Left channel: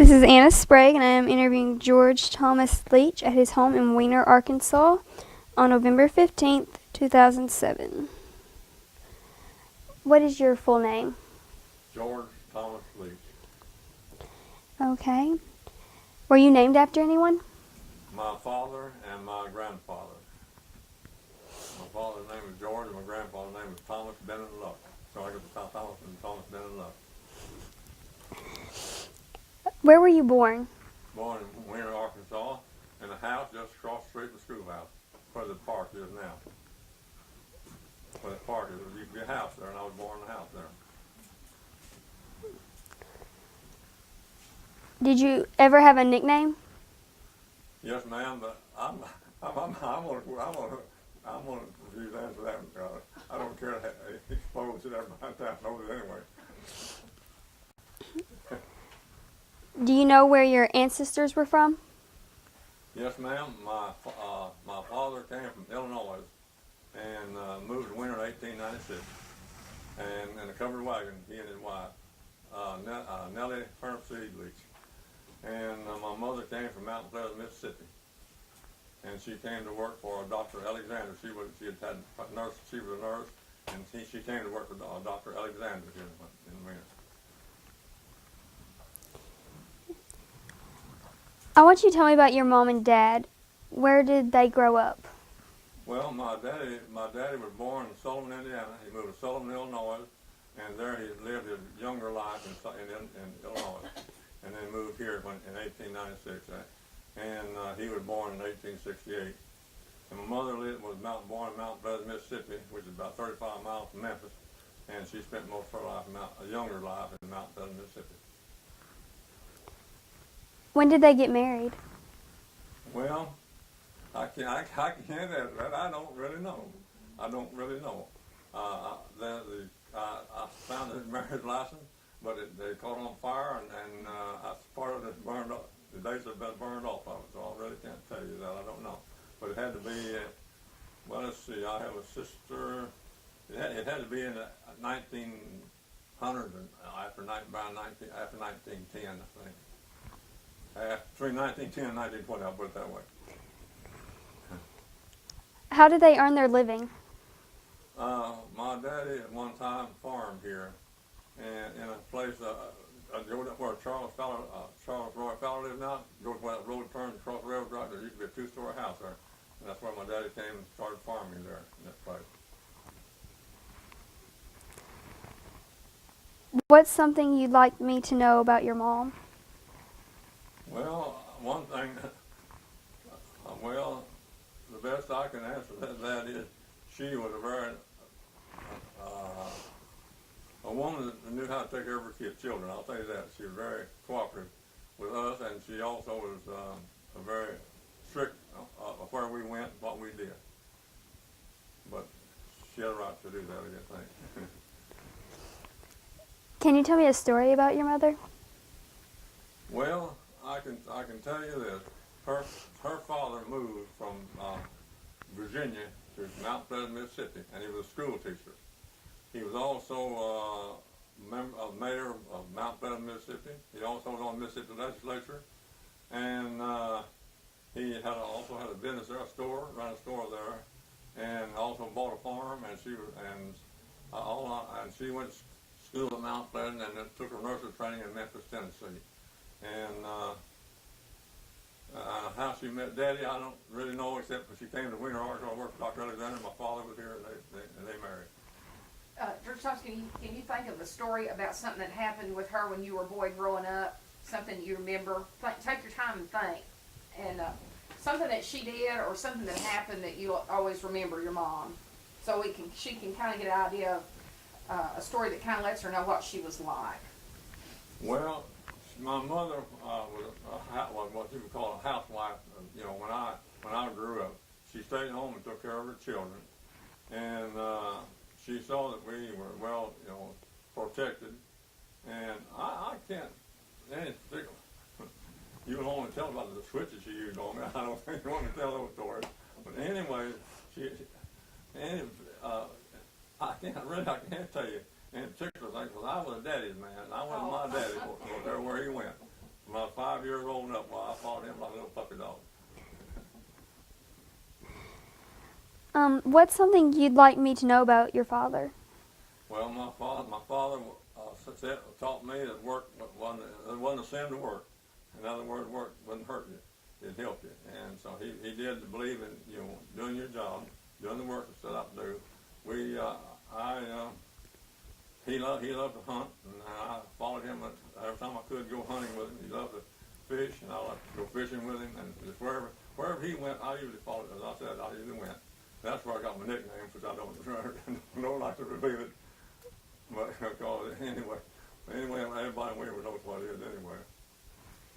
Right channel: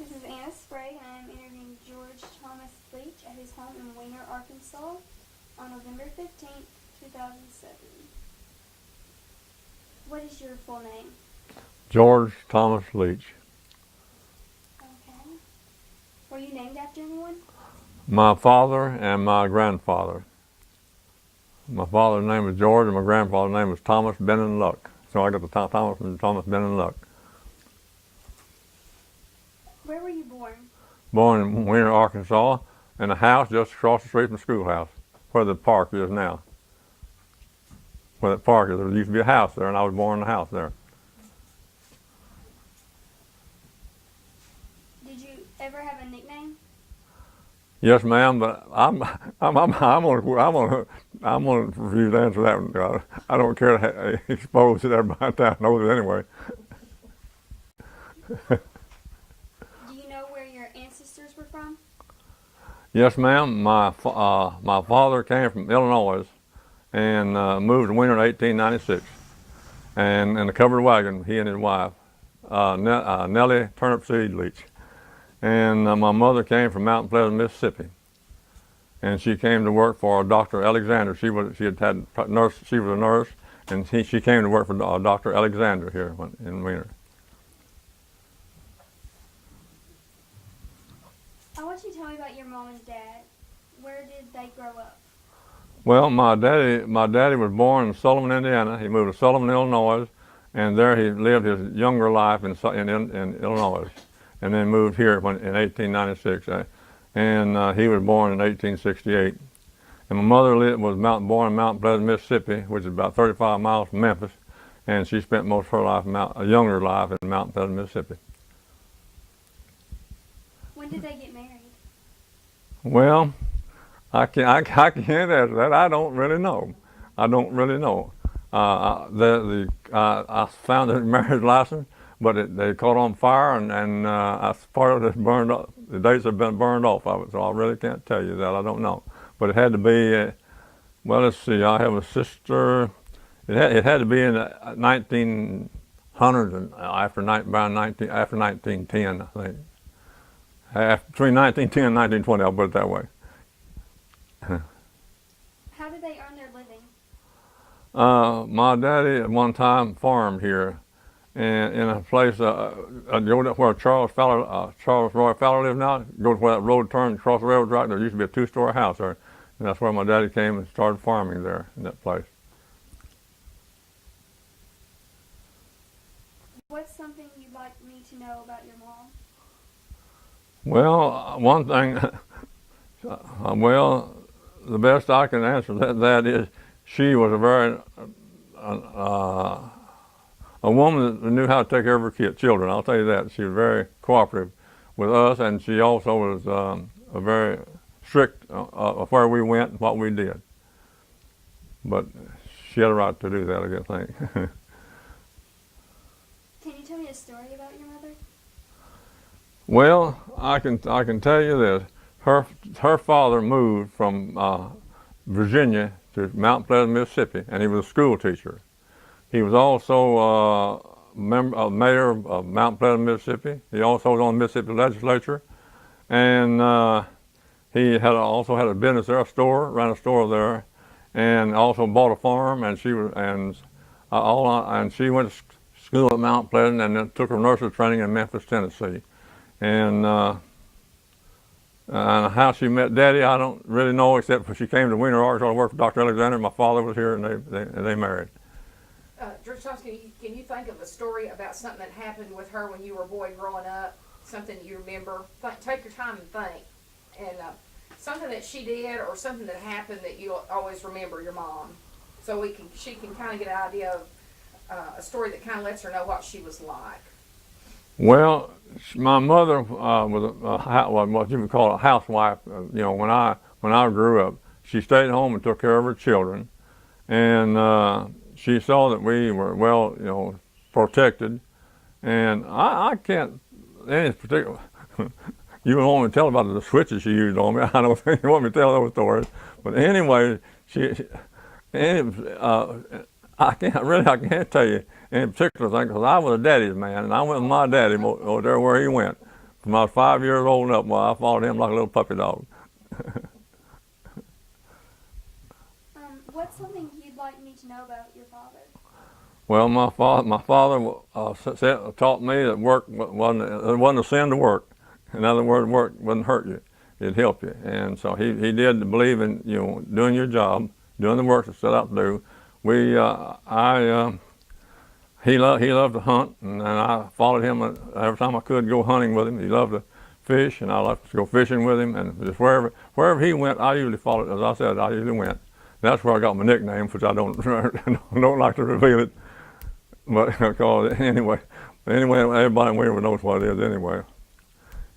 This is Anna Sprague, and I am interviewing George Thomas Leach at his home in Weiner, Arkansas on November 15th, 2007. What is your full name? George Thomas Leach. Okay. Were you named after anyone? My father and my grandfather. My father's name was George and my grandfather's name was Thomas Bennon Luck. So I got the Thomas and Thomas Bennon Luck. Where were you born? Born in Weiner, Arkansas, in a house just across the street from the schoolhouse, where the park is now. Where that park is, there used to be a house there, and I was born in the house there. Did you ever have a nickname? Yes, ma'am, but I'm gonna refuse to answer that one. I don't care to expose it. Everybody in town knows it anyway. Do you know where your ancestors were from? Yes, ma'am. My father came from Illinois and moved to Weiner in 1896, and in a covered wagon, he and his wife, Nellie Turnip Seed Leach. And my mother came from Mountain Pleasant, Mississippi, and she came to work for Dr. Alexander. She was a nurse, and she came to work for Dr. Alexander here in Weiner. I want you to tell me about your mom and dad. Where did they grow up? Well, my daddy was born in Sullivan, Indiana. He moved to Sullivan, Illinois, and there he lived his younger life in Illinois, and then moved here in 1896. And he was born in 1868. And my mother was born in Mountain Pleasant, Mississippi, which is about 35 miles from Memphis, and she spent most of her life, a younger life, in Mountain Pleasant, Mississippi. When did they get married? Well, I can't answer that. I don't really know. I found his marriage license, but they caught on fire, and part of it burned up. The dates have been burned off of it, so I really can't tell you that. I don't know. But it had to be, well, let's see, I have a sister. It had to be in the 1900s, and after 1910, I think. Between 1910 and 1920, I'll put it that way. How did they earn their living? My daddy at one time farmed here, and in a place where Charles Roy Fowler lives now. Go to where that road turns across the railroad track. There used to be a two-story house there, and that's where my daddy came and started farming there in that place. What's something you'd like me to know about your mom? Well, one thing, the best I can answer that is she was a woman that knew how to take care of her children. I'll tell you that. She was very cooperative with us, and she also was very strict of where we went and what we did. But she had a right to do that, I think. Can you tell me a story about your mother? Well, I can tell you this. Her father moved from Virginia to Mount Pleasant, Mississippi, and he was a school teacher. He was also mayor of Mount Pleasant, Mississippi. He also was on the Mississippi legislature, and he also had a business there, ran a store there, and also bought a farm. And she went to school at Mount Pleasant, and then took her nurse's training in Memphis, Tennessee. And how she met Daddy, I don't really know, except for she came to Weiner, Arkansas to work for Dr. Alexander. My father was here, and they married. George Thomas, can you think of a story about something that happened with her when you were a boy growing up? Something you remember? Take your time and think. And something that she did or something that happened that you always remember your mom. So she can kind of get an idea of a story that kind of lets her know what she was like. Well, my mother was what you would call a housewife. When I grew up, she stayed home and took care of her children, and she saw that we were well, protected. And I can't any particular. You don't want me to tell about the switches she used on me. I don't think you want me to tell those stories. But anyway, I can't tell you any particular thing, because I was a daddy's man, and I went with my daddy over there where he went. From I was 5 years old and up, well, I followed him like a little puppy dog. What's something you'd like me to know about your father? Well, my father taught me that work it wasn't a sin to work. In other words, work wouldn't hurt you; it'd help you. And so he did believe in doing your job, doing the work that set out to do. He loved to hunt, and I followed him every time I could go hunting with him. He loved to fish, and I loved to go fishing with him. And just wherever he went, I usually followed. As I said, I usually went. That's where I got my nickname, which I don't don't like to reveal it. But because anyway, everybody in Weiner knows what it is anyway.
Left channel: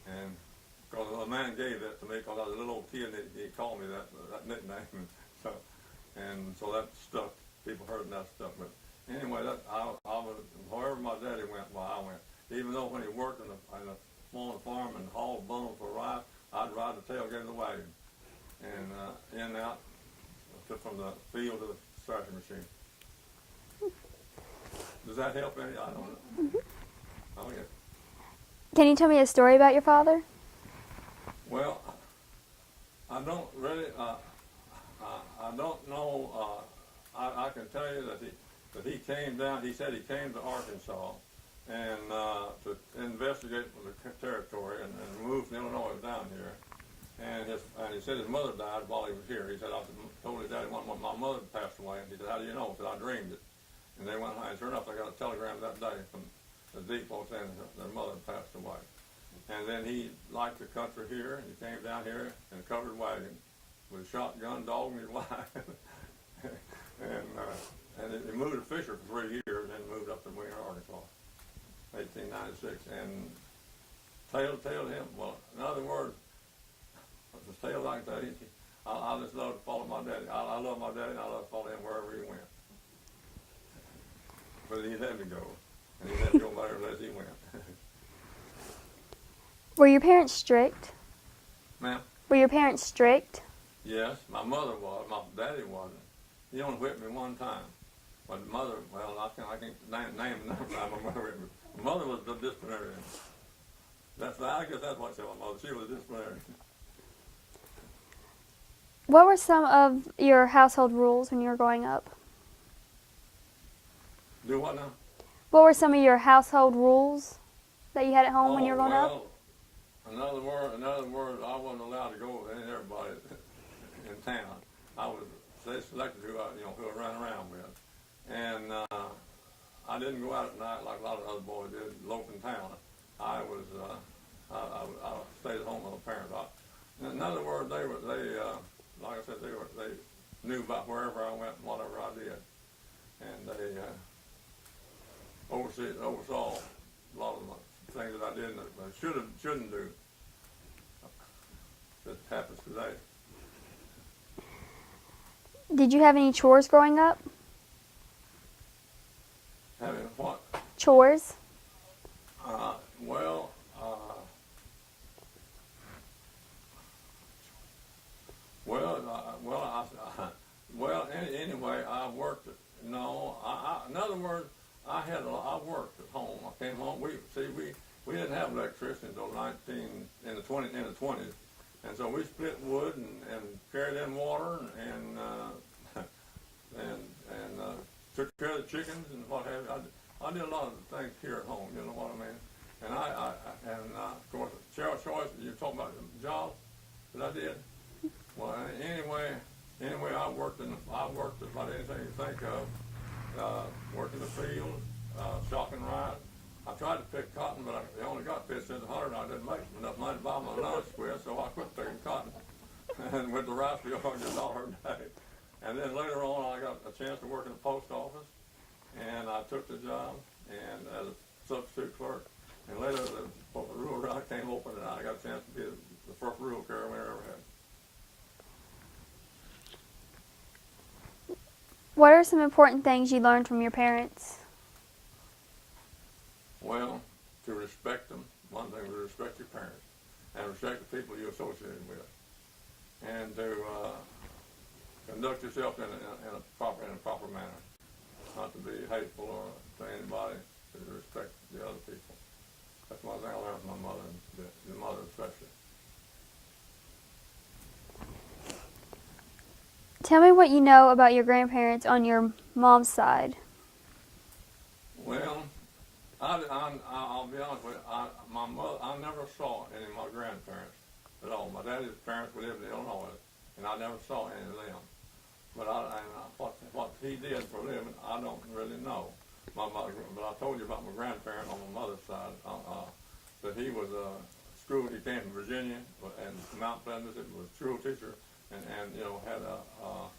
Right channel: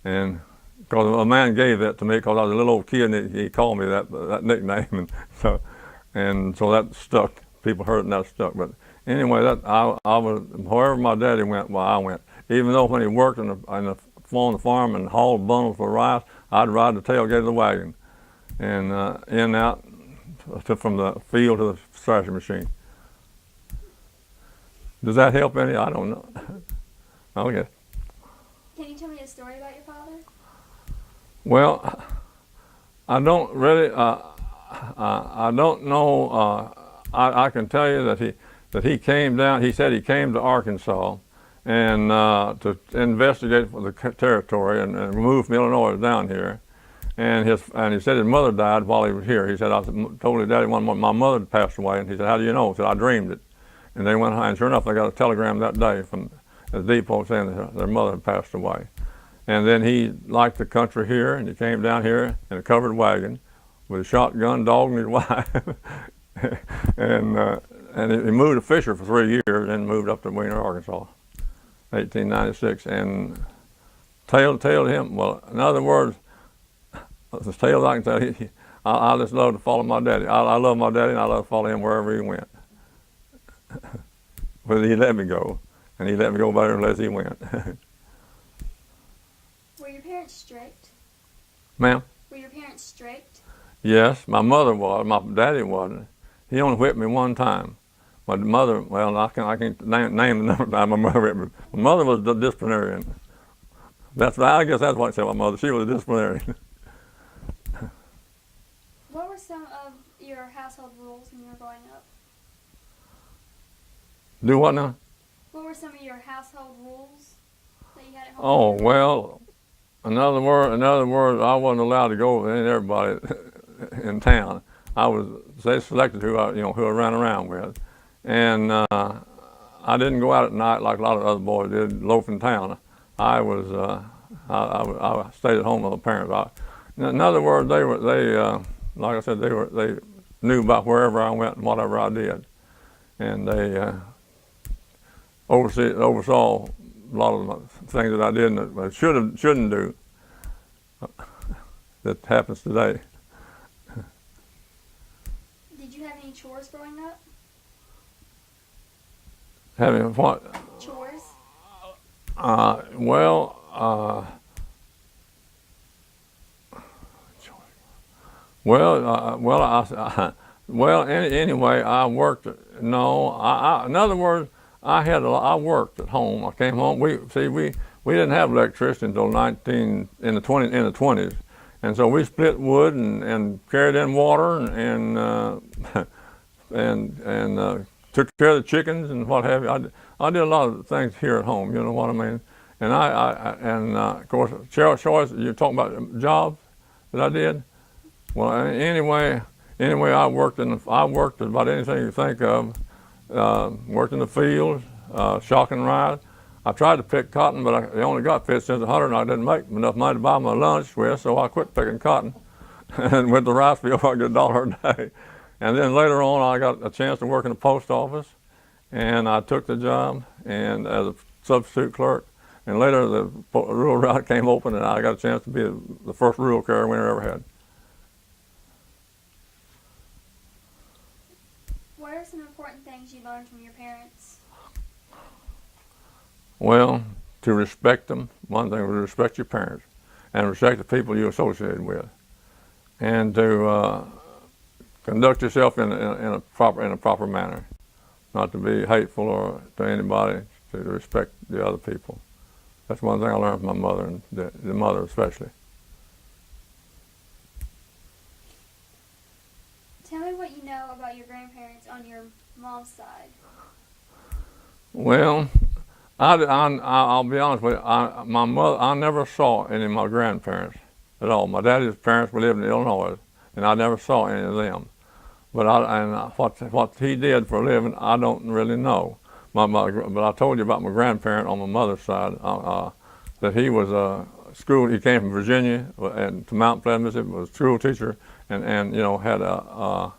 And because a man gave that to me because I was a little old kid, and he called me that nickname, and so that stuck. People heard it, and that stuck. But anyway, I was wherever my daddy went, well, I went. Even though when he worked on the farm and hauled bundles of rice, I'd ride the tailgate of the wagon, and in and out from the field to the thrashing machine. Does that help any? I don't know. Okay. Can you tell me a story about your father? Well, I don't really. I don't know. I can tell you that he came down. He said he came to Arkansas, and to investigate for the territory and move from Illinois down here. And he said his mother died while he was here. He said, I told his daddy one morning, my mother had passed away, and he said, how do you know? He said, I dreamed it. And they went, and sure enough, they got a telegram that day from the depot saying that their mother had passed away. And then he liked the country here, and he came down here in a covered wagon with a shotgun, dog, and his wife. and he moved to Fisher for 3 years, and moved up to Weiner, Arkansas, 1896. And tale to him, well, in other words, the tale I can tell you, I just love to follow my daddy. I love my daddy, and I love to follow him wherever he went. But he let me go, and he let me go better unless he went. Were your parents strict? Ma'am? Were your parents strict? Yes, my mother was. My daddy wasn't. He only whipped me one time. My mother, well, I can't name the number of times my mother whipped me. My mother was the disciplinarian. I guess that's what I said. My mother, she was a disciplinarian. What were some of your household rules when you were growing up? Do what now? What were some of your household rules that you had at home when you were Oh, growing up? well, in other words, I wasn't allowed to go with everybody in town. They selected who I ran around with, and I didn't go out at night like a lot of other boys did, loaf in town. I stayed at home with my parents. In other words, like I said, they knew about wherever I went and whatever I did, and they oversaw a lot of the things that I did that I shouldn't do. That happens today. Did you have any chores growing up? Having what? Chores? Anyway, I worked. No, in other words, I worked at home. I came home. We didn't have electricity until in the 20s, and so we split wood and carried in water and took care of the chickens and what have you. I did a lot of things here at home. You know what I mean? And of course, Cheryl Choice. You're talking about jobs that I did. Well, anyway, I worked about anything you think of. Worked in the fields, shocking rice. I tried to pick cotton, but I only got 50 cents a hundred, and I didn't make enough money to buy my lunch with, so I quit picking cotton and went to the rice field. I get $1 a day. And then later on, I got a chance to work in the post office, and I took the job and as a substitute clerk. And later, the rural route came open, and I got a chance to be the first rural carrier we ever had. What are some important things you learned from your parents? Well, to respect them. One thing was to respect your parents and respect the people you associated with, and to conduct yourself in a proper manner, not to be hateful or to anybody, to respect the other people. That's one thing I learned from my mother, and the mother especially. Tell me what you know about your grandparents on your mom's side. Well, I'll be honest with you. My mother, I never saw any of my grandparents at all. My daddy's parents lived in Illinois, and I never saw any of them. But what he did for a living, I don't really know. But I told you about my grandparent on my mother's side. That he was a school. He came from Virginia and to Mount Pleasant, Mississippi. Was a school teacher, and had a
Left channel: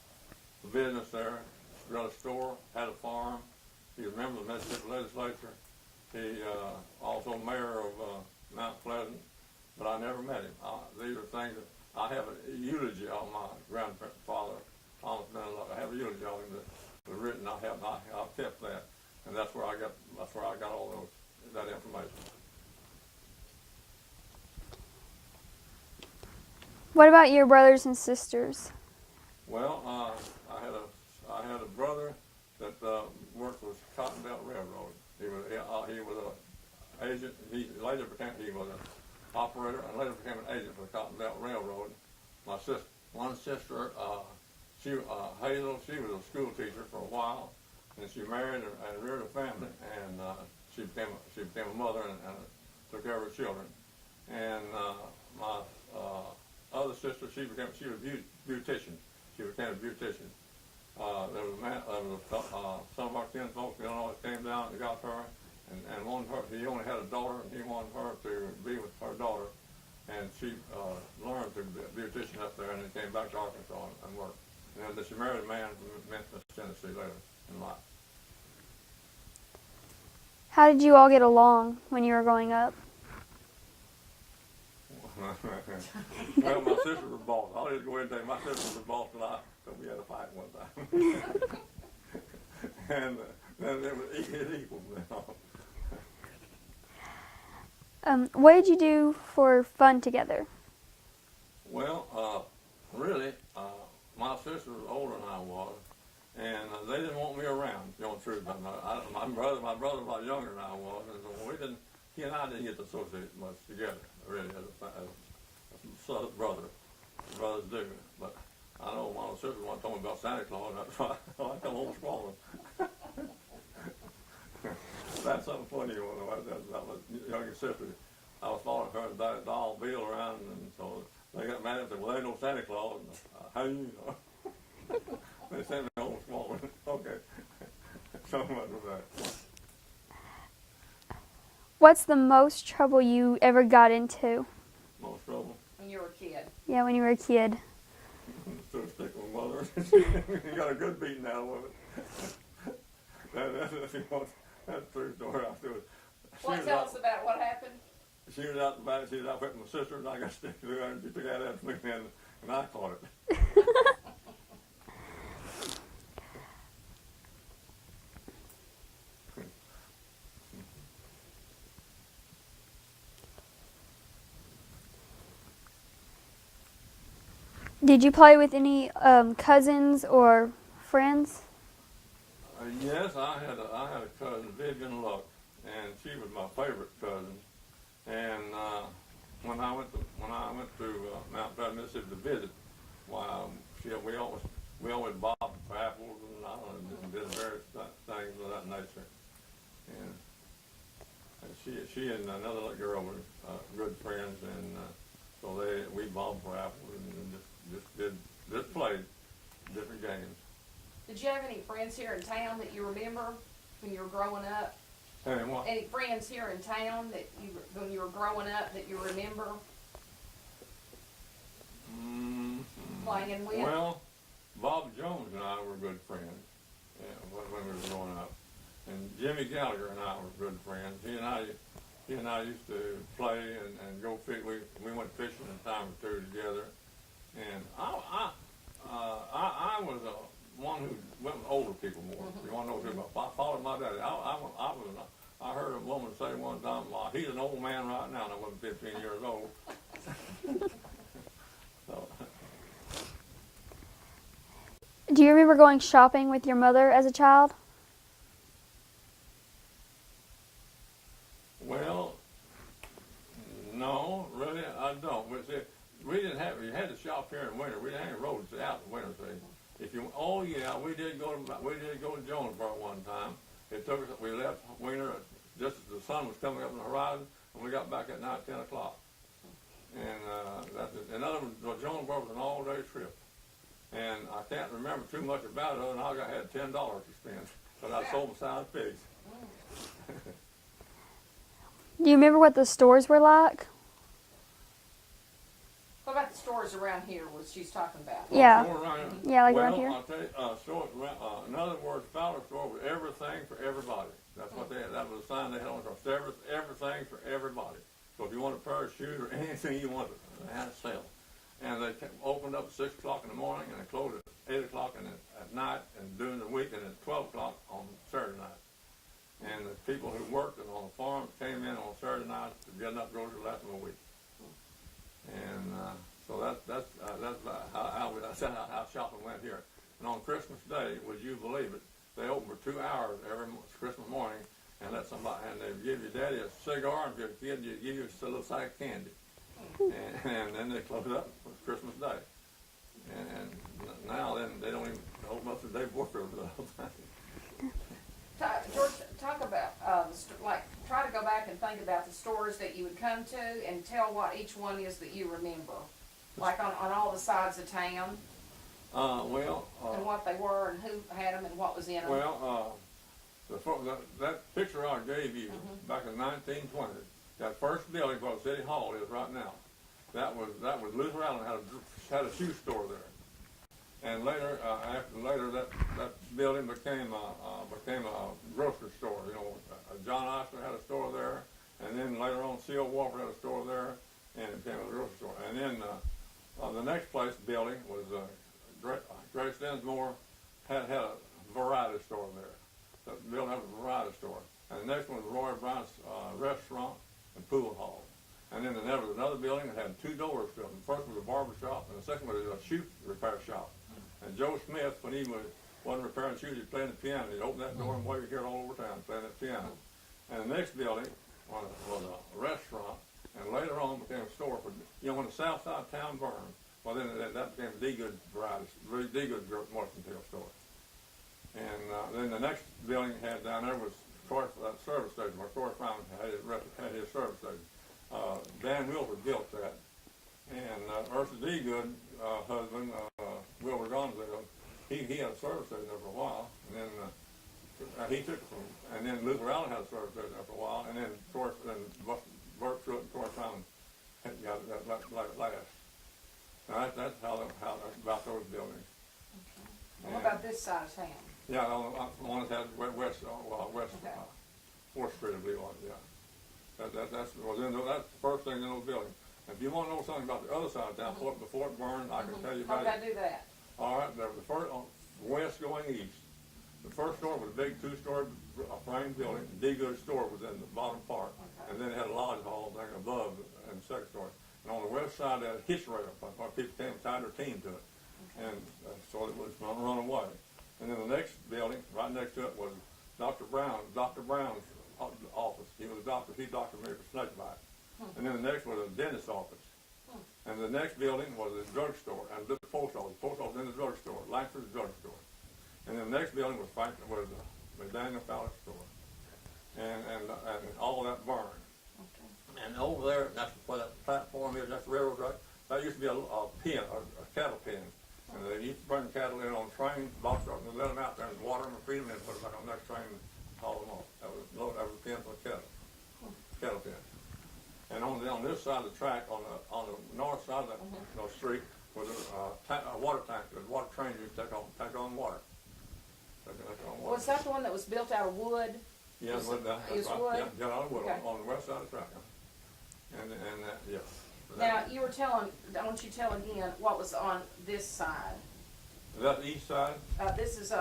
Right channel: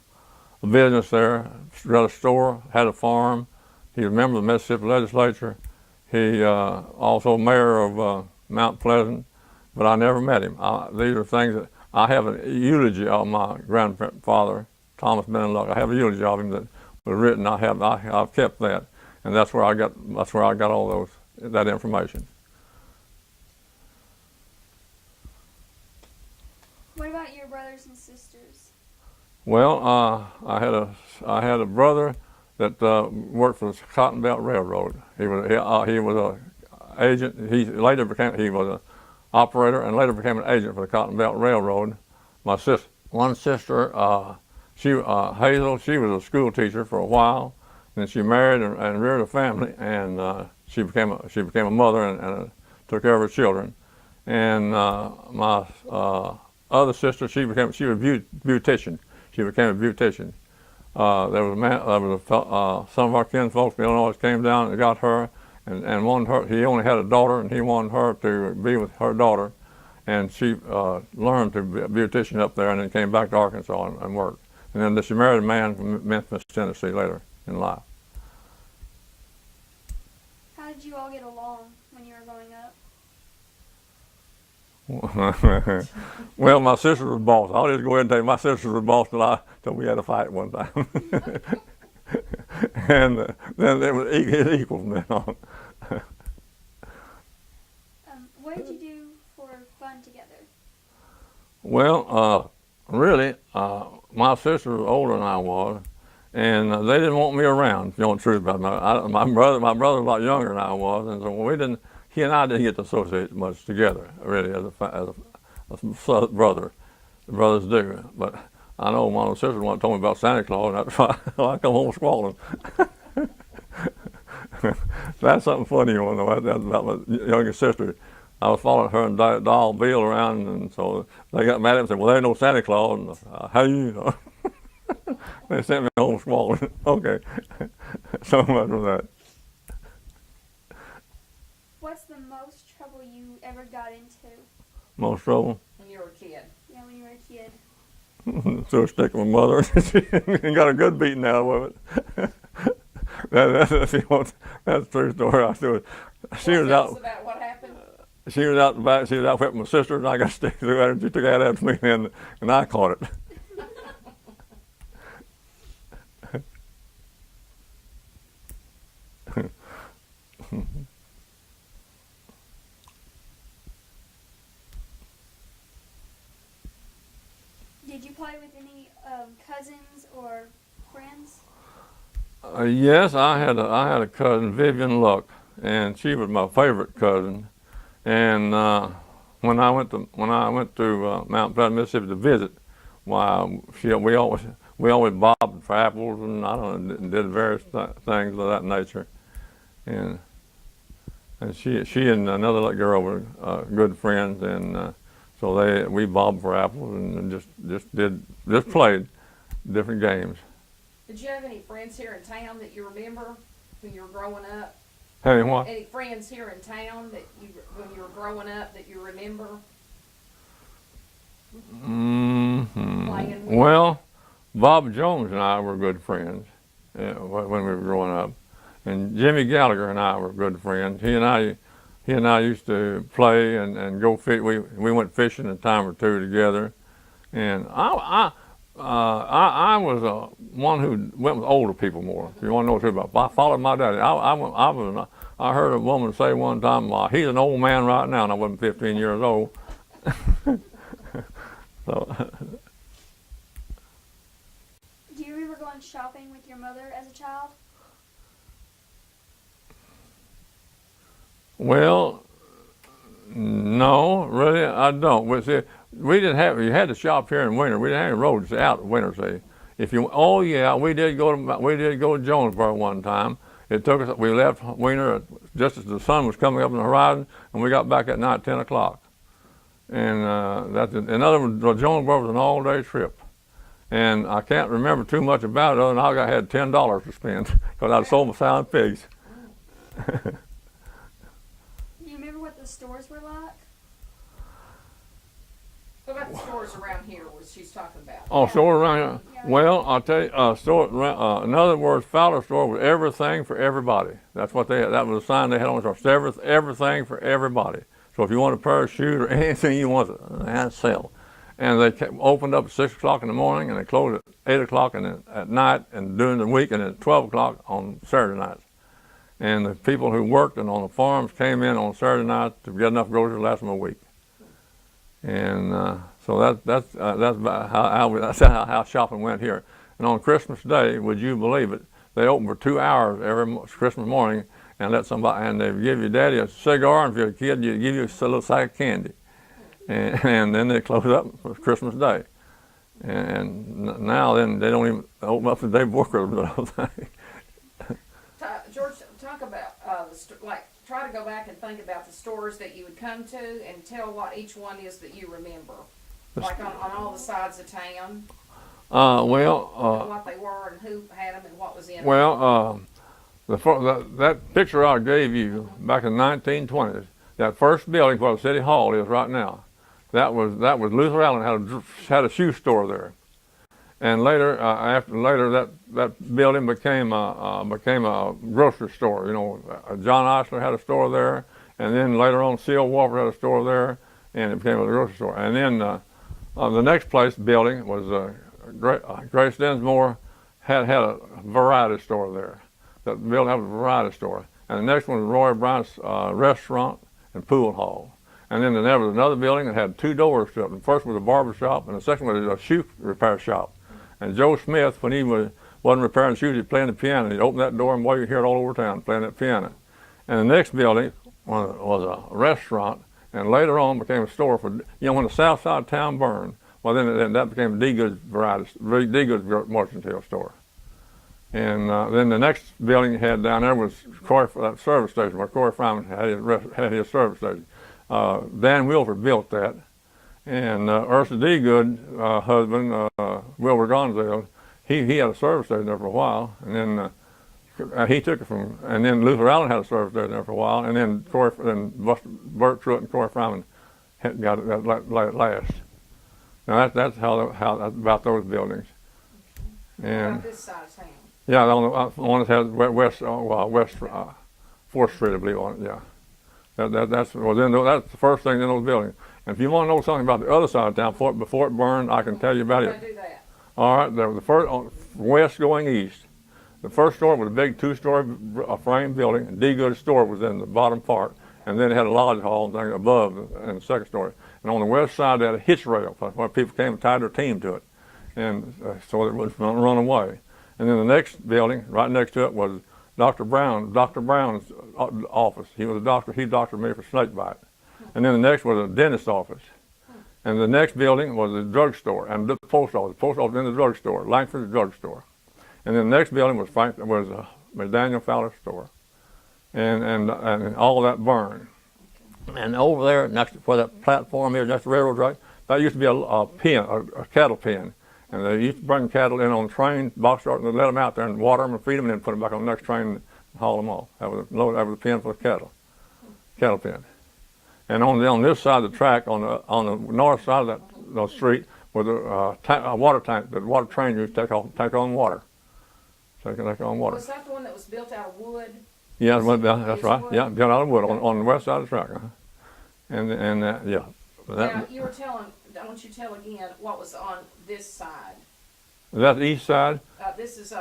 business there, ran a store, had a farm. He was a member of the Mississippi legislature. He also mayor of Mount Pleasant, but I never met him. These are things that I have a eulogy of my grandfather, Thomas Benluck. I have a eulogy of him that was written. I've kept that, and that's where I got all that information. What about your brothers and sisters? Well, I had a brother that worked for the Cotton Belt Railroad. He was an agent. He was an operator and later became an agent for the Cotton Belt Railroad. One sister, Hazel, she was a school teacher for a while. Then she married and reared a family, and she became a mother and took care of her children. And my other sister, she was a beautician. She became a beautician. Some of our kinfolk in Illinois came down and got her, and wanted her. He only had a daughter, and he wanted her to be with her daughter, and she learned to be a beautician up there, and then came back to Arkansas and worked. And then she married a man from Memphis, Tennessee, later in life. How did you all get along when you were growing up? Well, my sister was boss. I'll just go ahead and tell you, my sister was boss till we had a fight one time. And then it was equal from then on. What did you do for fun together? Well, really, my sister was older than I was, and they didn't want me around. If you know the truth about it. My brother was a lot younger than I was, and so he and I didn't get to associate much together, really, as a brother. Brothers do. But I know one of the sisters once told me about Santa Claus, and that's why I come home squalling. That's something funny you want to know. That's about my youngest sister. I was following her and Doll Bill around, and so they got mad at me and said, well, there ain't no Santa Claus. And, how you know? They sent me home squalling. Okay. So much for that. What's the most trouble you ever got into? Most trouble? When you were a kid. Yeah, when you were a kid. Threw a stick at my mother and got a good beating out of it. That's a true story. She was out. About what happened? She was out the back. She was out with my sister, and I got a stick through at her. And she took that after me, and I caught it. Did you play with any cousins or friends? Yes, I had a cousin, Vivian Luck, and she was my favorite cousin. And when I went to Mount Pleasant, Mississippi to visit, why we always bobbed for apples, and I don't know, did various things of that nature. And she and another little girl were good friends, and so we bobbed for apples and just played different games. Did you have any friends here in town that you remember when you were growing up? Hey, what? Any friends here in town that when you were growing up, that you remember? Mm-hmm. Playing with? Well, Bob Jones and I were good friends when we were growing up, and Jimmy Gallagher and I were good friends. He and I used to play and go fish. We went fishing a time or two together, and I was one who went with older people more. If you want to know what it's about, I followed my daddy. I heard a woman say one time, well, he's an old man right now, and I wasn't 15 years old. So. Do you remember going shopping with your mother as a child? Well, No, really, I don't. We didn't have. You had to shop here in Weiner. We didn't have any roads out in Weiner. See, if you. Oh yeah, we did go to Jonesboro one time. It took us. We left Weiner just as the sun was coming up on the horizon, and we got back at night 10 o'clock. And in other words, Jonesboro was an all-day trip. And I can't remember too much about it other than I had $10 to spend because I'd sold my sound pigs. Do you remember what the stores were like? What about the stores around here what she's talking about? Oh, Yeah. store around here? Yeah, like Well, right here. I'll tell you, in other words, Fowler store was everything for everybody. That's what they had. That was a sign they had on the store. Everything for everybody. So if you want a pair of shoes or anything you want, they had sale. And they opened up at 6 o'clock in the morning and they closed at 8 o'clock at night and during the week and at 12 o'clock on Saturday nights. And the people who worked and on the farms came in on Saturday night to get enough groceries to last them a week. And so that's about that's how shopping went here. And on Christmas Day, would you believe it, they open for 2 hours every Christmas morning and let somebody, and they give your daddy a cigar, and if you're a kid, they give you a little sack of candy. And then they close up for Christmas Day. And now then they don't even open up the day before Christmas, I don't think. George, talk about try to go back and think about the stores that you would come to and tell what each one is that you remember, like on all the sides of town. And what they were and who had them and what was in them. Well, that picture I gave you back in the 1920s, that first building where the City Hall is right now, that was Luther Allen had a shoe store there. And later, that building became a grocery store. You know, John Eisler had a store there, and then later on, C.O. Walker had a store there, and it became a grocery store. And then the next building was Grace Dinsmore had a variety store there. That building had a variety store. And the next one was Roy Bryant's restaurant and pool hall. And then there was another building that had 2 doors to it. The first was a barber shop, and the second was a shoe repair shop. And Joe Smith, when he wasn't repairing shoes, he'd play the piano. He'd open that door and you hear it all over town playing that piano. And the next building was a restaurant, and later on became a store for, when the south side of town burned, well, then that became a D-Goods mercantile store. And then the next building you had down there was that service station where Corey Fryman had his service station. Dan Wilford built that. And Ursula D. Good husband, Wilbur Gonzales, he had a service station there for a while, and then he took it from, and then Luther Allen had a service station there for a while, and then Bert Truitt and Corey Fryman got it last. Now that's how about those buildings. And what about this side of town? yeah, the one that has West 4th Street, I believe on it. Yeah, that's the first thing in those buildings. And if you want to know something about the other side of town, before it burned, I can tell you about it. Do that. All right, there was the first west going east. The first store was a big 2-story frame building. And D-Goods store was in the bottom part, and then it had a lodge hall and thing above in the second story. And on the west side, they had a hitch rail where people came and tied their team to it, and so it wouldn't run away. And then the next building, right next to it, was Dr. Brown's office. He was a doctor. He doctored me for snake bite. And then the next was a dentist's office. And the next building was a drugstore and the post office. The post office in the drugstore, Langford's drugstore. And then the next building was Daniel Fowler's store. And all that burned. And over there, next where that platform is, next to the railroad track, that used to be a cattle pen. And they used to bring cattle in on trains, box trucks, and they'd let them out there and water them and feed them, and then put them back on the next train and haul them off. That was a pen for the cattle pen. And on this side of the track, on the north side of that street, was a water tank. The water train used to take on water. Take on water. Was that the one that was built out of wood? Yeah, that's right. Wood? Yeah, built out of wood on the west side of the track. Yeah. Now you were telling. I want you to tell again what was on this side. Is that the east side? This is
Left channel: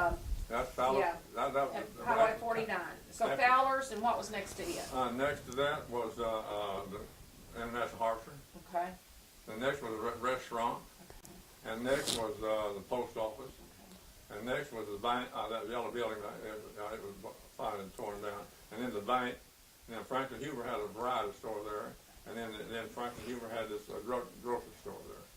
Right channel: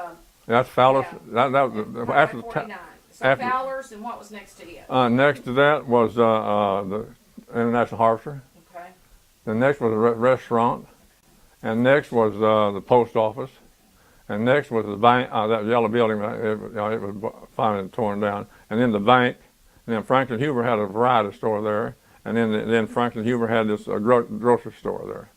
That's Fowler's. Yeah. That was after the 49. So after- Fowler's, and what was next to it? next to that was the International Harvester. Okay. The next was a restaurant, and next was the post office, and next was the bank. That yellow building, it was finally torn down, and then the bank. And then Franklin Huber had a variety store there, And then Franklin Huber had this grocery store there.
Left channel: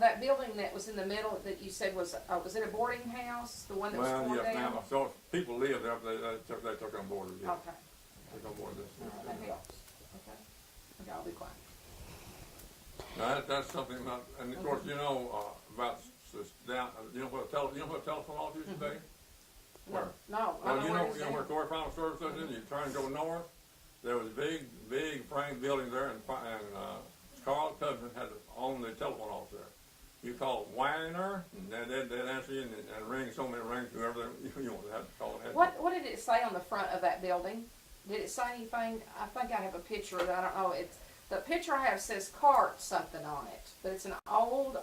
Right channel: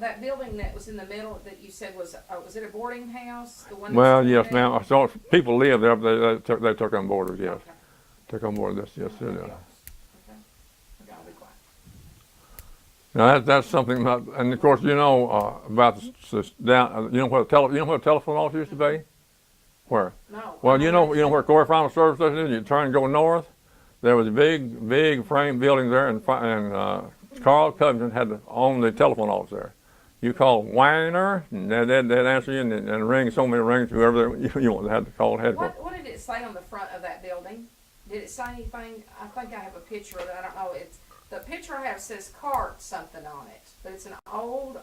That building that was in the middle that you said was it a boarding house? The one Well, that's yes, torn down? ma'am. So people lived there, but they took on boarders, yes. Okay. Took on board this, yes, it Okay. is. Okay, I'll be quiet. Now that's something about, and of course you know about this down. You know where the telephone office used to be? Where? No. Well, I you know where Corey Farmer Service Station is. You turn and go north. There was a big frame building there, and Carl Covington had owned the telephone office there. You call Weiner, and they'd answer you and ring so many rings, whoever you want. They had to call headquarters. What did it say on the front of that building? Did it say anything? I think I have a picture of it. I don't know. The picture I have says cart something on it, but it's an old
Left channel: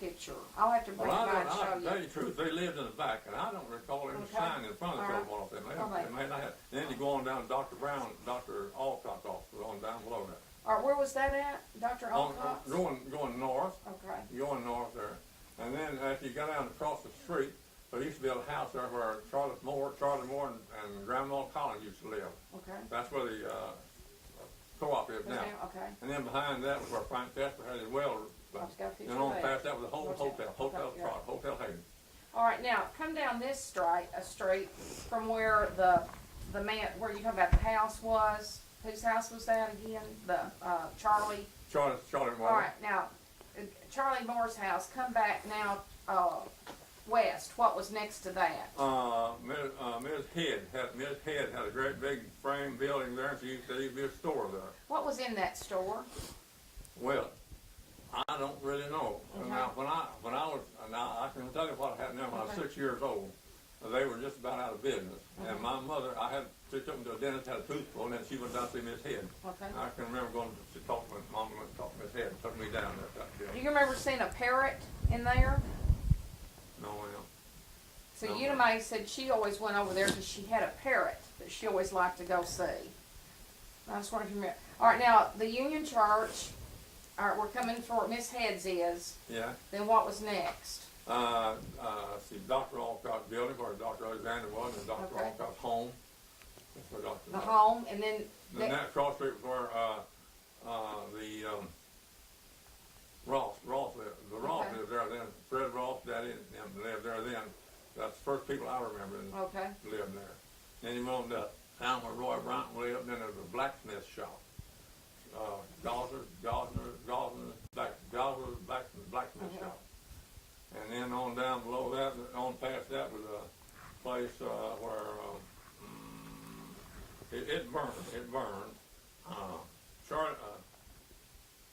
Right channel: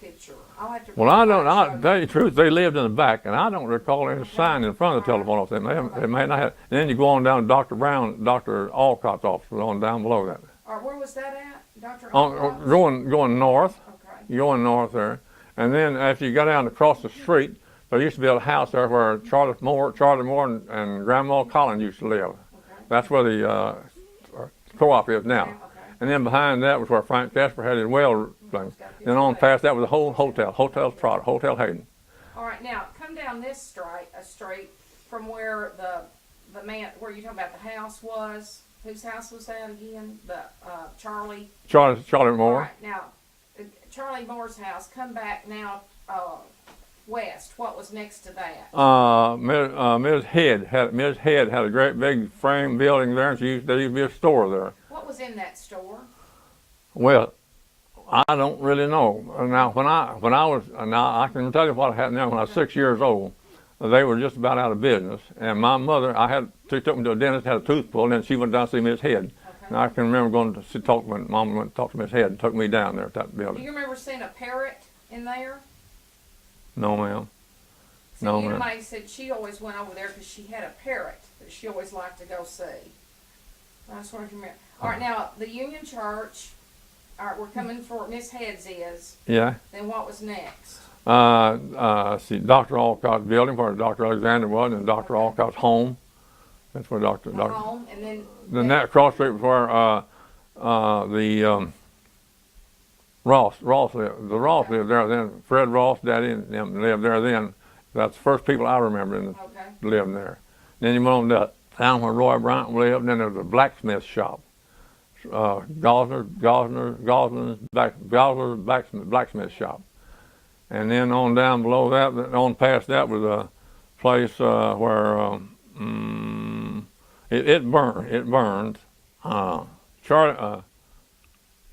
picture. I'll have to. Well, I don't. I'll tell you the truth. They lived in the back, and I don't recall any sign in front of the telephone office. It may not have. And then you go on down to Dr. Alcott's office, was on down below that. Or where was that at, Dr. Going north. Okay. Going north there, and then after you got down across the street, there used to be a house there where Charlie Moore and Grandma Collins used to live. Okay. That's where the co-op is now. Okay. And then behind that was where Frank Casper had his well thing. Then on past that was a whole hotel, Hotel Hayden. All right, now come down this street from where the man where you talking about the house was. Whose house was that again? The Charlie. Charlie Moore. All right, now Charlie Moore's house. Come back now west. What was next to that? Ms. Head had a great big frame building there, and there used to be a store there. What was in that store? Well, I don't really know. Now, when I was, now I can tell you what happened there when I was 6 years old. They were just about out of business, and my mother, she took me to a dentist, had a tooth pulled, and then she went down to see Miss Head. Okay. And I can remember going to talk when Mom went to talk to Miss Head and took me down there at that Do building. you remember seeing a parrot in there? No, ma'am. See, No, ma'am. May said she always went over there because she had a parrot that she always liked to go see. I just wondered if you remember. All right, now the Union Church. All right, we're coming for Miss Head's is. Yeah. Then what was next? See, Dr. Alcott's building, where Dr. Alexander was, and Dr. Alcott's home. That's where Dr. Home, and then. Then that cross street was where the Ross lived. The Ross lived there then. Fred Ross, Daddy, and them lived there then. That's the first people I remember Okay. living there. Then you went on down where Roy Bryant lived, and then there was a blacksmith shop. Gosner's blacksmith shop. And then on down below that, on past that was a place where it burned. Charlie,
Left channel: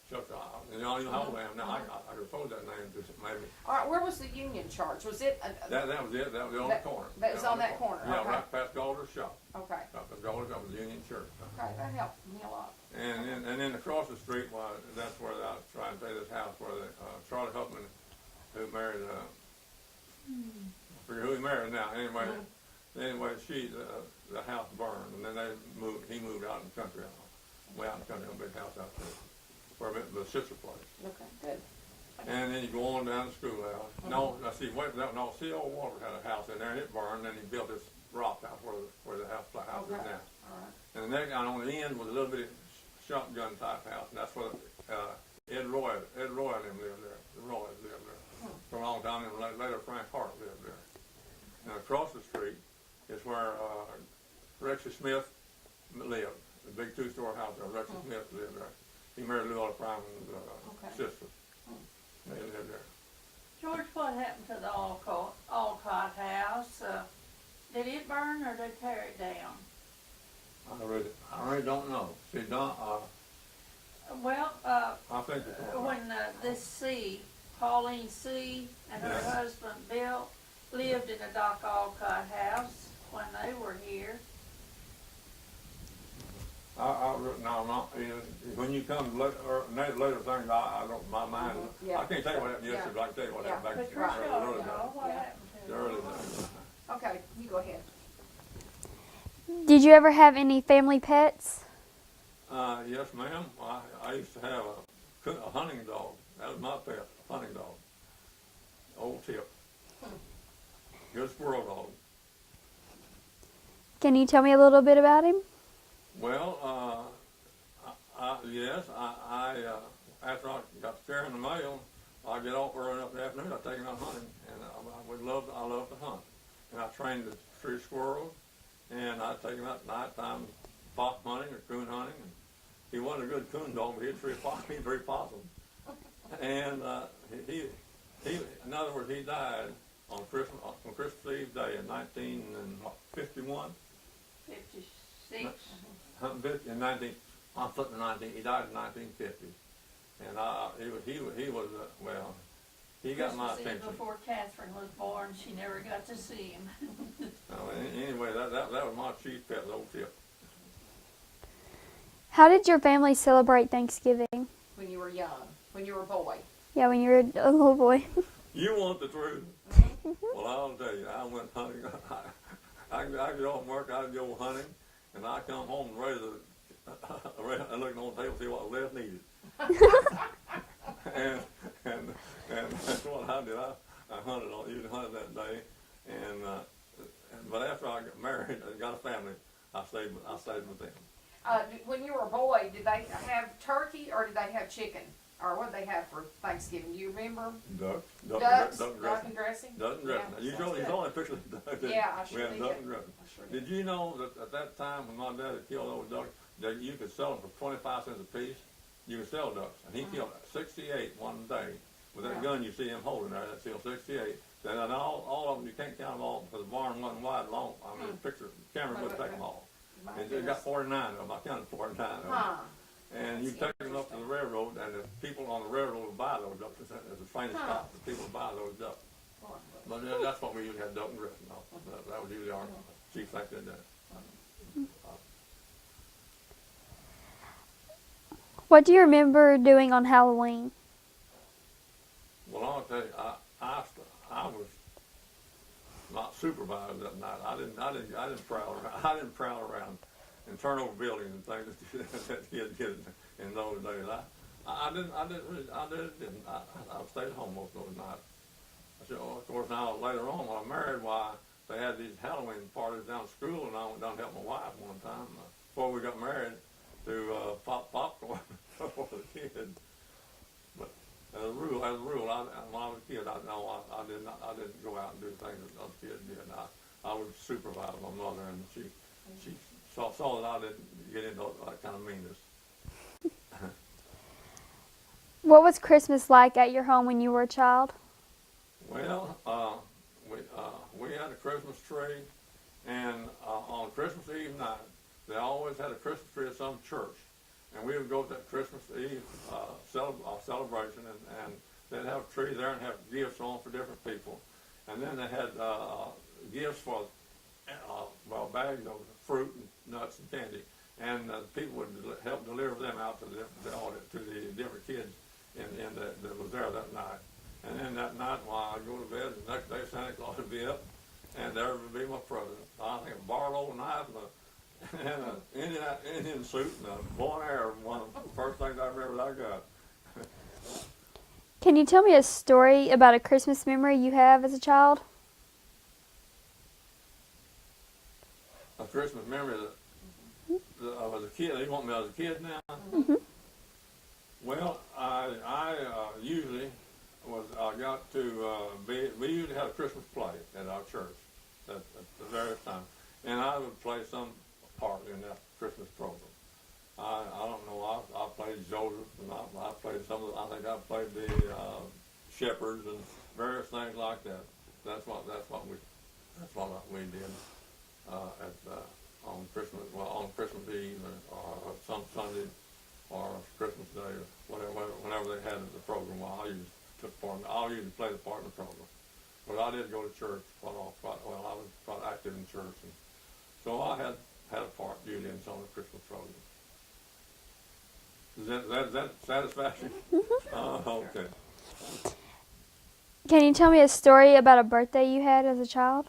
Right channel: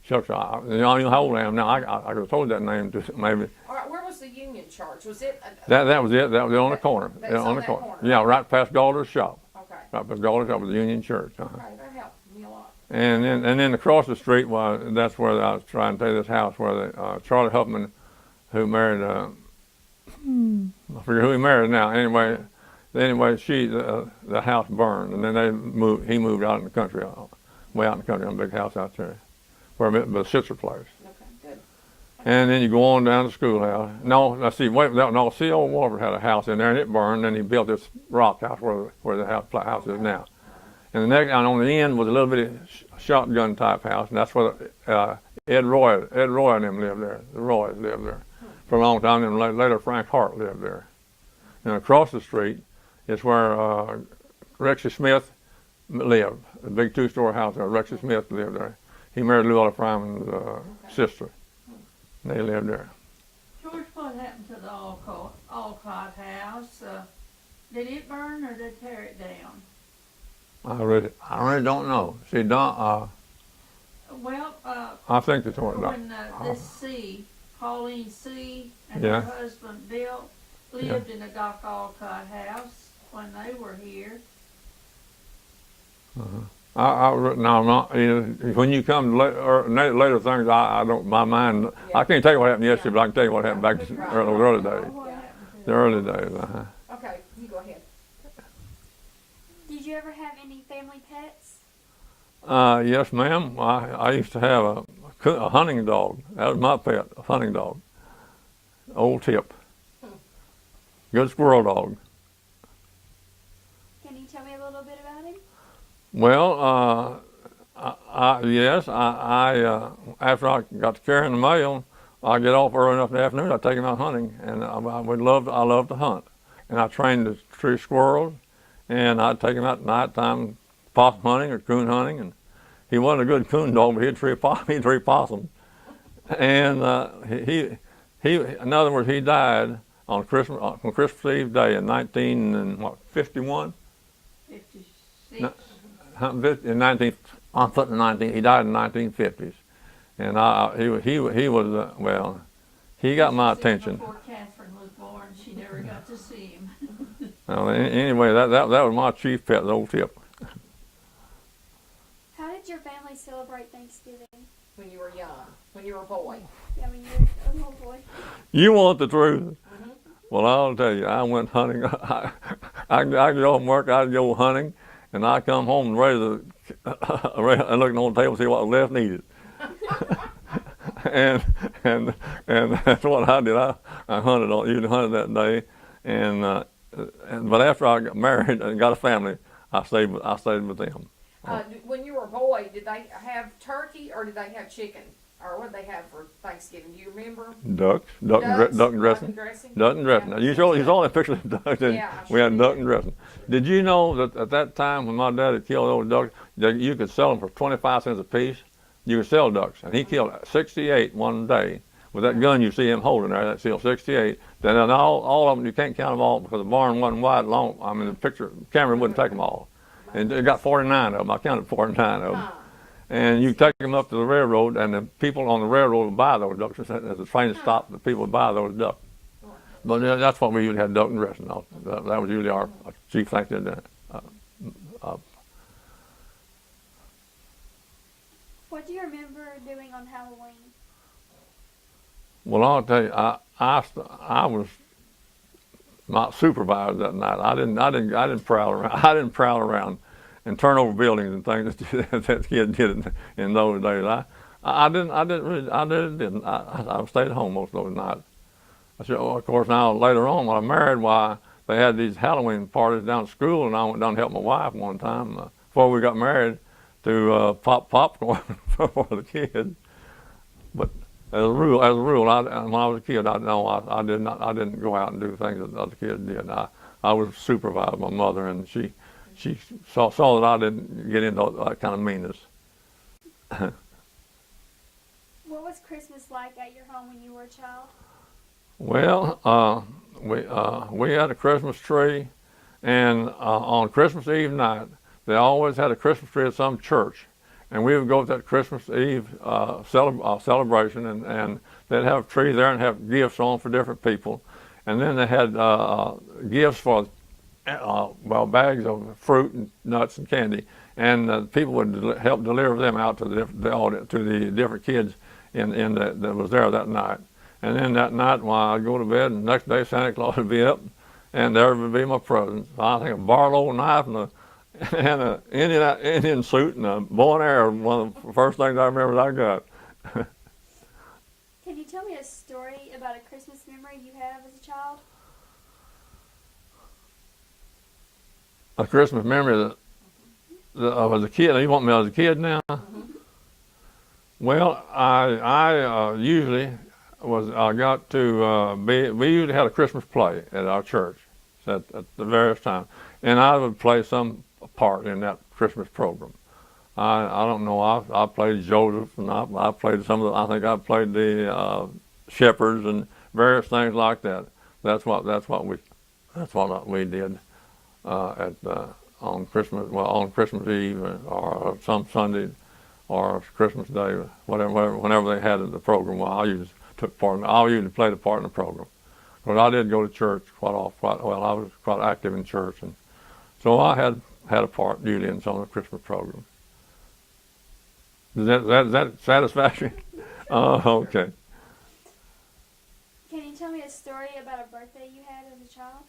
shucks, I don't know how old I am now. I could have told that name to maybe. All right, where was the Union Church? Was it? That was it. That was on the corner. That was on that corner. Yeah, right past Galder's shop. Okay. Right past Galder's shop was the Union Church. All right, that helped me a lot. And then across the street was, that's where I was trying to tell you this house where Charlie Huffman, who married, I forget who he married now. Anyway, the house burned, and then he moved out in the country, way out in the country, on a big house out there, where the sister place. Okay, good. And then you go on down to the schoolhouse. No, C.O. Walford had a house in there, and it burned. And he built this rock house where the house is now. And on the end was a little bitty shotgun type house, and that's where Ed Roy and them lived there. The Roys lived there for a long time, and later Frank Hart lived there. And across the street is where Rexy Smith lived, a big two-story house there. Rexy Smith lived there. He married Lou Fryman's sister. They lived there. George, what happened to the Alcott house? Did it burn or did they tear it down? I really don't know. See, Don, I think they tore it down. When Pauline C. and Yeah. her husband Bill lived in the Doc Alcott house when they were here. When you come to later things, I don't, my mind, I can't tell you what happened yesterday, but I can tell you what happened back in the early days. What happened to The early days, Okay, you go ahead. Did you ever have any family pets? Yes, ma'am. I used to have a hunting dog. That was my pet, a hunting dog. Old Tip. Good squirrel dog. Can you tell me a little bit about him? Well, Yes, after I got to carrying the mail, I get off early enough in the afternoon. I take him out hunting, and I love to hunt, and I trained the tree squirrels, and I'd take him out at nighttime, possum hunting or coon hunting, and he wasn't a good coon dog, but he'd tree possums, and in other words, he died on Christmas Eve day in 1951. 56. In 19, I'm putting 19. He died in 1950s, and he was well. He got my attention. Before Catherine was born, she never got to see him. Well, anyway, that was my chief pet, the old Tip. How did your family celebrate Thanksgiving? When you were young, when you were a boy. Yeah, when you were a little boy. You want the truth? Well, I'll tell you, I went hunting. I get off from work, I'd go hunting, and I come home and and looking on the table to see what was left needed. and that's what I did. I usually hunted that day, but after I got married and got a family, I stayed with them. When you were a boy, did they have turkey or did they have chicken? Or what did they have for Thanksgiving? Do you remember? Duck and dressing. Duck and dressing. Yeah. You saw that picture of duck. Yeah, I We had sure duck did. and dressing. Did you know that at that time when my dad had killed those ducks, that you could sell them for 25 cents a piece? You could sell ducks, and he killed 68 one day with that gun you see him holding there. That's still 68. Then all of them, you can't count them all because the barn wasn't wide long. I mean, the camera wouldn't take them all. And it got 49 of them. I counted 49 of them. Huh. And you take them up to the railroad, and the people on the railroad would buy those ducks. As the train stopped, the people would buy those ducks. But that's what we usually had, duck and dressing. That was usually our chief thing to do. What do you remember doing on Halloween? Well, I'll tell you, I was not supervised that night. I didn't prowl around. I didn't prowl around and turn over buildings and things that kids did in those days. I stayed home most of those nights. Of course, now later on when I married, they had these Halloween parties down at school, and I went down to help my wife one time before we got married to pop popcorn for the kids. But as a rule, when I was a kid, I didn't go out and do things that other kids did. I was supervised by my mother, and she saw that I didn't get into that kind of meanness. What was Christmas like at your home when you were a child? Well, we had a Christmas tree, and on Christmas Eve night, they always had a Christmas tree at some church, and we would go to that Christmas Eve celebration, and they'd have a tree there and have gifts on for different people, and then they had gifts for bags of fruit and nuts and candy, and people would help deliver them out to the different kids that was there that night. And then that night, while I'd go to bed, and the next day Santa Claus would be up, and there would be my present. I think a Barlow knife and an Indian suit and a bow and arrow. One of the first things I remember that I got. Can you tell me a story about a Christmas memory you have as a child? A Christmas memory that I was a kid. You want me as a kid now? Mm-hmm. Well, I usually got to we usually had a Christmas play at our church at the various times, and I would play some part in that Christmas program. I don't know. I played Joseph, and I played some of the. I think I played the shepherds and various things like that. That's what we did on Christmas Eve or some Sunday or Christmas Day, whenever they had the program. Well, I usually took part. I usually played a part in the program. But I did go to church quite well. I was quite active in church, and so I had a part usually in some of the Christmas programs. Is that satisfactory? Okay. Can you tell me a story about a birthday you had as a child?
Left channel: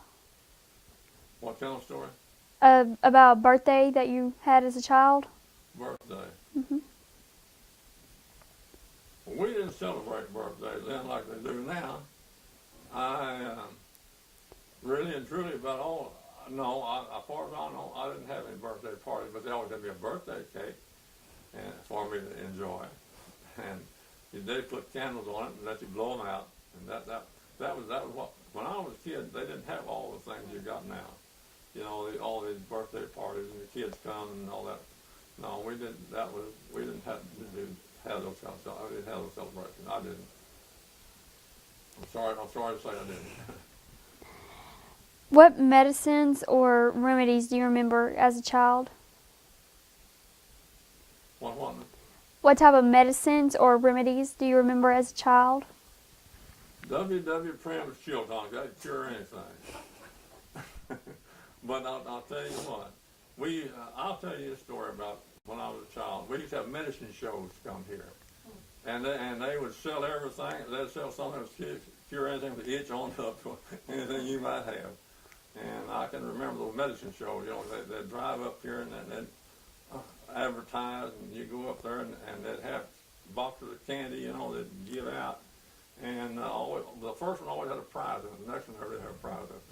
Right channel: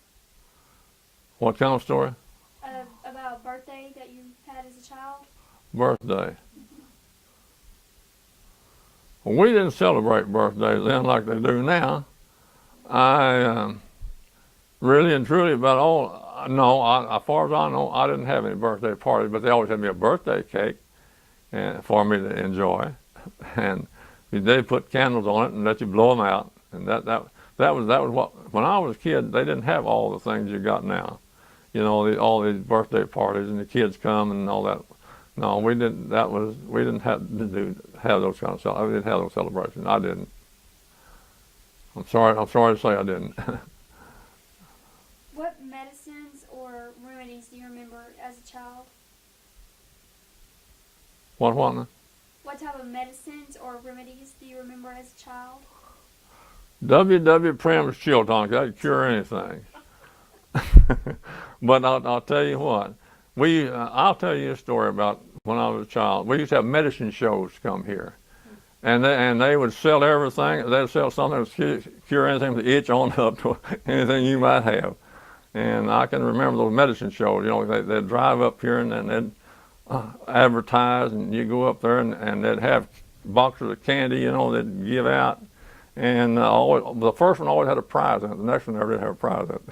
What kind of story? About a birthday that you had as a child? Birthday. Mm-hmm. Well, we didn't celebrate birthdays then like they do now. I really and truly as far as I know, I didn't have any birthday parties, but they always had me a birthday cake. and for me to enjoy. And they put candles on it and let you blow them out. And that was what, when I was a kid, they didn't have all the things you got now. You know, all these birthday parties and the kids come and all that. No, we didn't. We didn't have those kind of. I didn't have those celebrations. I didn't. I'm sorry to say I didn't. What medicines or remedies do you remember as a child? What? What type of medicines or remedies do you remember as a child? W.W. Prim's chill tonic, that could cure anything. But I'll tell you what, I'll tell you a story about when I was a child. We used to have medicine shows come here, and they would sell everything. They'd sell something that would cure anything from the itch on up to anything you might have. And I can remember those medicine shows. You know, they'd drive up here and they'd advertise, and you go up there and they'd have boxes of candy, you know, they'd give out. And the first one always had a prize in it. The next one never did have a prize in it.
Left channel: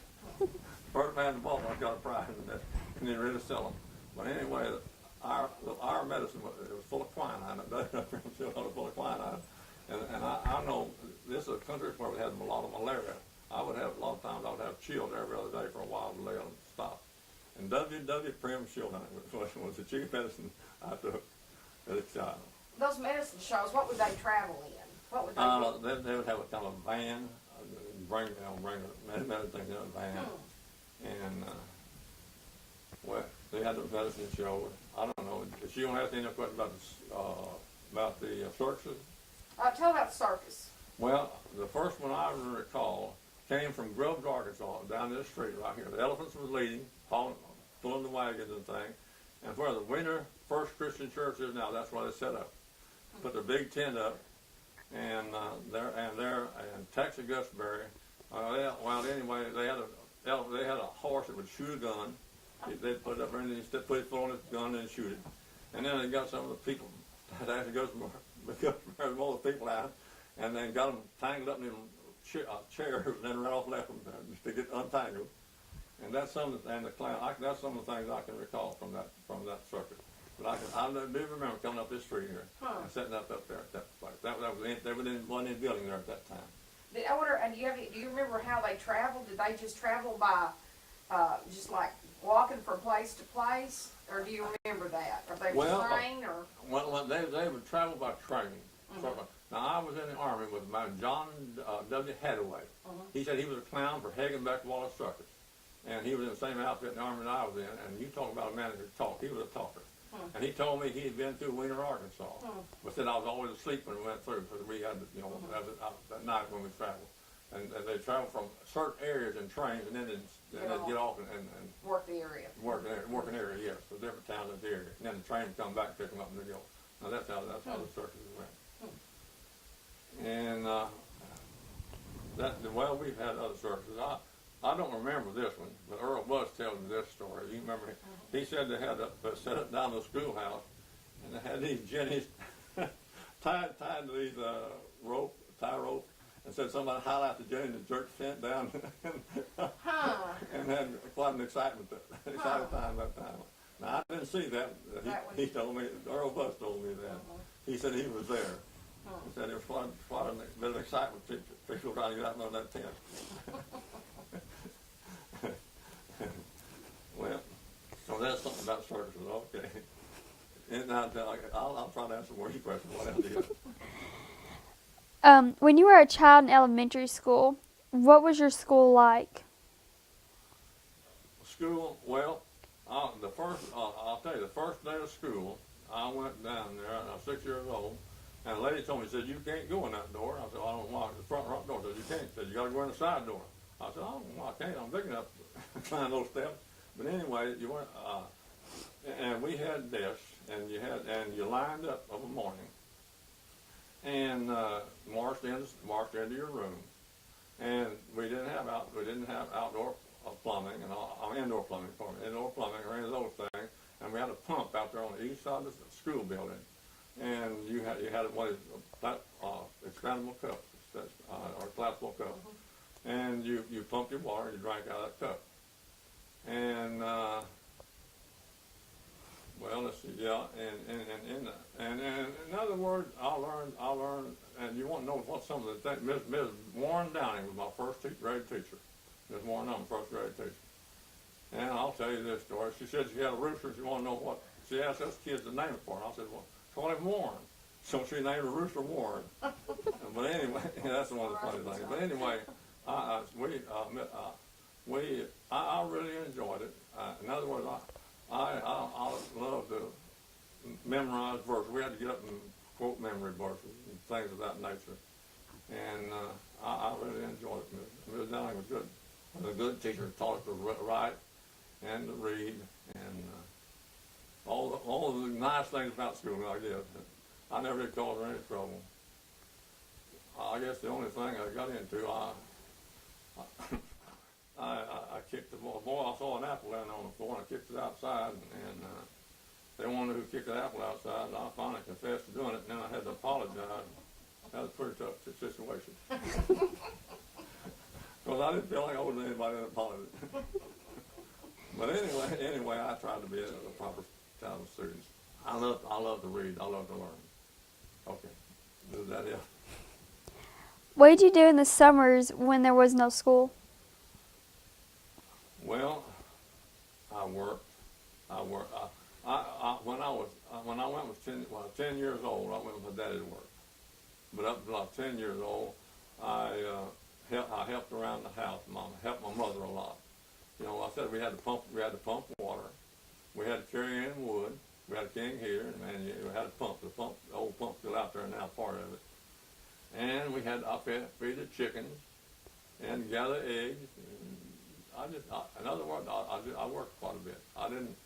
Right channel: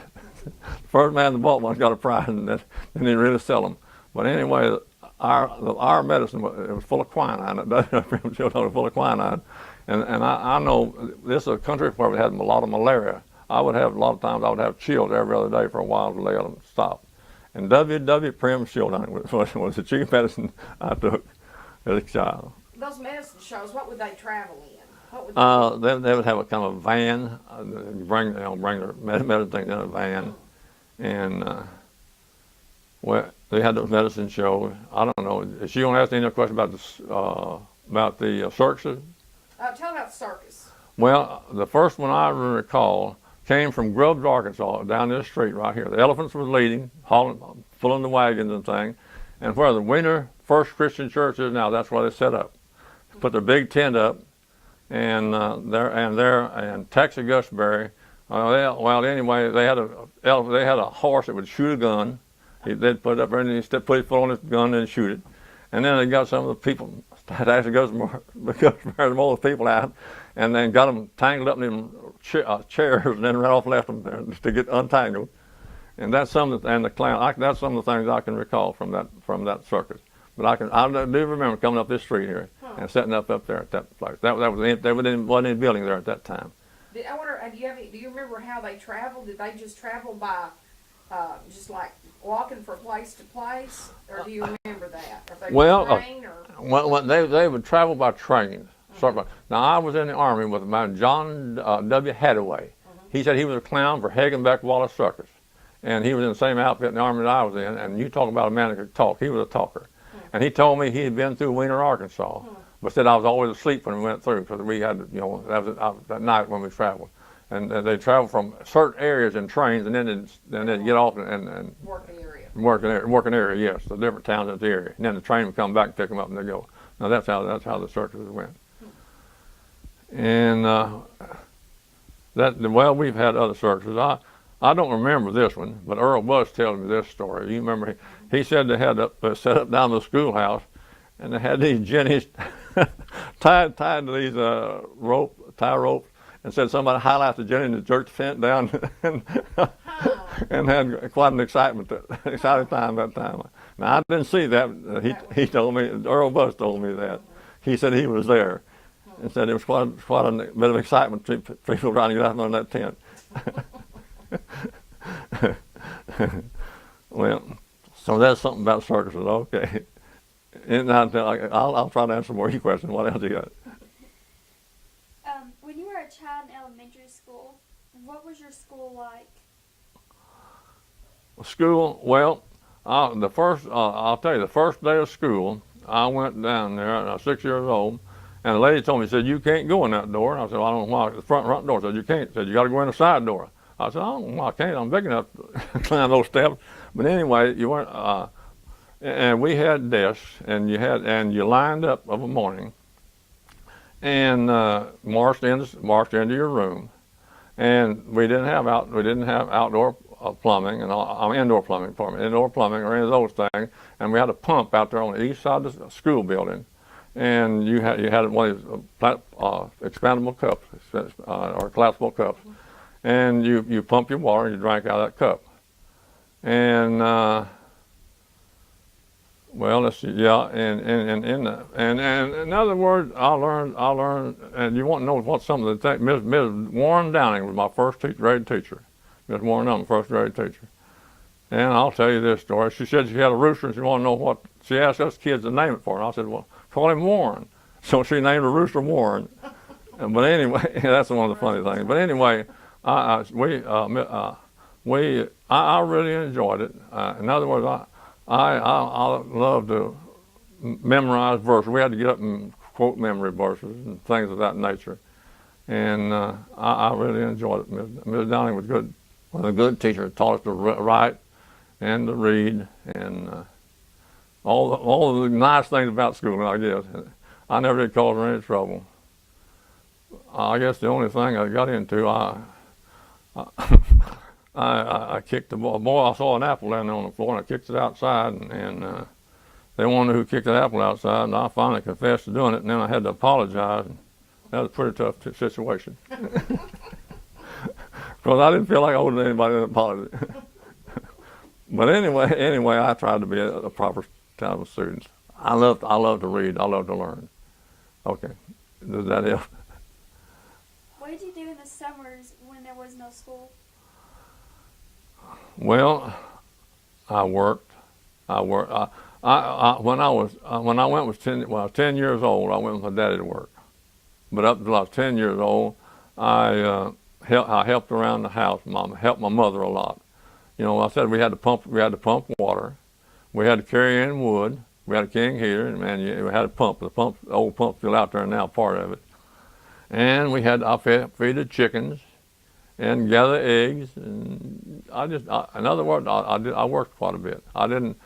First man that bought one got a prize, and they didn't really sell them. But anyway, our medicine, it was full of quinine. It was full of quinine. And I know this is a country where we had a lot of malaria. A lot of times I would have chills every other day for a while to let them stop. And W.W. Prim's chill tonic was the chief medicine I took as a child. Those medicine shows, what would they travel in? What would they would have a kind of van, bring their medicine things in a van, and they had the medicine show. I don't know. Is she gonna ask any other question about the circuses? Tell about the circus. Well, the first one I recall came from Grubbs, Arkansas, down this street right here. The elephants was leading, pulling the wagons and things, and where the Weiner First Christian Church is now, that's where they set up. Put their big tent up, and Texas Gusberry. Anyway, they had a horse that would shoot a gun. They'd put it up there and he'd put his foot on his gun and shoot it. And then they got some of the people, Texas Gusberry, more of the people out, and then got them tangled up in them chairs, and then ran off and left them there to get untangled. And that's and the clown. That's some of the things I can recall from that circus. But I do remember coming up this street here and setting up there at that place. There wasn't any building there at that time. I wonder, do you remember how they traveled? Did they just travel by, just like walking from place to place, or do you remember that? Or they train, or? They would travel by train. Now I was in the Army with a man, John W. Hadaway. He said he was a clown for Hagenbeck Wallace Circus, and he was in the same outfit in the Army that I was in. And you talk about a man that could talk. He was a talker. And he told me he had been through Weiner, Arkansas, but said I was always asleep when we went through because we had, that was that night when we traveled. And they traveled from certain areas in trains, and then they'd get off and work the area. Work an area, yes, the different towns in the area. And then the train would come back and pick them up, and they'd go. Now that's how the circuses went. And we've had other circuses. I don't remember this one, but Earl was telling me this story. You remember he said they had set up down the schoolhouse, and they had these jennies tied to these tie ropes, and said somebody highlight the jenny and jerked the fence down, and had quite an exciting time that time. Now I didn't see that. He told me, Earl Buzz told me that. He said he was there, and said it was quite a bit of excitement to people trying to get out under that tent. Well, so that's something about circuses. Okay, and I'll try to answer more of your questions. What else you got? When you were a child in elementary school, what was your school like? School, well, I'll tell you, the first day of school, I went down there, and I was 6 years old, and the lady told me, said, you can't go in that door. And I said, well, I don't know why. The front door said, you can't. Said, you got to go in the side door. I said, I don't know why I can't. I'm big enough to climb those steps. But anyway, you weren't, and we had desks, and you lined up of a morning, and marched into your room, and we didn't have outdoor plumbing and indoor plumbing, or any of those things, and we had a pump out there on the east side of the school building, and you had one of these expandable cups or collapsible cups, and you pump your water and you drank out of that cup, and Well, let's see. Yeah, and in other words, I learned, and you want to know what some of the things. Ms. Warren Downing was my first grade teacher. Miss Warren Downing, first grade teacher. And I'll tell you this story. She said she had a rooster, and she wanted to know what. She asked us kids to name it for her. And I said, well, call him Warren. So she named the rooster Warren. But anyway, that's one of the funny things. But anyway, I really enjoyed it. In other words, I love to memorize verses. We had to get up and quote memory verses and things of that nature. And I really enjoyed it. Ms. Downing was good. Was a good teacher. Taught us to write and to read and all the nice things about school, I guess. I never did cause her any trouble. I guess the only thing I got into, I kicked the ball. Boy, I saw an apple down there on the floor, and I kicked it outside, and they wanted to know who kicked that apple outside, and I finally confessed to doing it, and then I had to apologize. That was a pretty tough situation. Because I didn't feel like I owed anybody an apology. But anyway, I tried to be a proper type of student. I love to read. I love to learn. Okay, does that help? What did you do in the summers when there was no school? Well, I worked. When I was 10 years old, I went with my daddy to work. But up until I was 10 years old, I helped around the house. Helped my mother a lot. You know, I said we had to pump water. We had to carry in wood. We had a king heater, and man, we had a pump. The old pump's still out there now, part of it. And I feed the chickens and gather eggs. And in other words, I worked quite a bit. I wasn't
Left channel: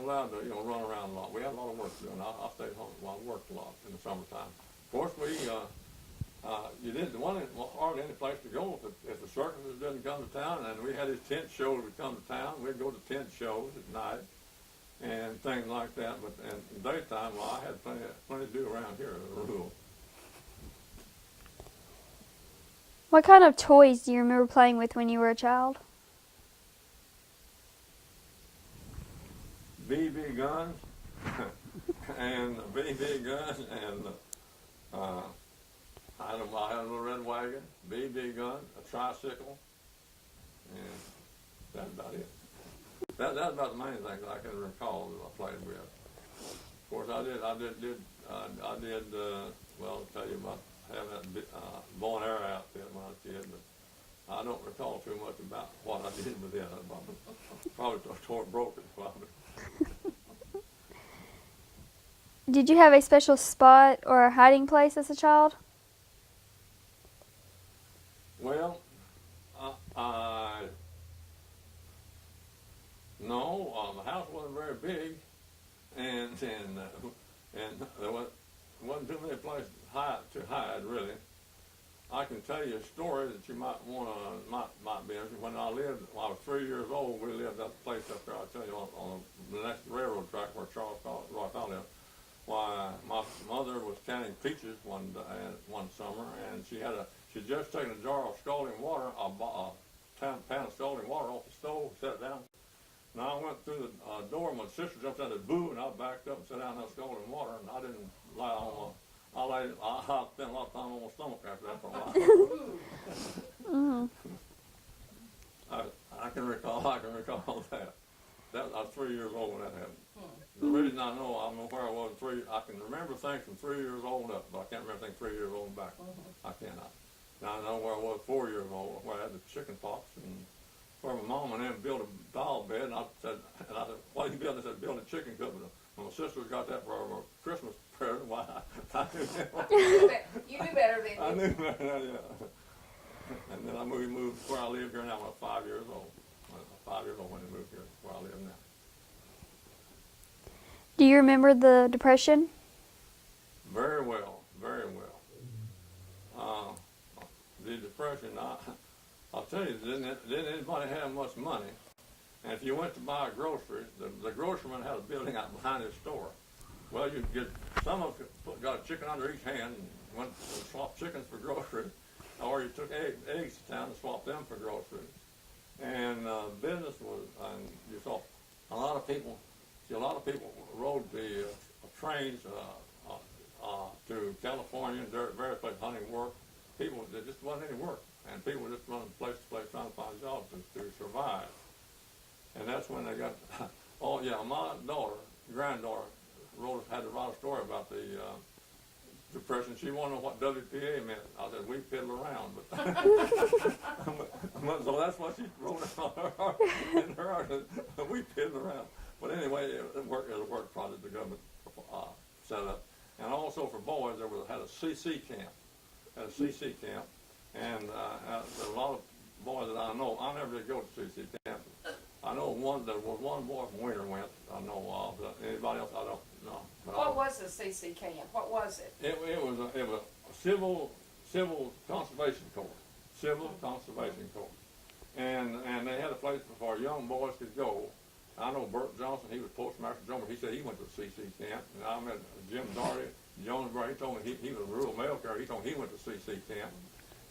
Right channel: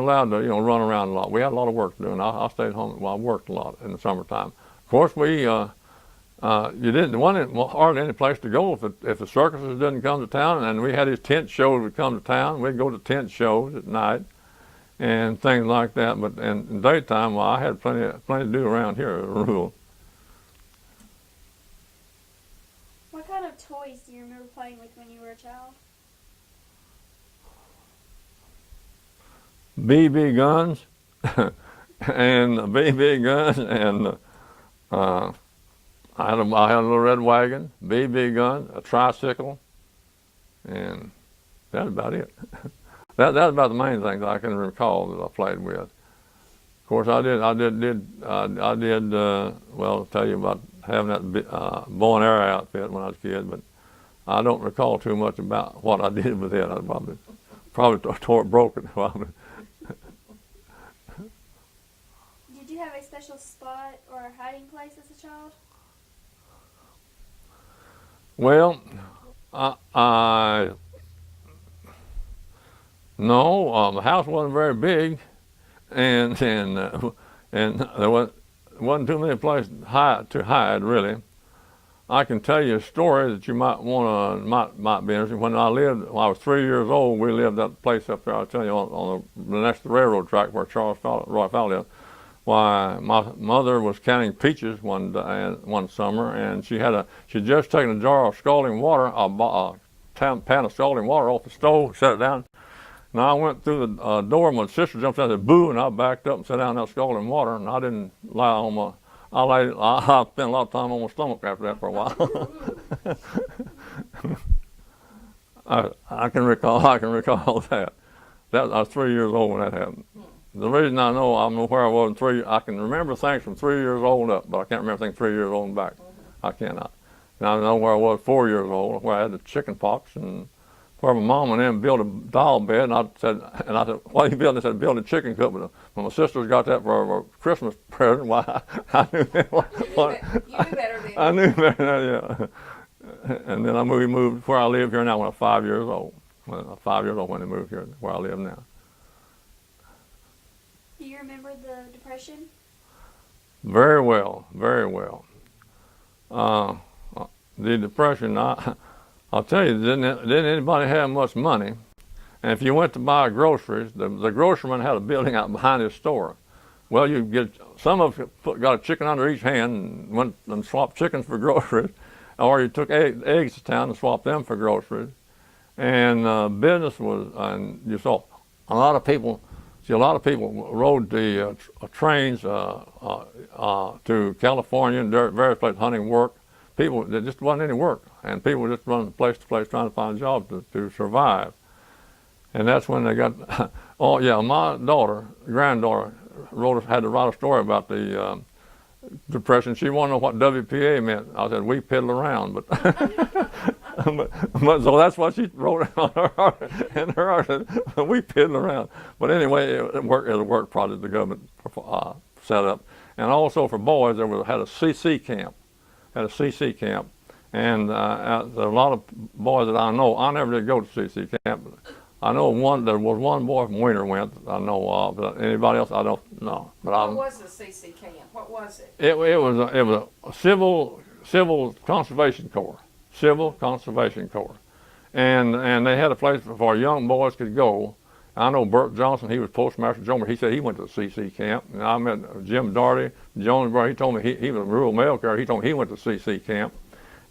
allowed to, run around a lot. We had a lot of work to do, and I stayed home. Well, I worked a lot in the summertime. Of course, there wasn't hardly any place to go if the circuses didn't come to town, and we had these tent shows would come to town. We'd go to tent shows at night and things like that. But in daytime, well, I had plenty to do around here, as a rule. What kind of toys do you remember playing with when you were a child? BB guns and I had a little red wagon, BB gun, a tricycle, and that's about it. That's about the main things I can recall that I played with. Of course, I did. Well, I'll tell you about having that bow and arrow outfit when I was a kid, but I don't recall too much about what I did with it. I probably broke it. Probably. Did you have a special spot or a hiding place as a child? Well, no, the house wasn't very big, and there wasn't too many places to hide really. I can tell you a story that you might be interested. When I was 3 years old, we lived at the place up there. I'll tell you on the next to the railroad track where Roy Fowler lived. Why, my mother was counting peaches one summer, and she'd just taken a jar of scalding water, a pan of scalding water off the stove, set it down. And I went through the door, my sister jumped out and said, boo, and I backed up and sat down in that scalding water, and I didn't lie on my, I spent a lot of time on my stomach after that for a while. I can recall that. I was 3 years old when that happened. The reason I know where I was I can remember things from 3 years old up, but I can't remember things 3 years old and back. I cannot. And I know where I was 4 years old, where I had the chicken pox, and where my mom and them built a doll bed, and I said, what are you building? They said, build a chicken coop. But when my sisters got that for a Christmas present, why, I knew You knew better than I knew better than that, yeah. And then we moved where I live here now when I was 5 years old. When I was 5 years old when I moved here, where I live now. Do you remember the Depression? Very well, very well. The Depression, I'll tell you, didn't anybody have much money? And if you went to buy groceries, the grocerman had a building out behind his store. Well, you get some of you got a chicken under each hand and went and swapped chickens for groceries, or you took eggs to town and swapped them for groceries. And business was, and you saw a lot of people. See, a lot of people rode the trains to California and various places hunting work. People, there just wasn't any work, and people were just running place to place trying to find jobs to survive. And that's when they got, oh yeah, my granddaughter, had to write a story about the Depression. She wanted to know what WPA meant. I said, we piddle around, but, but so that's what she wrote in her article, we piddle around. But anyway, it was a work project the government set up. And also for boys, had a CC camp, and a lot of boys that I know, I never did go to CC camp. I know there was one boy from Weiner went, I know of, but anybody else, I don't know. But what was the CC camp? What was it? It was a civil conservation corps, and they had a place where young boys could go. I know Bert Johnson, he was Postmaster General. He said he went to the CC camp. And I met Jim Daugherty, Jonesboro. He told me he was a rural mail carrier. He told me he went to the CC camp.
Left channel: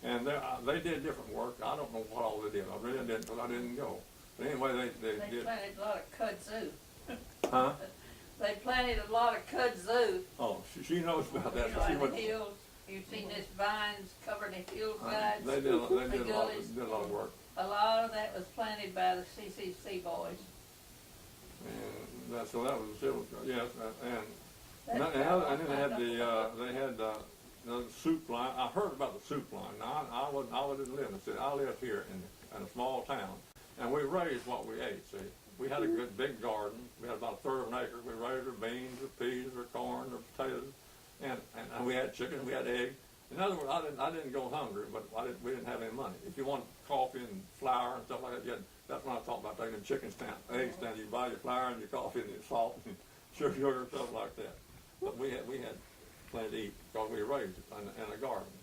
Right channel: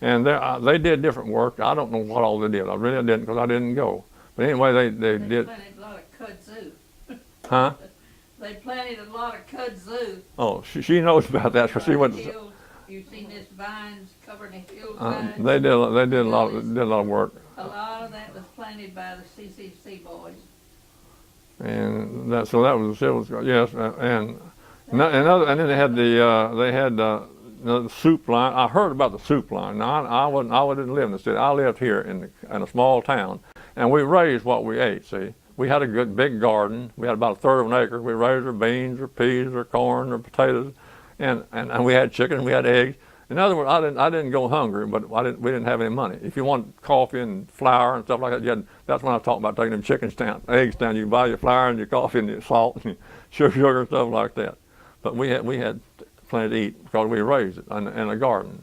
And they did different work. I don't know what all they did. I really didn't, because I didn't go. But anyway, they did. They planted a lot of kudzu. Huh? They planted a lot of kudzu. Oh, she knows about that, because she went. You've seen this vines covered in hills. Vines. They did a lot of work. A lot of that was planted by the CCC boys. And so that was the civil, yes, and then they had the soup line. I heard about the soup line. Now I didn't live in the city. I lived here in a small town, and we raised what we ate. See, we had a good big garden. We had about a third of an acre. We raised our beans, or peas, or corn, or potatoes, and we had chicken, we had eggs. In other words, I didn't go hungry, but we didn't have any money. If you want coffee and flour and stuff like that, that's when I talk about taking them eggs down. You buy your flour and your coffee and your salt and your sugar and stuff like that. But we had plenty to eat because we raised it in a garden.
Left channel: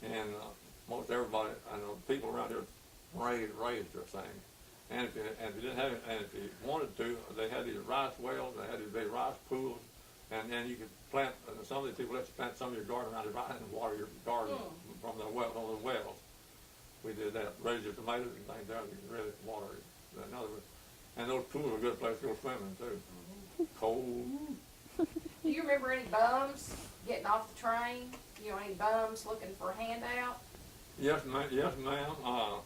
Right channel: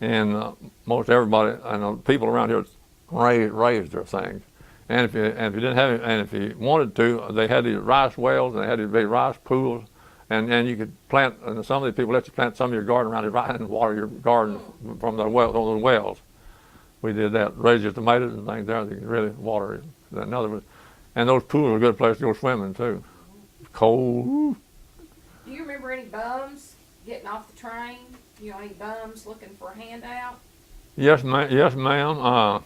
And most everybody, I know, people around here raised their things. And if you didn't have it, and if you wanted to, they had these rice wells and they had these big rice pools. And you could plant, and some of these people let you plant some of your garden around it right and water your garden from the those wells. We did that, raise your tomatoes and things there, you could really water it. In other words, and those pools are a good place to go swimming too. Cold. Do you remember any bums getting off the train? You know, any bums looking for a handout? Yes, ma'am.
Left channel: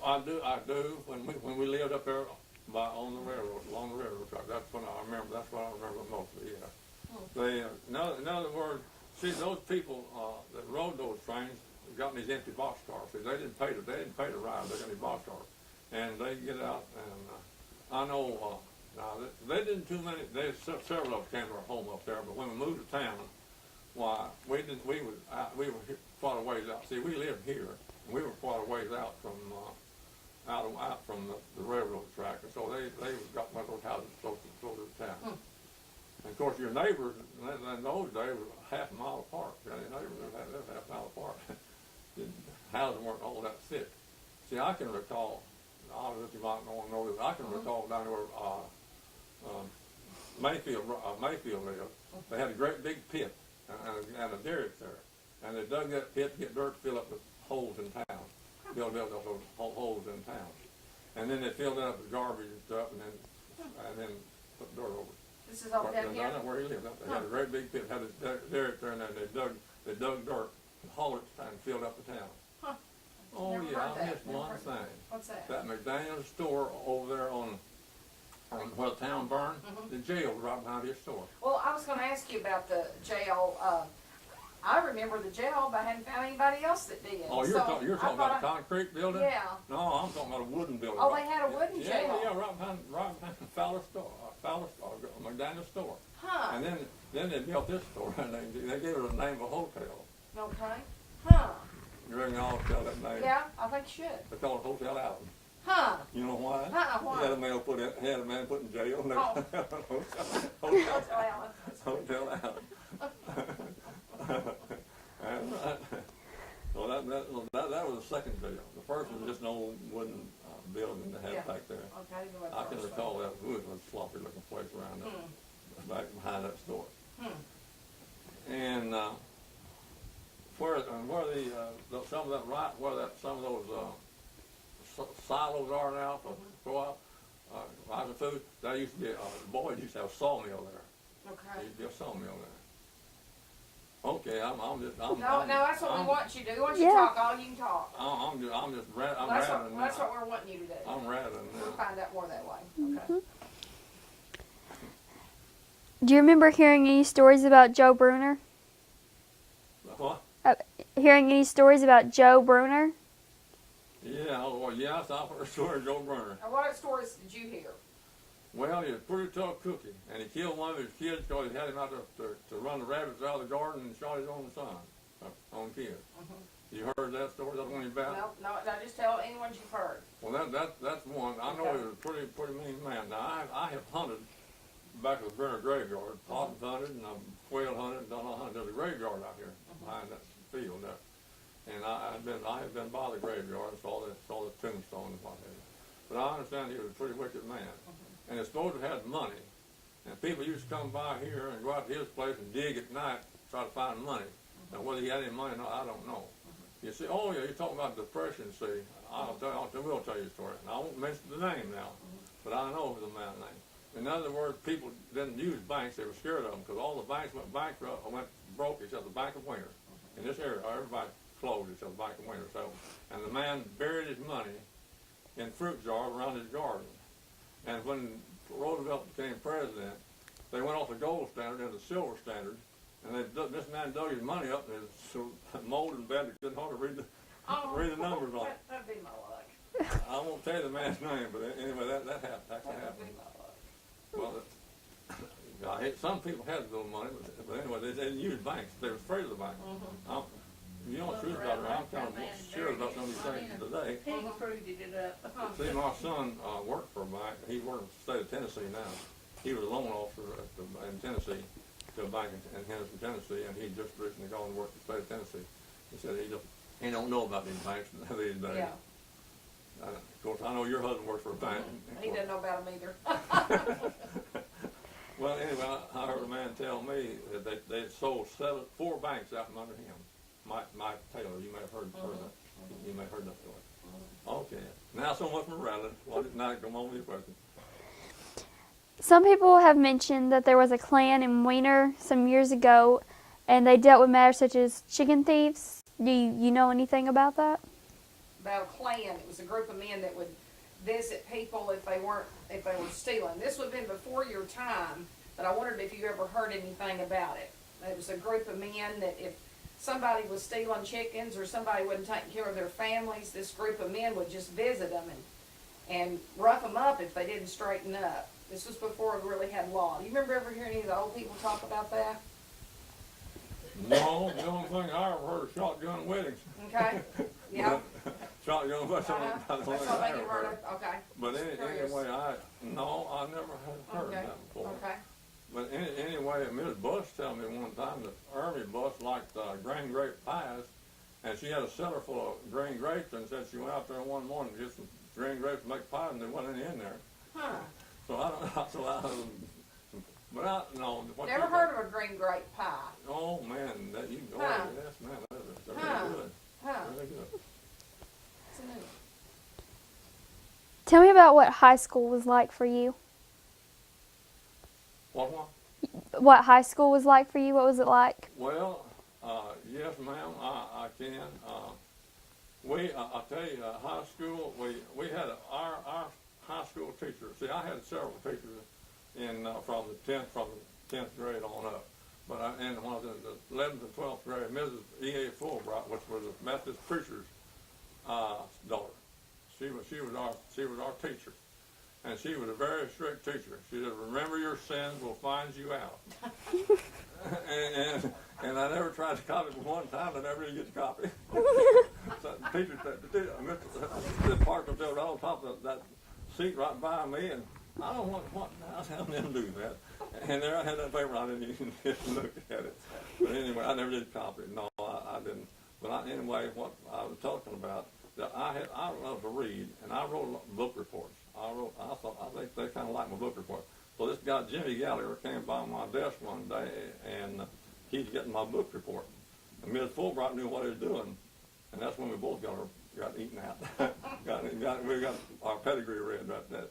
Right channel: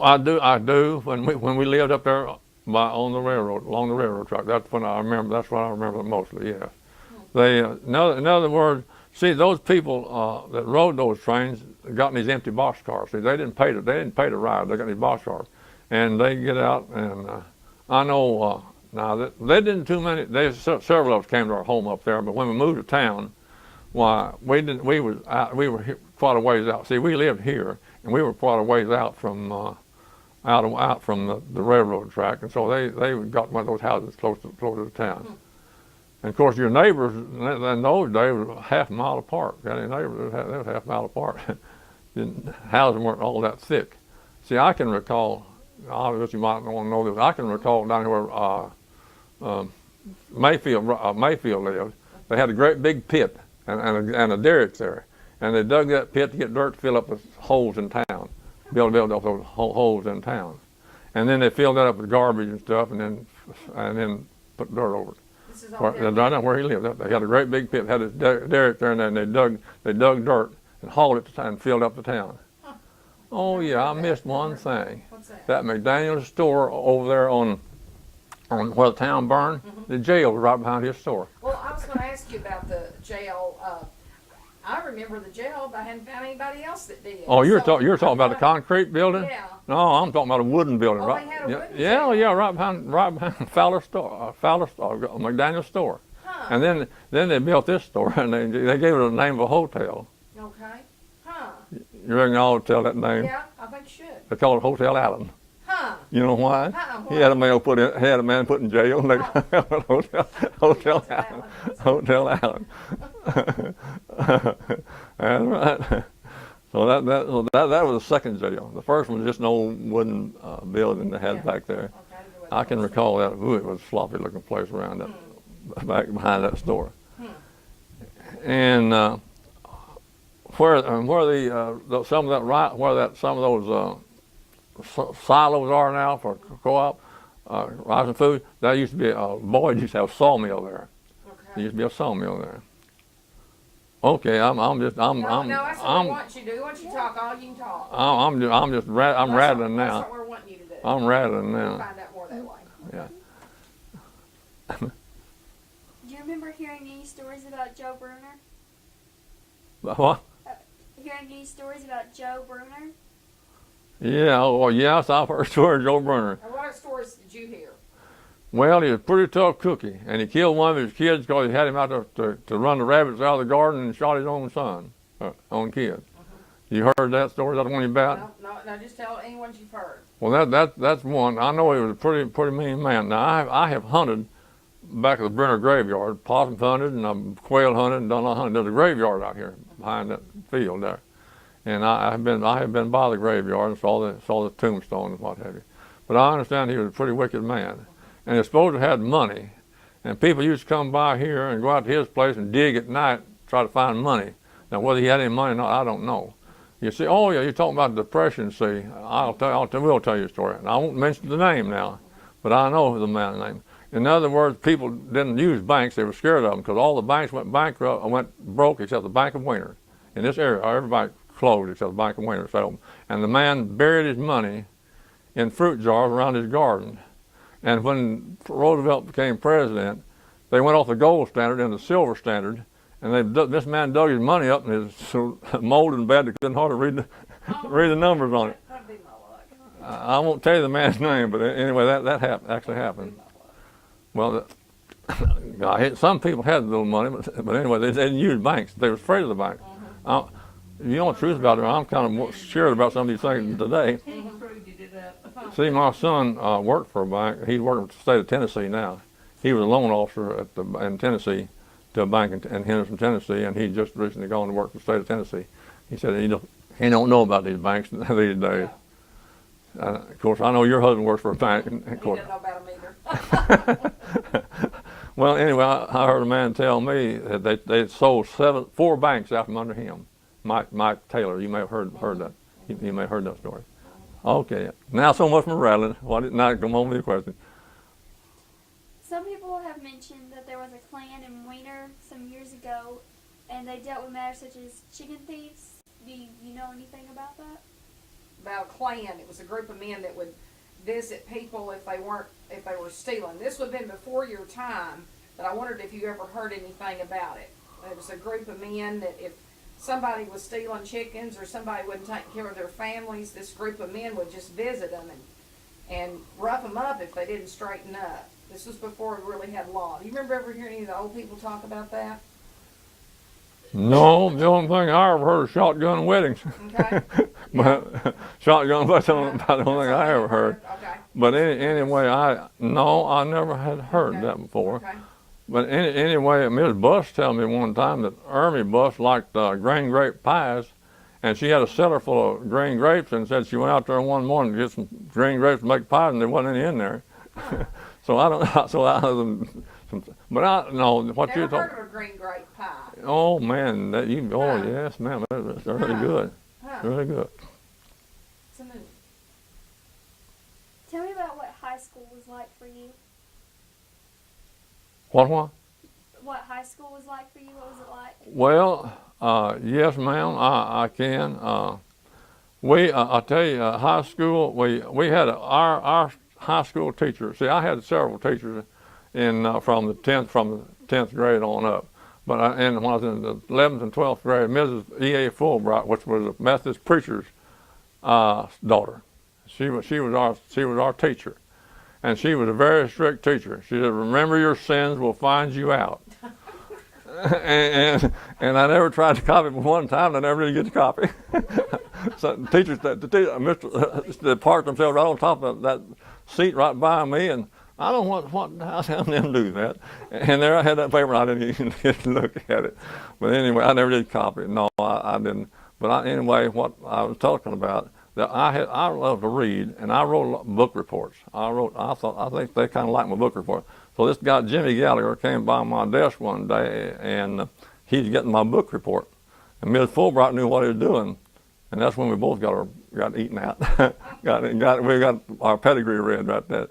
I do. When we lived up there along the railroad track. That's what I remember mostly. Yeah. They, in other words, see, those people that rode those trains got in these empty boxcars. See, they didn't pay to ride. They got these boxcars, and they get out. And I know now they didn't too many. Several of us came to our home up there. But when we moved to town, why we didn't. We were quite a ways out. See, we lived here, and we were quite a ways out from. Out from the railroad track, and so they got one of those houses close to the town. And of course, your neighbors in those days were half a mile apart. Got any neighbors? They were half a mile apart. Houses weren't all that thick. See, I can recall. You might want to know this. I can recall down here where Mayfield lived. They had a great big pit and a derrick there, and they dug that pit to get dirt to fill up the holes in town. Build those holes in town, and then they filled that up with garbage and stuff, and then put dirt over it. This is all where he lived. They had a great big pit, had a derrick there, and then they dug dirt and hauled it to town and filled up the town. Huh. Oh yeah, I missed one thing. What's that? That McDaniel's store over there on where the town burned. Mm-hmm. The jail was right behind his store. Well, I was going to ask you about the jail. I remember the jail, but I hadn't found anybody else that did. Oh, you're talking about the concrete building? Yeah. No, I'm talking about a wooden building. Oh, right? they had a wooden Yeah, jail. yeah, right behind Fowler's store, McDaniel's store. Huh. And then they built this store, and they gave it the name of a hotel. Okay. Huh. You reckon I ought to tell that name? Yeah, I think you should. They called it Hotel Allen. Huh. You know why? Why? He had a man put in jail. And they Hotel Allen. That's right. So that was the second jail. The first one was just an old wooden building they had back there. Okay. I can recall that. Ooh, it was a floppy looking place around that, back behind that store. And where some of those silos are now for co-op, Rice and Food. That used to be Boyd used to have a sawmill there. There Okay. used to be a sawmill there. Okay, I'm No, that's what we want you to do. We want you Yeah. to talk all you can talk. I'm That's rattling That's now. what we're wanting you to do. I'm rattling We'll now. find out more that way. Yeah. Do you remember hearing any stories about Joe Bruner? What? Hearing any stories about Joe Bruner? Yeah. Oh, yes, I've heard stories of Joe Burner. And what stories did you hear? Well, he was a pretty tough cookie, and he killed one of his kids because he had him out there to run the rabbits out of the garden and shot his own son, own kid. You heard that story? That's the one you about? No, just tell any ones you've heard. Well, that's one. I know he was a pretty mean man. Now I have hunted back at the Brenner graveyard, possum hunted and I've quail hunted and done a lot of hunting. There's a graveyard out here behind that field there, and I have been by the graveyard and saw the tombstone and what have you. But I understand he was a pretty wicked man, and he's supposed to have money, and people used to come by here and go out to his place and dig at night, try to find money. Now whether he had any money or not, I don't know. You see, oh yeah, you're talking about the Depression. See, we'll tell you a story. And I won't mention the name now, but I know the man's name. In other words, people didn't use banks; they were scared of them because all the banks went bankrupt, went broke except the Bank of Weiner. In this area, everybody closed except the Bank of Weiner. So, and the man buried his money in fruit jars around his garden. And when Roosevelt became president, they went off the gold standard into the silver standard. And this man dug his money up, and it was so molded and bad they couldn't hardly read the numbers on it. That'd be my luck. I won't tell you the man's name, but anyway, that actually happened. Well, some people had a little money, but anyway, they didn't use banks. They were afraid of the banks. You know the truth about it, I'm kind of more scared about some of these things today. See, my son worked for a bank. He's working for the state of Tennessee now. He was a loan officer in Tennessee to a bank in Henderson, Tennessee, and he just recently gone to work for the state of Tennessee. He said he don't know about these banks these days. Of course, I know your husband works for a bank. Of He course. didn't know about them either. Well, anyway, I heard a man tell me that they sold 4 banks out from under him. Mike Taylor, you may have heard that. You may have heard that story. Okay, now so much from rattling. Now come on with your question. Some people have mentioned that there was a Klan in Weiner some years ago, and they dealt with matters such as chicken thieves. Do you know anything about that? About a Klan, it was a group of men that would visit people if they were stealing. This would have been before your time, but I wondered if you ever heard anything about it. It was a group of men that if somebody was stealing chickens or somebody wasn't taking care of their families, this group of men would just visit them and rough them up if they didn't straighten up. This was before we really had law. Do you remember ever hearing any of the old people talk about that? No, the only thing I ever heard is shotgun weddings. Okay. But shotgun weddings, about the only thing I ever heard. Okay. But anyway, I never had heard Okay. that before. Okay. But anyway, Ms. Buss told me one time that Ermy Buss liked green grape pies, and she had a cellar full of green grapes, and said she went out there one morning to get some green grapes to make pies, and there wasn't any in there. So I don't. So I but I know what Never you heard thought. of a green grape pie. Oh man, that you. Oh Huh. yes, ma'am. That's really Huh. good. Huh. Really good. It's a new one. Tell me about what high school was like for you. What? What high school was like for you? What was it like? Well, yes, ma'am. I can. I'll tell you, high school. We had our high school teacher. See, I had several teachers from the 10th grade on up. But and when I was in the 11th and 12th grade, Mrs. E.A. Fulbright, which was a Methodist preacher's daughter, she was our teacher, and she was a very strict teacher. She said, "Remember, your sins will find you out." and I never tried to copy, but one time I never did get to copy. So the teachers, they parked themselves right on top of that seat right by me, and I don't know how them do that. And there I had that paper, and I didn't even get to look at it. But anyway, I never did copy it. No, I didn't. But anyway, what I was talking about, that I love to read, and I wrote book reports. I think they kind of liked my book report. So this guy, Jimmy Gallagher, came by my desk one day, and he's getting my book report. And Ms. Fulbright knew what he was doing, and that's when we both got got eaten out. We got our pedigree read right there.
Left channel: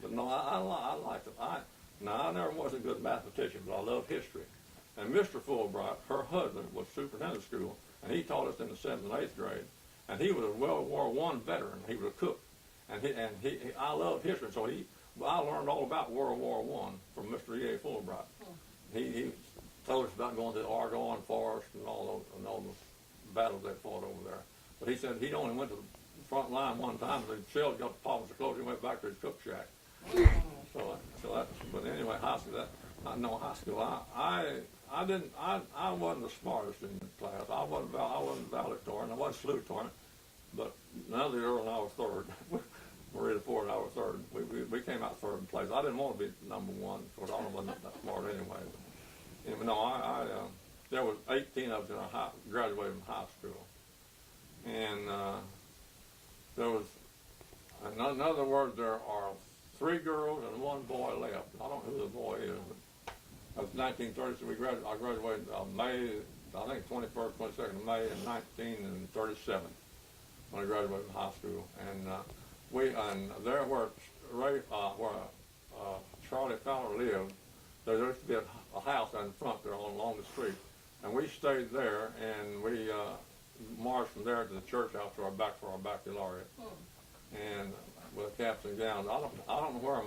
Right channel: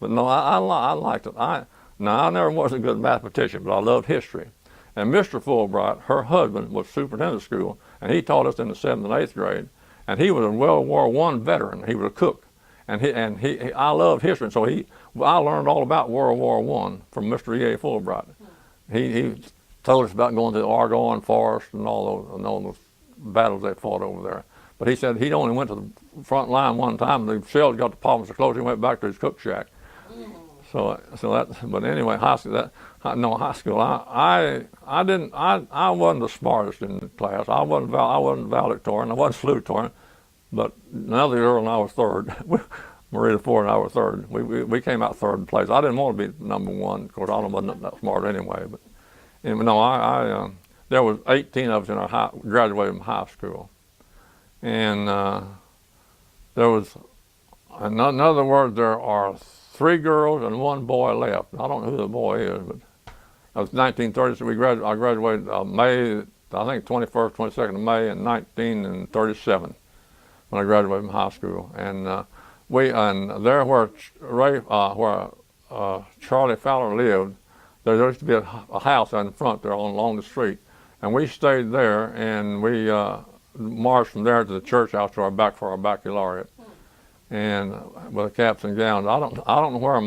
But no, I liked it. I never was a good mathematician, but I loved history. And Mr. Fulbright, her husband, was superintendent of school, and he taught us in the 7th and 8th grade. And he was a World War I veteran. He was a cook, and I loved history, and so I learned all about World War I from Mr. E.A. Fulbright. He told us about going to the Argonne Forest and all those battles they fought over there. But he said he'd only went to the front line one time, and the shells got the palms so close he went back to his cook shack. So that. But anyway, high school. High school. I wasn't the smartest in the class. I wasn't valedictorian. I wasn't salutatorian. But another girl and I was third. Marita Ford and I were third. We came out third place. I didn't want to be number one. Of course, I wasn't that smart anyway. But anyway, no, there was 18 of us in our graduated from high school, and there was, in other words, there are 3 girls and 1 boy left. I don't know who the boy is, but it was 1930. So I graduated May, I think 21st, 22nd of May in 1937 when I graduated from high school, and there where Charlie Fowler lived, there used to be a house in front there along the street, and we stayed there, and we marched from there to the church house for our baccalaureate, and with caps and gowns. I don't know where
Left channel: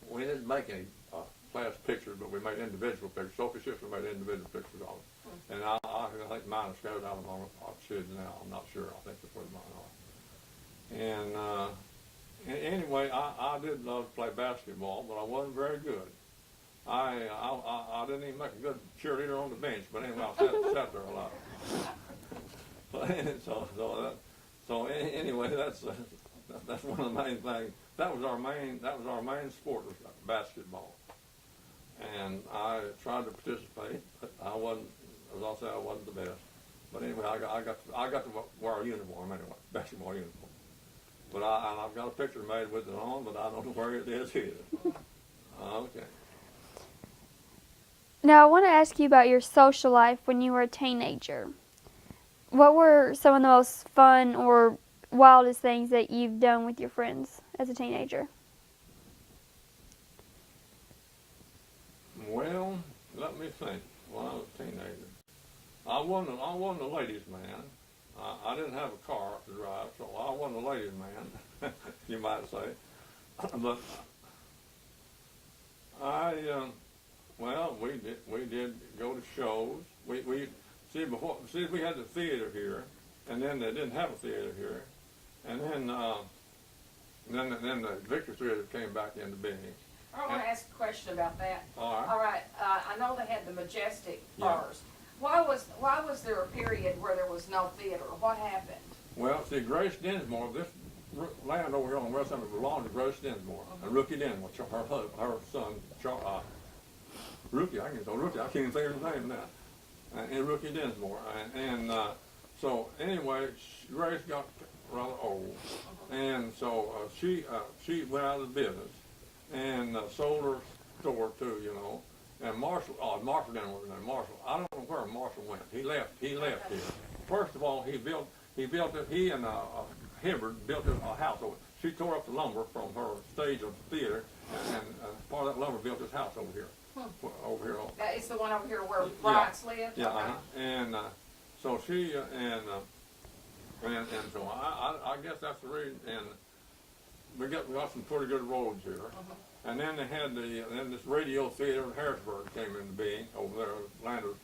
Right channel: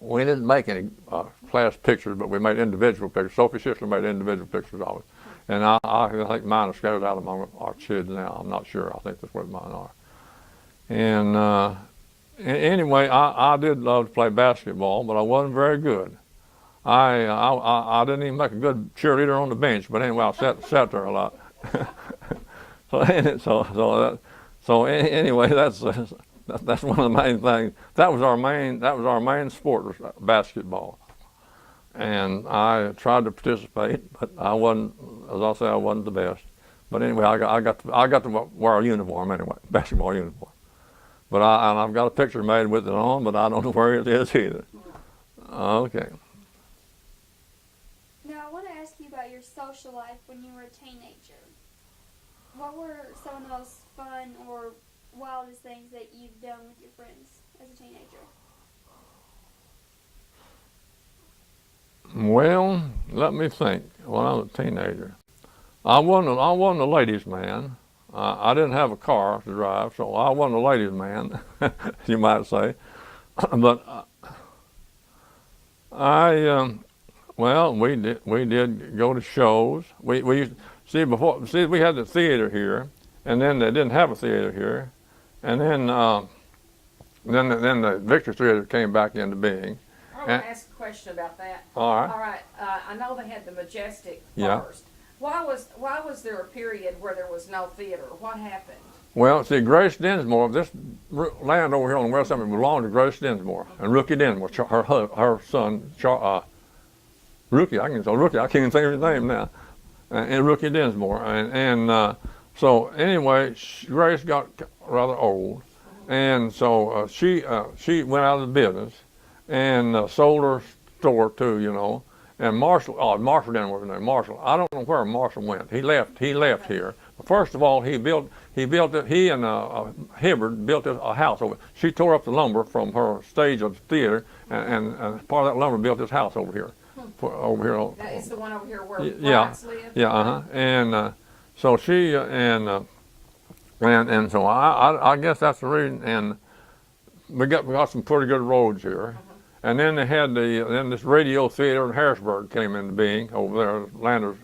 we didn't make any class pictures, but we made individual pictures. Sophie's sister made individual pictures of it, and I think mine are scattered out among our kids now. I'm not sure. I think that's where mine are. And anyway, I did love to play basketball, but I wasn't very good. I didn't even make a good cheerleader on the bench, but anyway, I sat there a lot. So anyway, that's one of the main things. That was our main sport, was basketball, and I tried to participate, but I wasn't. As I say, I wasn't the best. But anyway, I got to wear a uniform anyway, basketball uniform. But I've got a picture made with it on, but I don't know where it is either. Okay. Now, I want to ask you about your social life when you were a teenager. What were some of the most fun or wildest things that you've done with your friends as a teenager? Well, let me think. When I was a teenager, I wasn't a ladies' man. I didn't have a car to drive, so I wasn't a ladies' man, you might say. But we did go to shows. We used to, see we had the theater here, and then they didn't have a theater here, and then the Victor Theater came back into being. I want to ask a question about that. All right. All right. I know they had the Majestic Yeah. first. Why was there a period where there was no theater? What happened? Well, see, Grace Dinsmore, this land over here on the west side belonged to Grace Dinsmore, and Rookie Dinsmore, her son, Rookie, I can't even think of his name now, and Rookie Dinsmore, and so anyway, Grace got rather old, and so she went out of the business, and sold her store too, you know. And Marshall didn't work there. Marshall, I don't know where Marshall went. He left here. First of all, he and Hibbard built a house over. She tore up the lumber from her stage of the theater, and part of that lumber built this house over here. Over here. It's the one over here where Yeah, lived? yeah, and so she and so I guess that's the reason. And we got some pretty good roads here. And then they had this radio theater in Harrisburg came into being over there. Landers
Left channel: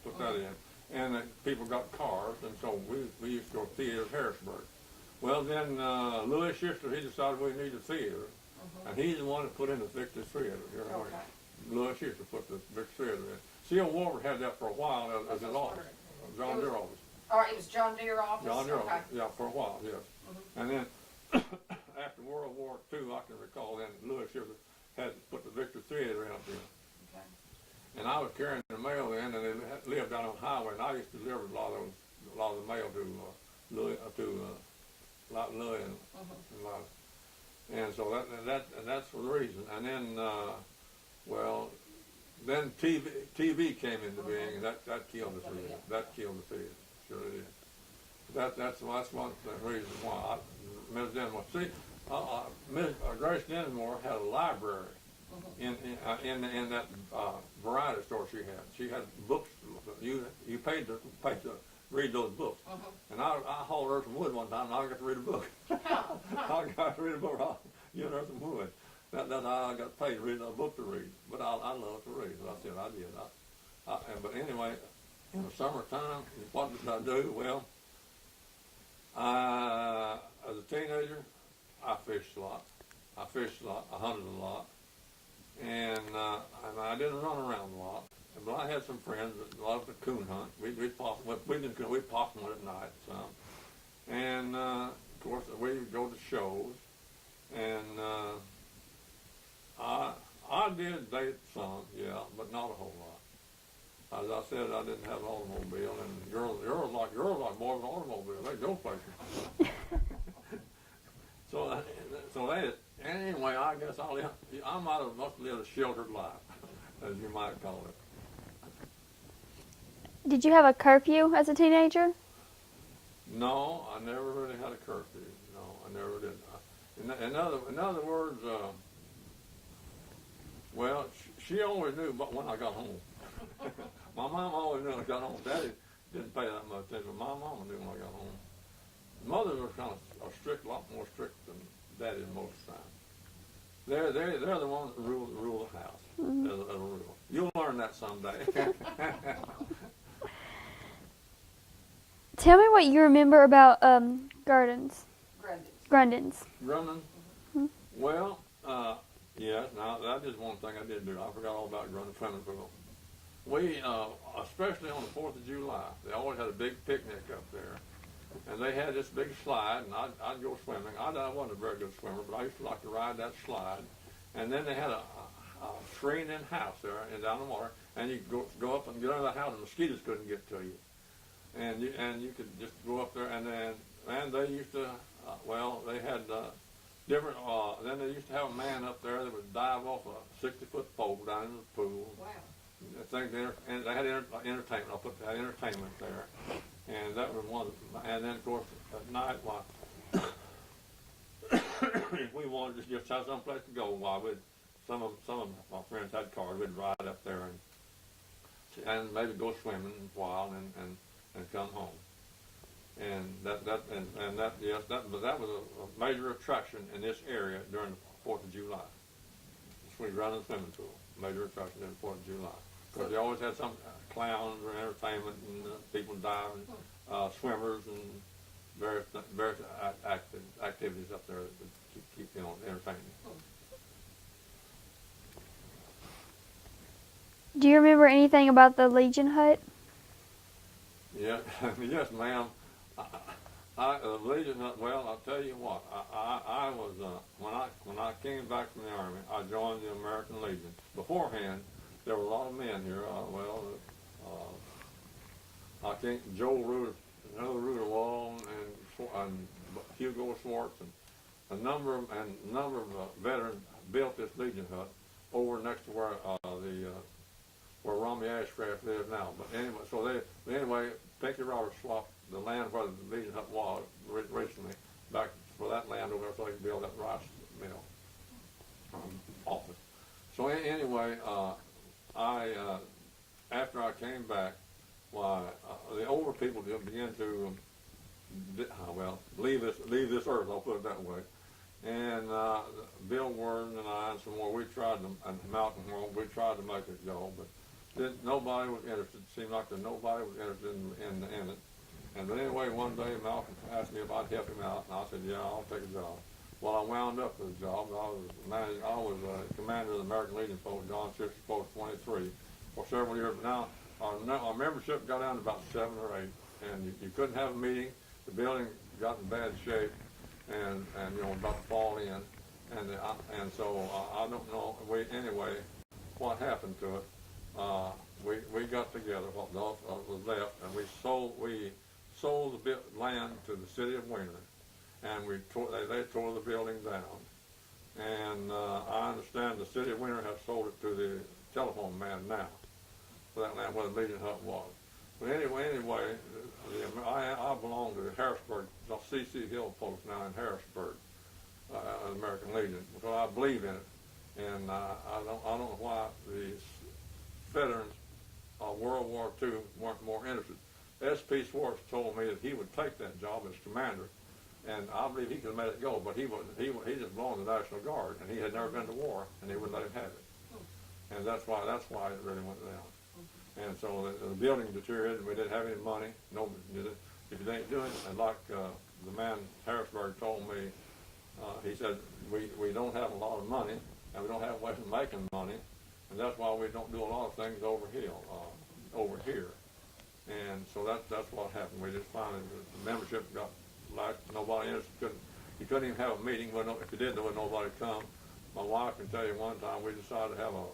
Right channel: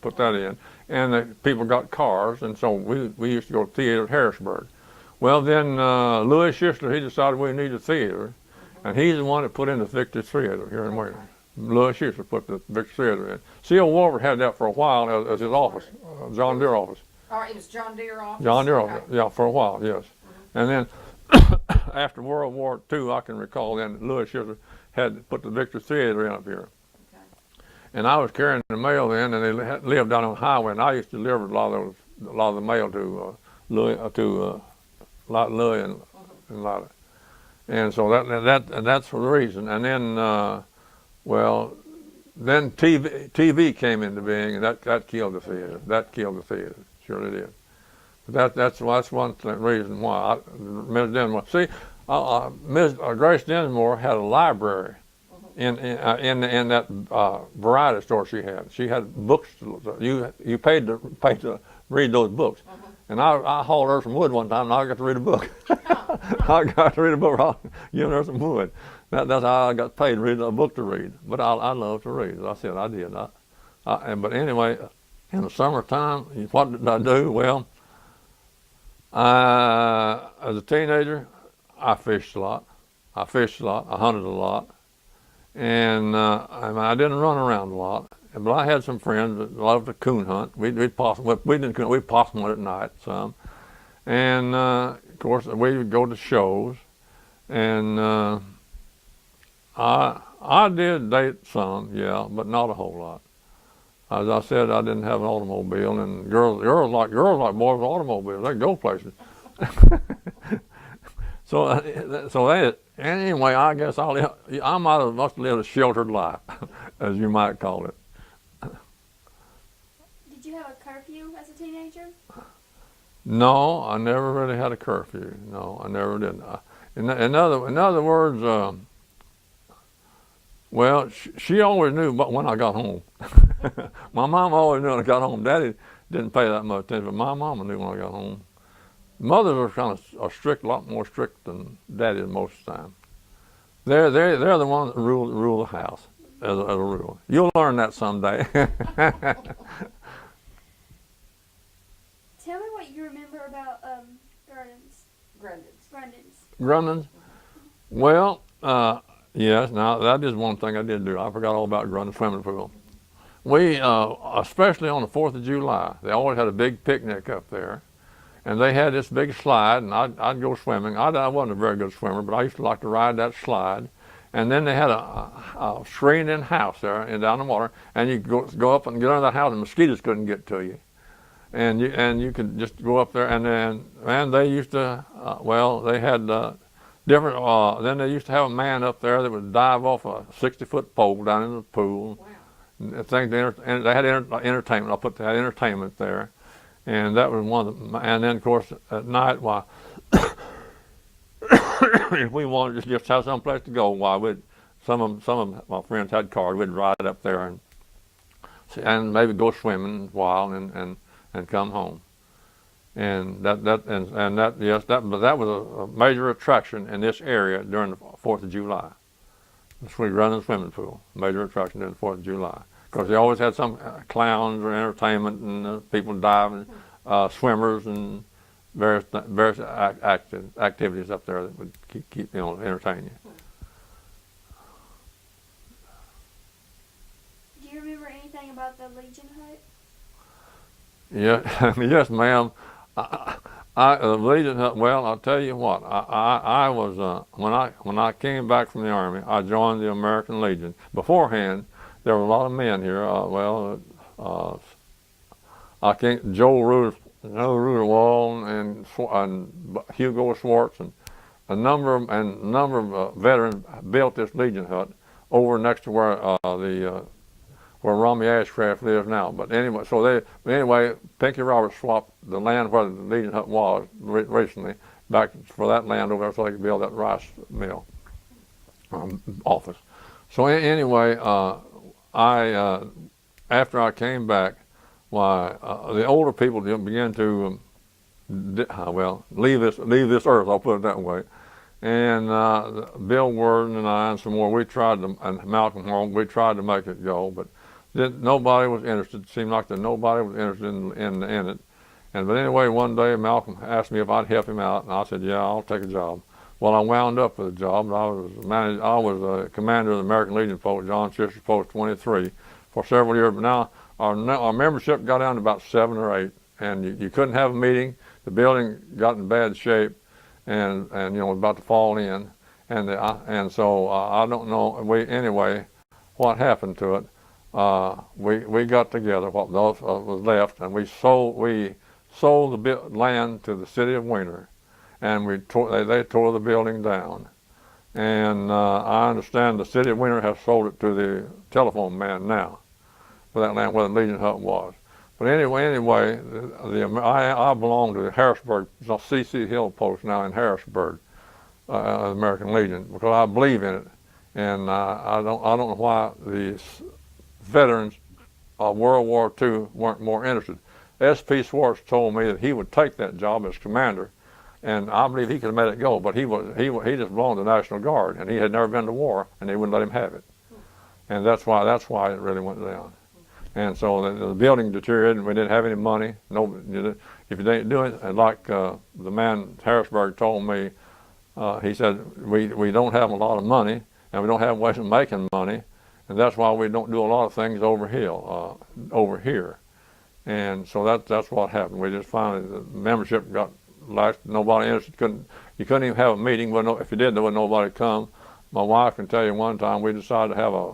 put that in, and the people got cars, and so we used to go to theater at Harrisburg. Well, then Louis Schuster, he decided we needed a theater, and he's the one that put in the Victor Theater here in Weiner. Louis Schuster put the Victor Theater in. C.O. Wolford had that for a while as his office, John Deere office. Oh, it was John Deere office? John Deere okay. office, yeah, for a while, yes. And then after World War II, I can recall then Louis Schuster had put the Victor Theater in up here. Okay. And I was carrying the mail then, and they lived down on the highway, and I used to deliver a lot of the mail to Louis and a lot of, and so that's for the reason. And then then TV came into being, and that killed the theater. That killed the theater, surely did. That's one reason why Ms. Dinsmore. See, Ms. Grace Dinsmore had a library in that variety store she had. She had books. You paid to read those books. And I hauled her some wood one time, and I got to read a book. I got to read a book, giving her some wood. That's how I got paid to read a book to read. But I love to read. As I said, I did. But anyway, in the summertime, what did I do? Well, as a teenager, I fished a lot. I hunted a lot. And I didn't run around a lot. But I had some friends that loved to coon hunt. We'd possum. We didn't coon. We'd possum hunt at night some. And of course, we would go to shows. And I did date some, yeah, but not a whole lot. As I said, I didn't have an automobile, and girls like boys with automobiles. They go places. Anyway, I guess I must have lived a sheltered life, as you might call it. Did you have a curfew as a teenager? No, I never really had a curfew. No, I never did. In other words, well, she always knew when I got home. My mom always knew when I got home. Daddy didn't pay that much attention, but my mama knew when I got home. Mothers are kind of strict, a lot more strict than Daddy is most of the time. They're the ones that rule the house as a rule. You'll learn that someday. Tell me what you remember about Grundens. Grundens? Well, yes, now that is one thing I did do. I forgot all about Grundens swimming pool. We, especially on the 4th of July, they always had a big picnic up there. And they had this big slide, and I'd go swimming. I wasn't a very good swimmer, but I used to like to ride that slide. And then they had a screened-in house there and down the water, and you go up and get under that house, and mosquitoes couldn't get to you. And you could just go up there, and they used to, they had different. Then they used to have a man up there that would dive off a 60-foot pole down into the pool. Wow. And they had entertainment. I put that entertainment there. And that was one of the, and then of course at night, why, if we wanted to just have some place to go, why some of my friends had cars, we'd ride up there and maybe go swimming a while and come home. And that was a major attraction in this area during the 4th of July. The Grundens swimming pool, major attraction during the 4th of July. Because they always had some clowns or entertainment and people diving, swimmers and various activities up there that would keep entertain you. Do you remember anything about the Legion hut? Yeah, yes, ma'am. Legion hut. Well, I'll tell you what. I was when I came back from the Army, I joined the American Legion. Beforehand, there were a lot of men here. I think Joe Ruderwall and Hugo Schwartz and a number of veterans built this Legion hut over next to where Romy Ashcraft lives now. But anyway, Pinky Roberts swapped the land where the Legion hut was recently back for that land over there so they could build that rice mill office. So anyway. After I came back, the older people began to, leave this earth. I'll put it that way. And Bill Worden and I and some more, and Malcolm Horn, we tried to make it go, but nobody was interested. It seemed like nobody was interested in it. But anyway, one day Malcolm asked me if I'd help him out, and I said, yeah, I'll take a job. Well, I wound up with a job. I was a commander of the American Legion Post, John Fisher Post 23, for several years. But now our membership got down to about 7 or 8, and you couldn't have a meeting. The building got in bad shape, and was about to fall in, and so I don't know. Anyway, what happened to it? We got together what was left, and we sold the land to the city of Weiner. And they tore the building down. And I understand the city of Weiner has sold it to the telephone man now for that land where the Legion hut was. But anyway, I belong to the Harrisburg, C.C. Hill Post now in Harrisburg, American Legion, because I believe in it, and I don't know why the veterans of World War II weren't more interested. S.P. Swartz told me that he would take that job as commander, and I believe he could have made it go. But he just belonged to the National Guard, and he had never been to war, and they wouldn't let him have it, and that's why it really went down. And so the building deteriorated, and we didn't have any money. If you didn't do it, like the man in Harrisburg told me, he said, we don't have a lot of money, and we don't have ways of making money, and that's why we don't do a lot of things over here. And so that's what happened. We just finally, the membership got lax. Nobody interested. You couldn't even have a meeting. If you did, there wasn't nobody come. My wife can tell you one time we decided to have a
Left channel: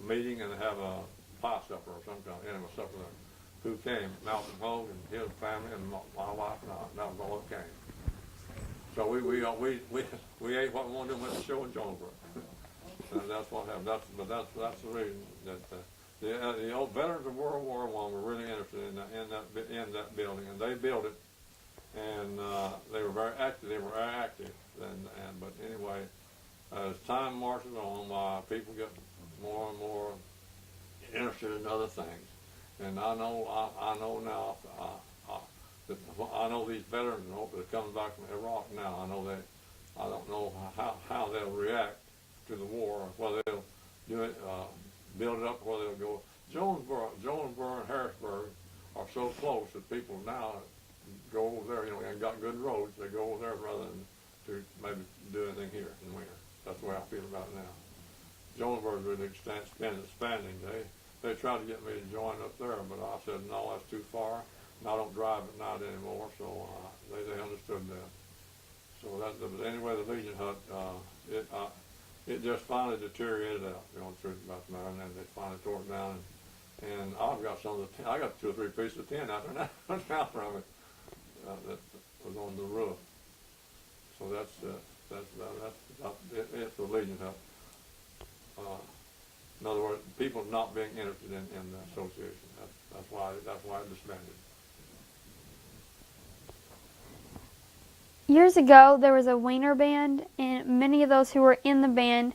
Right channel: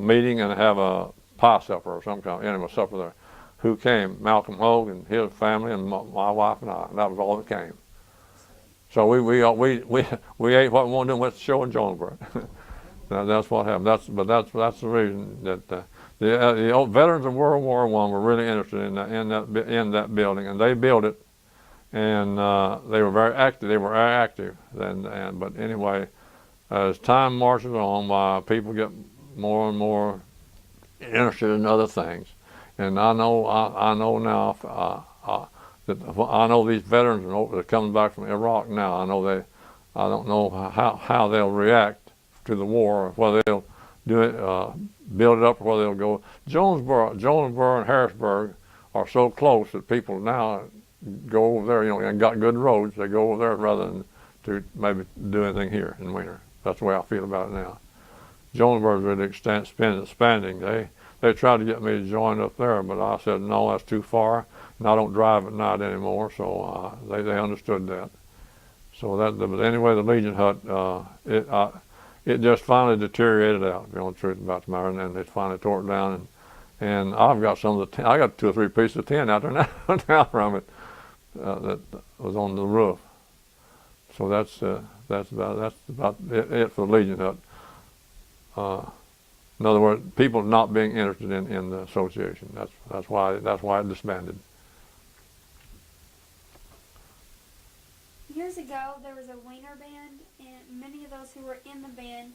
meeting and have a pie supper or some kind of animal supper there. Who came? Malcolm Hogue and his family and my wife and I. And that was all that came. So we ate what we wanted and went to the show in Jonesboro. That's what happened. That's the reason that the old veterans of World War I were really interested in that building, and they built it, and they were very active. They were very active. But anyway, as time marches on, people get more and more interested in other things, and I know now that I know these veterans that are coming back from Iraq now. I don't know how they'll react to the war, whether they'll do it, build it up, or whether they'll go. Jonesboro and Harrisburg are so close that people now go over there, and got good roads. They go over there rather than to maybe do anything here in Weiner. That's the way I feel about it now. Jonesboro is really expanding. They tried to get me to join up there, but I said no, that's too far, and I don't drive at night anymore. So they understood that. So but anyway, the Legion hut it just finally deteriorated out. The truth about the matter, and then they finally tore it down. And I've got some of the I got 2 or 3 pieces of tin out there now from it that was on the roof. So that's about it for the Legion hut. In other words, people not being interested in the association. That's why it disbanded. Years ago, there was a Weiner band, and many of those who were in the band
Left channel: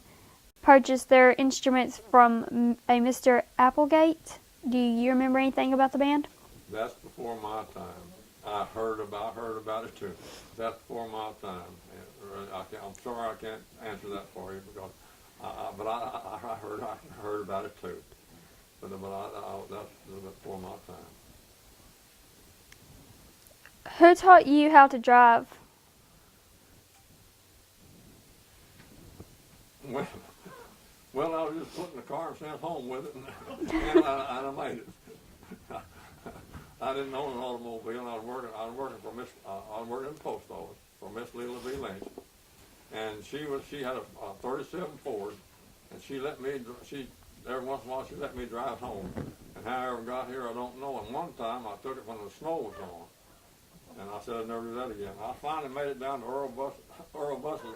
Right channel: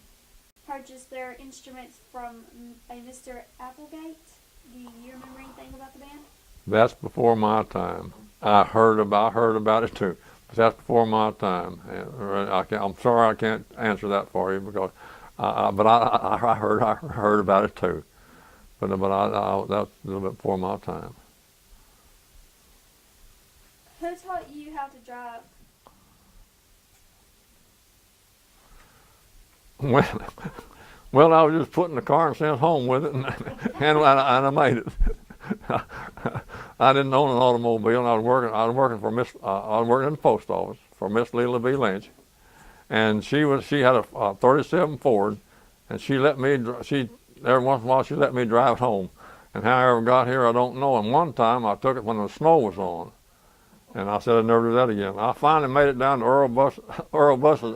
purchased their instruments from a Mr. Applegate. Do you remember anything about the band? That's before my time. I heard about it too. That's before my time. I'm sorry I can't answer that for you because, but I heard about it too. But that's a little bit before my time. Who taught you how to drive? Well, I was just put in the car and sent home with it, and I made it. I didn't own an automobile, and I was working in the post office for Miss Leila B. Lynch, and she had a 37 Ford, and every once in a while she let me drive home. And how I ever got here, I don't know. And one time I took it when the snow was on, and I said I'd never do that again. I finally made it down to Earl Buses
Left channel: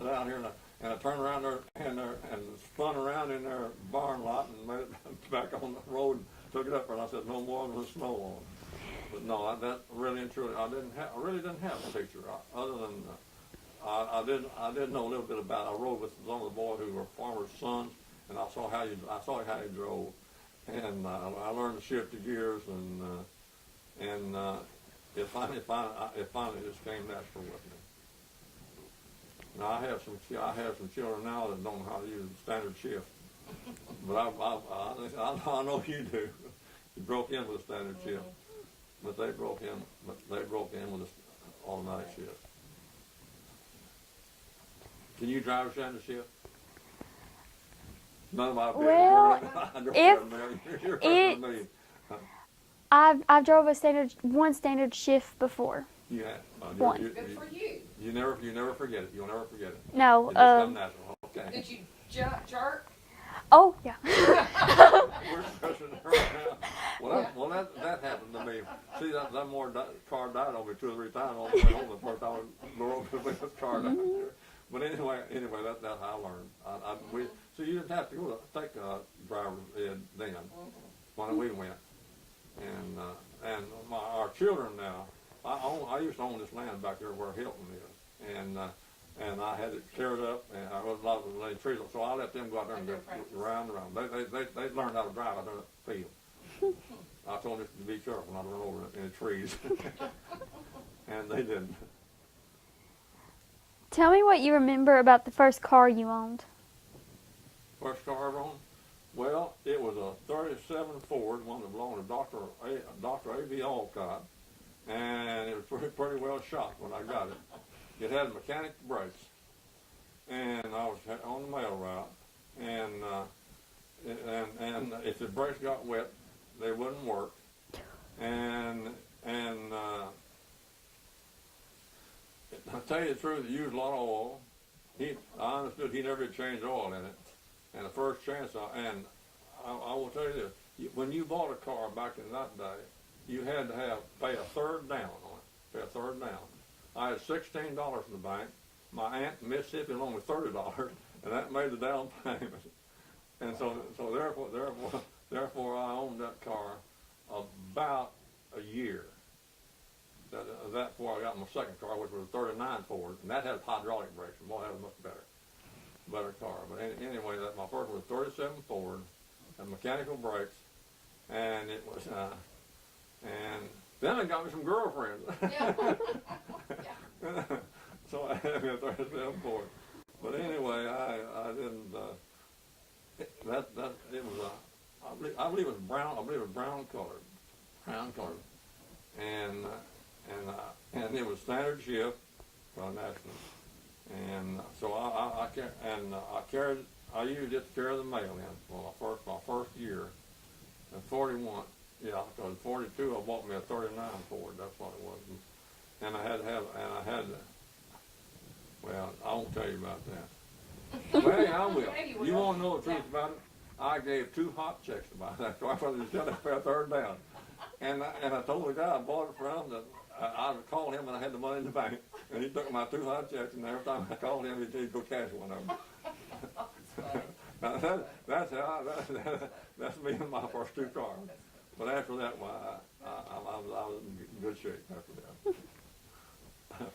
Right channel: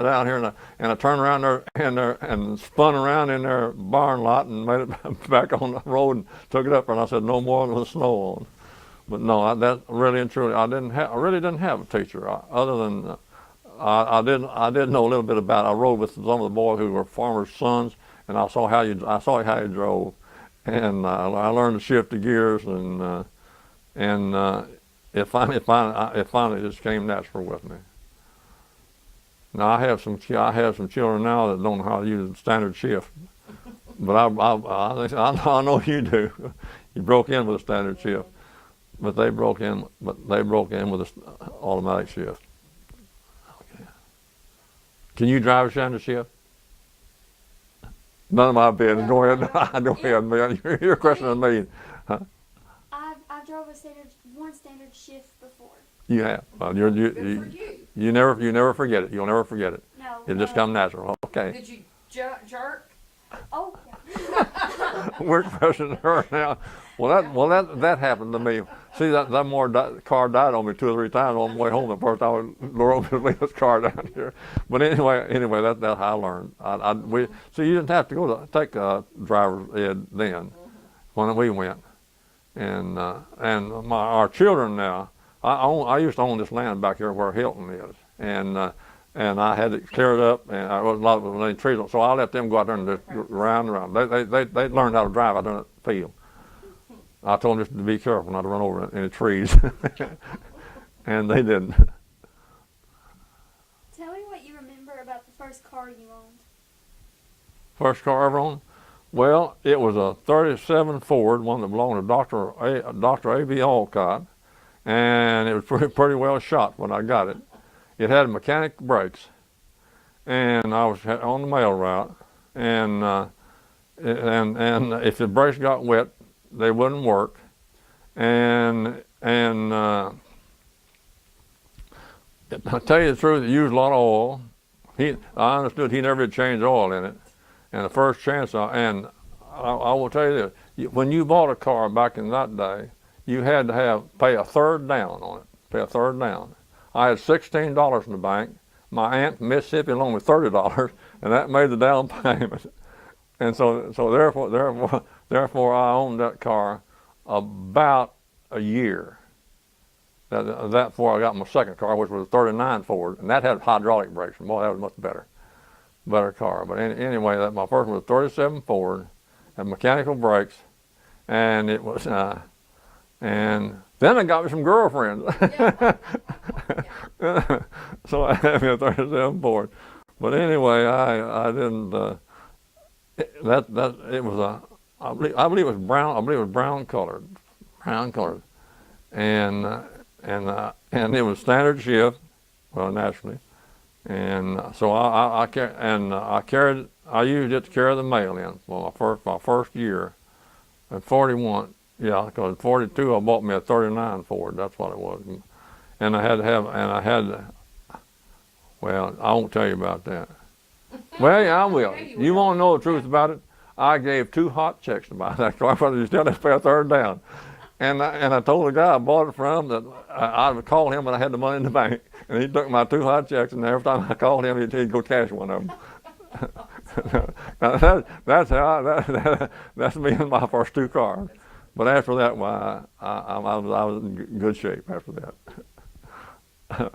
down here, and I turned around there and spun around in their barn lot and made it back on the road and took it up. And I said no more with the snow on. But no, that really and truly, I really didn't have a teacher other than I did know a little bit about it. I rode with some of the boys who were farmers' sons, and I saw how you drove, and I learned to shift the gears, and it finally just came natural with me. Now I have some children now that don't know how to use the standard shift, but I know you do. You broke in with a standard shift, but they broke in with an automatic shift. Okay. Can you drive a standard shift? None of my business. Go ahead. Go ahead. You're questioning me. Huh? I've drove one standard shift before. You have. You never forget it. You'll never forget it. No. It just comes natural. Okay. Did you jerk? Oh yeah. We're questioning her now. That happened to me. See that car died on me 2 or 3 times on the way home. The first time I drove this car down here. But anyway, that's how I learned. So you didn't have to take driver's ed then when we went. our children now. I used to own this land back here where Hilton is, and I had it cleared up, and I was a lot of trees, so I let them go out there and just round and round. They learned how to drive out there in the field. I told them just to be careful not to run over any trees, and they didn't. Tell me what you remember about the first car you owned. First car I ever owned? Well, it was a 37 Ford, one that belonged to Dr. A.B. Alcott, and it was pretty well shot when I got it. It had mechanic brakes, and I was on the mail route, and if the brakes got wet, they wouldn't work, and I'll tell you the truth, it used a lot of oil. I understood he never had changed oil in it. And the first chance, I will tell you this, when you bought a car back in that day, you had to pay a third down on it, pay a third down. I had $16 in the bank. My aunt from Mississippi loaned me $30, and that made the down payment. And so therefore I owned that car about a year. That before I got my second car, which was a 39 Ford, and that had hydraulic brakes. Boy, that was much better car. But anyway, my first was a 37 Ford, had mechanical brakes, and it was, and then I got me some girlfriends. So I had me a 37 Ford. But anyway, I didn't. It was I believe it was brown. I believe it was brown colored, and it was standard shift, well, naturally. And so I used it to carry the mail in for my first year. At 41, yeah, because at 42 I bought me a 39 Ford. That's what it was. And well, I won't tell you about that. Well, yeah, I will. You want to know the truth about it? I gave 2 hot checks to buy that car. I thought you still have to pay a third down. And I told the guy I bought it from that I would call him when I had the money in the bank, and he took my 2 hot checks, and every time I called him, he'd go cash one of them. Now that's me and my first 2 cars. But after that, well, I was in good shape after that.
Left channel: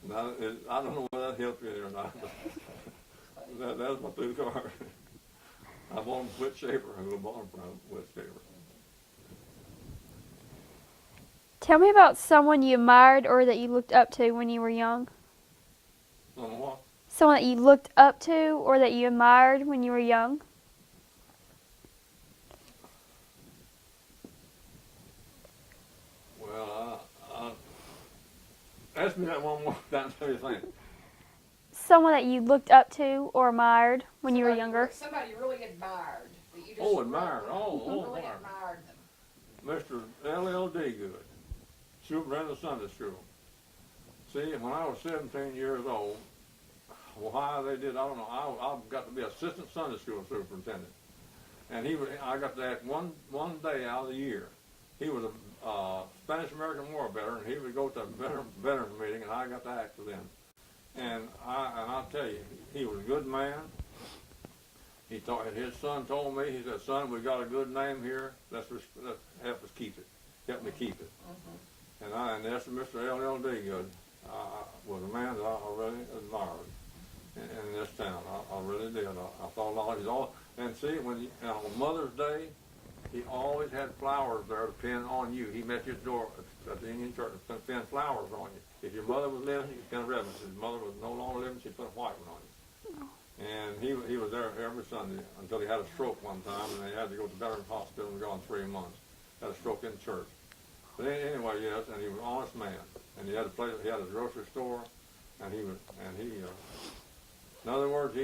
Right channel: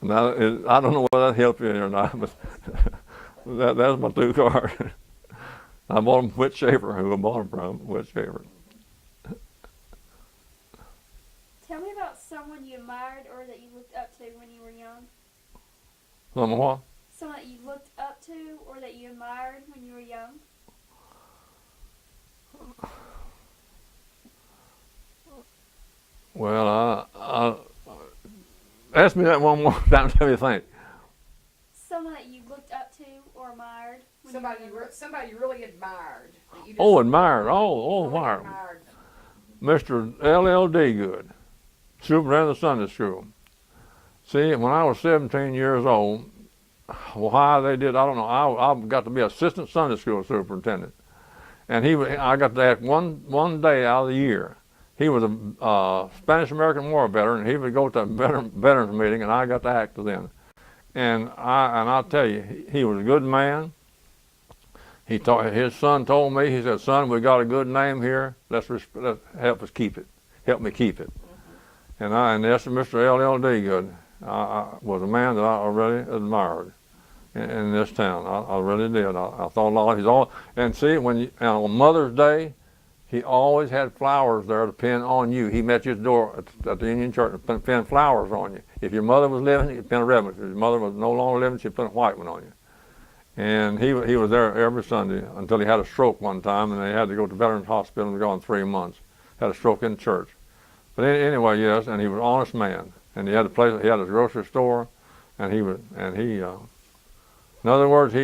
Now I don't know whether that helped you or not, but that's my 2 cars. I bought them from Whit Schaefer, who I bought them from, Whit Schaefer. Tell me about someone you admired or that you looked up to when you were young. Someone what? Someone that you looked up to or that you admired when you were young. Well, ask me that one more time. Let me think. Someone that you looked up to or admired when you were younger. Somebody you really admired. That you just Admired. admired. Mr. L.L.D. Good, superintendent of the Sunday school. See, when I was 17 years old, why they did, I don't know. I got to be assistant Sunday school superintendent, and I got to act one day out of the year. He was a Spanish-American War veteran, and he would go to a veterans meeting, and I got to act then. And I'll tell you, he was a good man. His son told me, he said, "Son, we got a good name here. Let's help us keep it. Help me keep it." Mm-hmm. And that's Mr. L.L.D. Good. Was a man that I really admired in this town. I really did. I thought a lot of and see, on Mother's Day, he always had flowers there to pin on you. He met you at the door at the Union Church and pin flowers on you. If your mother was living, he'd pin a red one. If your mother was no longer living, she'd pin a white one on you. And he was there every Sunday until he had a stroke one time, and they had to go to Veterans Hospital and be gone 3 months. Had a stroke in church. But anyway, yes, and he was an honest man. And he had he had his grocery store, and in other words, he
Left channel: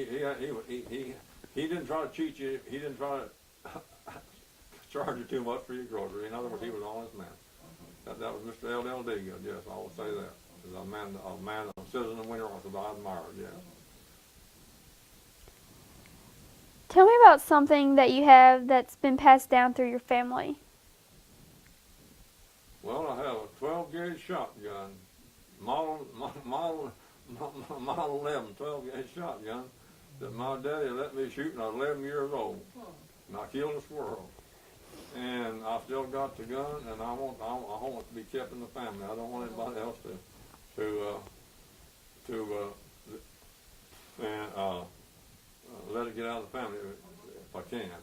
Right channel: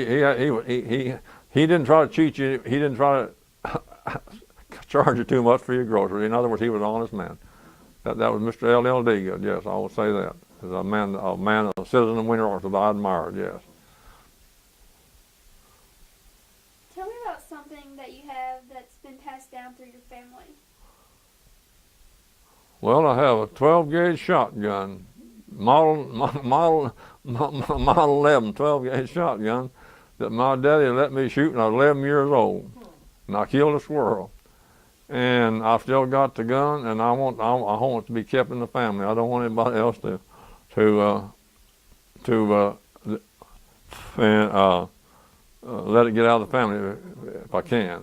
didn't try to cheat you. He didn't try to charge you too much for your groceries. In other words, he was an honest man. That was Mr. L.L.D. Good. Yes, I will say that. As a citizen of Weiner that I admired. Yes. Tell me about something that you have that's been passed down through your family. Well, I have a 12-gauge shotgun, model 11 12-gauge shotgun that my daddy let me shoot when I was 11 years old, and I killed a squirrel. and I still got the gun, and I want it to be kept in the family. I don't want anybody else to let it get out of the family if I can.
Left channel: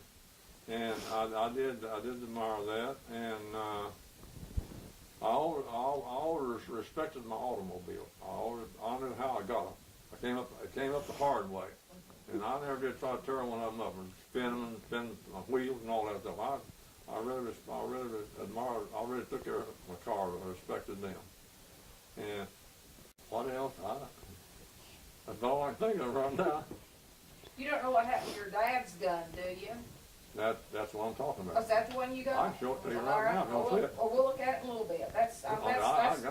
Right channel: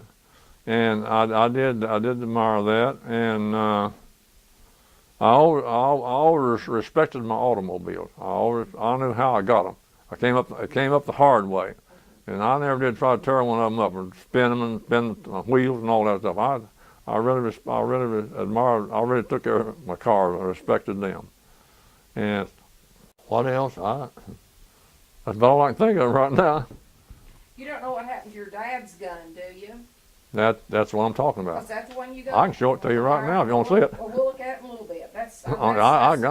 And I did admire that, and I always respected my automobiles. I knew how I got them. I came up the hard way, and I never did try to tear one of them up or spin them and spin the wheels and all that stuff. I really admired. I really took care of my cars. I respected them. And what else? That's about all I can think of right now. You don't know what happened to your dad's gun, do you? That's what I'm talking about. Was that the one you got? I can show it to you right now if you want to see it. Well, we'll look at it in a little bit. I Awesome.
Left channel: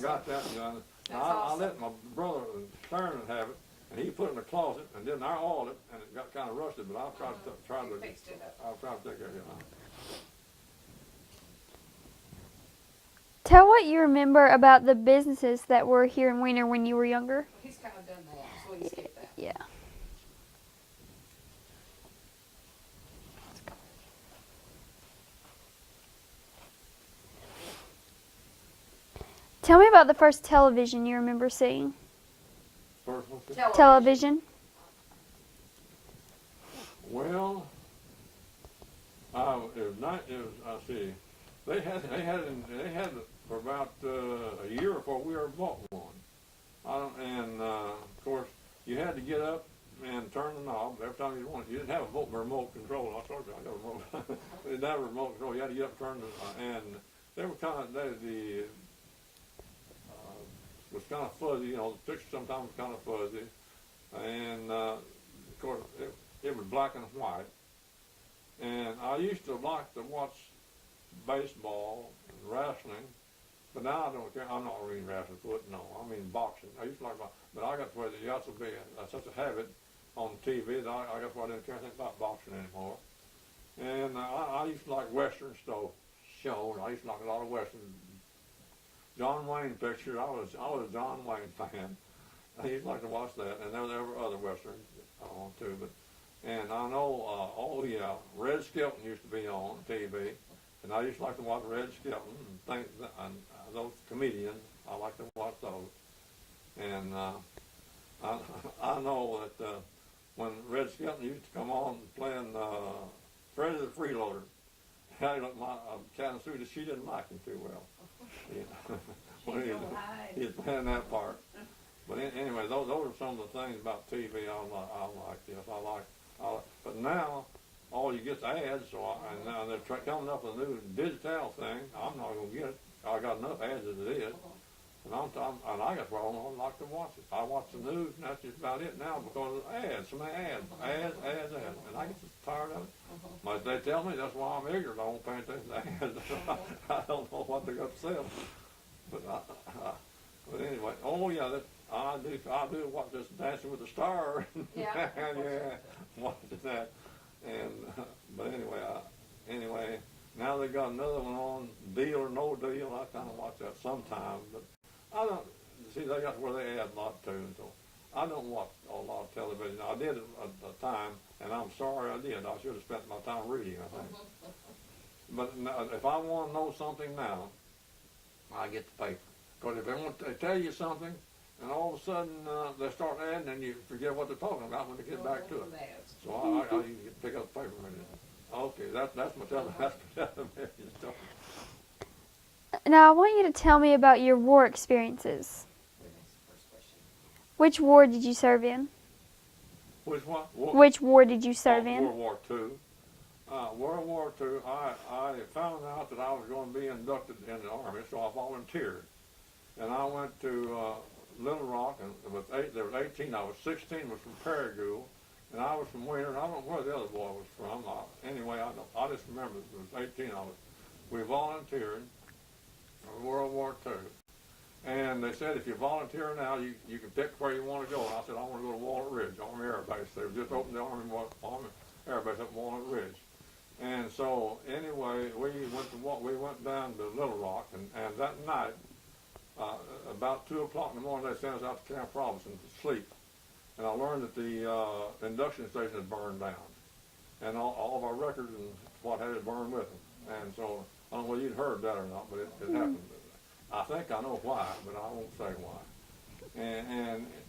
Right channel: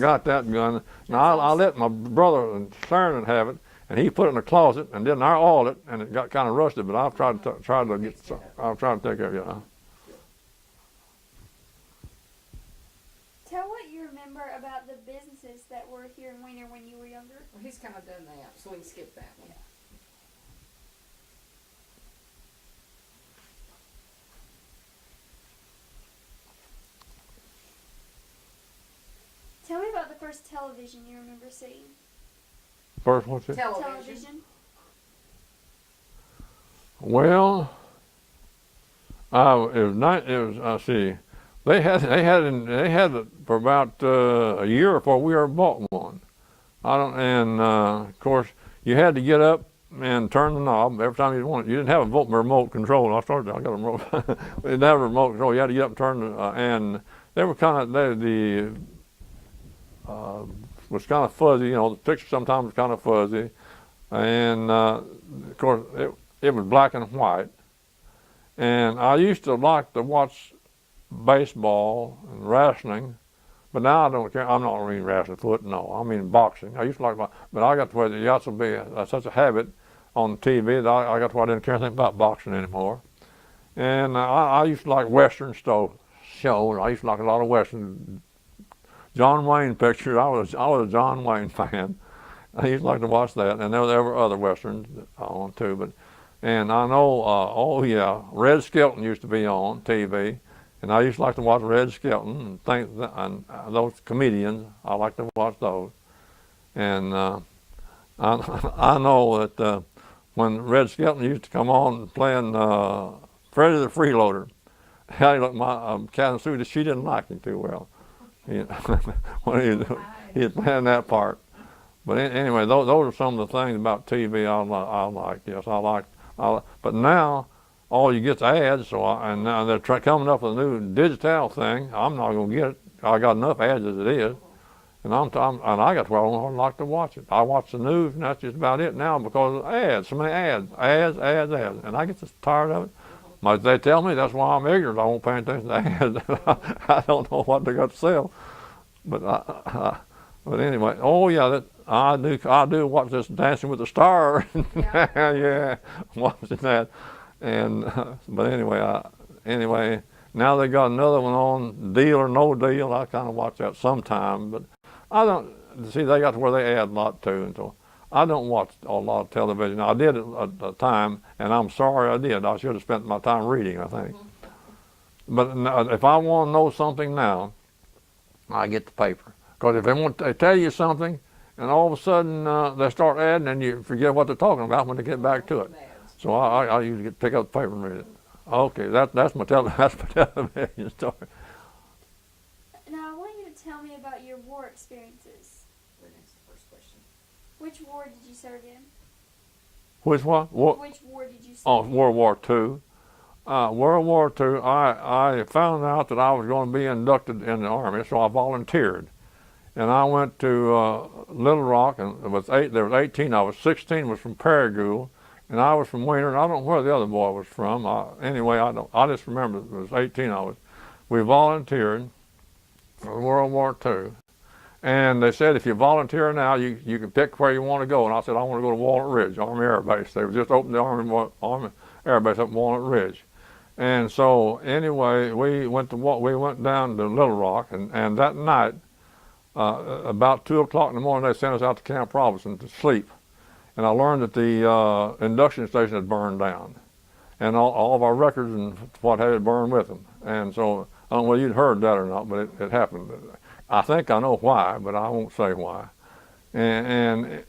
got that gun. Now I let my brother and Sharon have it, and he put it in the closet, and then I oiled it, and it got kind of rusted. But I've tried to take care of it. Tell what you remember about the businesses that were here in Weiner when you were younger. Well, he's kind of done that, so we can skip that. Yeah. Tell me about the first television you remember seeing. First, what's it? Television. Well, I see. They had it for about a year before we ever bought one. Of course, you had to get up and turn the knob every time you wanted. You didn't have a remote control. I got a remote. We didn't have a remote control. You had to get up and turn and they were kind of was kind of fuzzy. You know, the picture sometimes was kind of fuzzy, and of course it was black and white. And I used to like to watch baseball and wrestling, but now I don't care. I'm not really wrestling foot, no. I mean boxing. I used to like, but I got to where it got to be such a habit on TV that I got to where I didn't care anything about boxing anymore. And I used to like Western shows. I used to like a lot of Western. John Wayne pictures. I was a John Wayne fan. I used to like to watch that, and there were other Westerns on too. And I know, Red Skelton used to be on TV. And I used to like to watch Red Skelton and those comedians. I like to watch those. And I know that when Red Skelton used to come on playing Freddie the Freeloader, my Catherine Sue, she didn't like him too well. When he was playing that part. But anyway, those are some of the things about TV I like. Yes, I like. But now, all you get's ads, and now they're coming up with a new digital thing. I'm not going to get it. I got enough ads as it is, and I got where I don't like to watch it. I watch the news, and that's just about it now because of ads. So many ads, and I get just tired of it. But they tell me that's why I'm ignorant. I won't pay attention to ads. I don't know what they got to sell. But anyway, I do watch this Dancing with the Stars. Yeah, watching that. And but anyway, now they got another one on, Deal or No Deal. I kind of watch that sometime, but I don't see they got to where they add a lot too, and so I don't watch a lot of television. I did at the time, and I'm sorry I did. I should have spent my time reading, I think. But if I want to know something now, I get the paper, because if they tell you something, and all of a sudden they start adding, and you forget what they're talking about when they get back to it. So I usually pick up the paper and read it. Okay, that's my television story. Now I want you to tell me about your war experiences. Which war did you serve in? Which one? Which war did you serve in? World War II. World War II, I found out that I was going to be inducted in the Army, so I volunteered. And I went to Little Rock, and there was 18 of us. 16 was from Paragould, and I was from Weiner, and I don't know where the other boy was from. I just remember there was 18 of us. We volunteered for World War II. And they said, if you volunteer now, you can pick where you want to go. And I said, I want to go to Walnut Ridge, Army Air Base. They just opened the Army Air Base up in Walnut Ridge. And so anyway, we went down to Little Rock, and that night, about 2 o'clock in the morning, they sent us out to Camp Robinson to sleep. And I learned that the induction station had burned down, and all of our records and what had burned with them. and so I don't know whether you'd heard that or not, but it happened. I think I know why, but I won't say why. And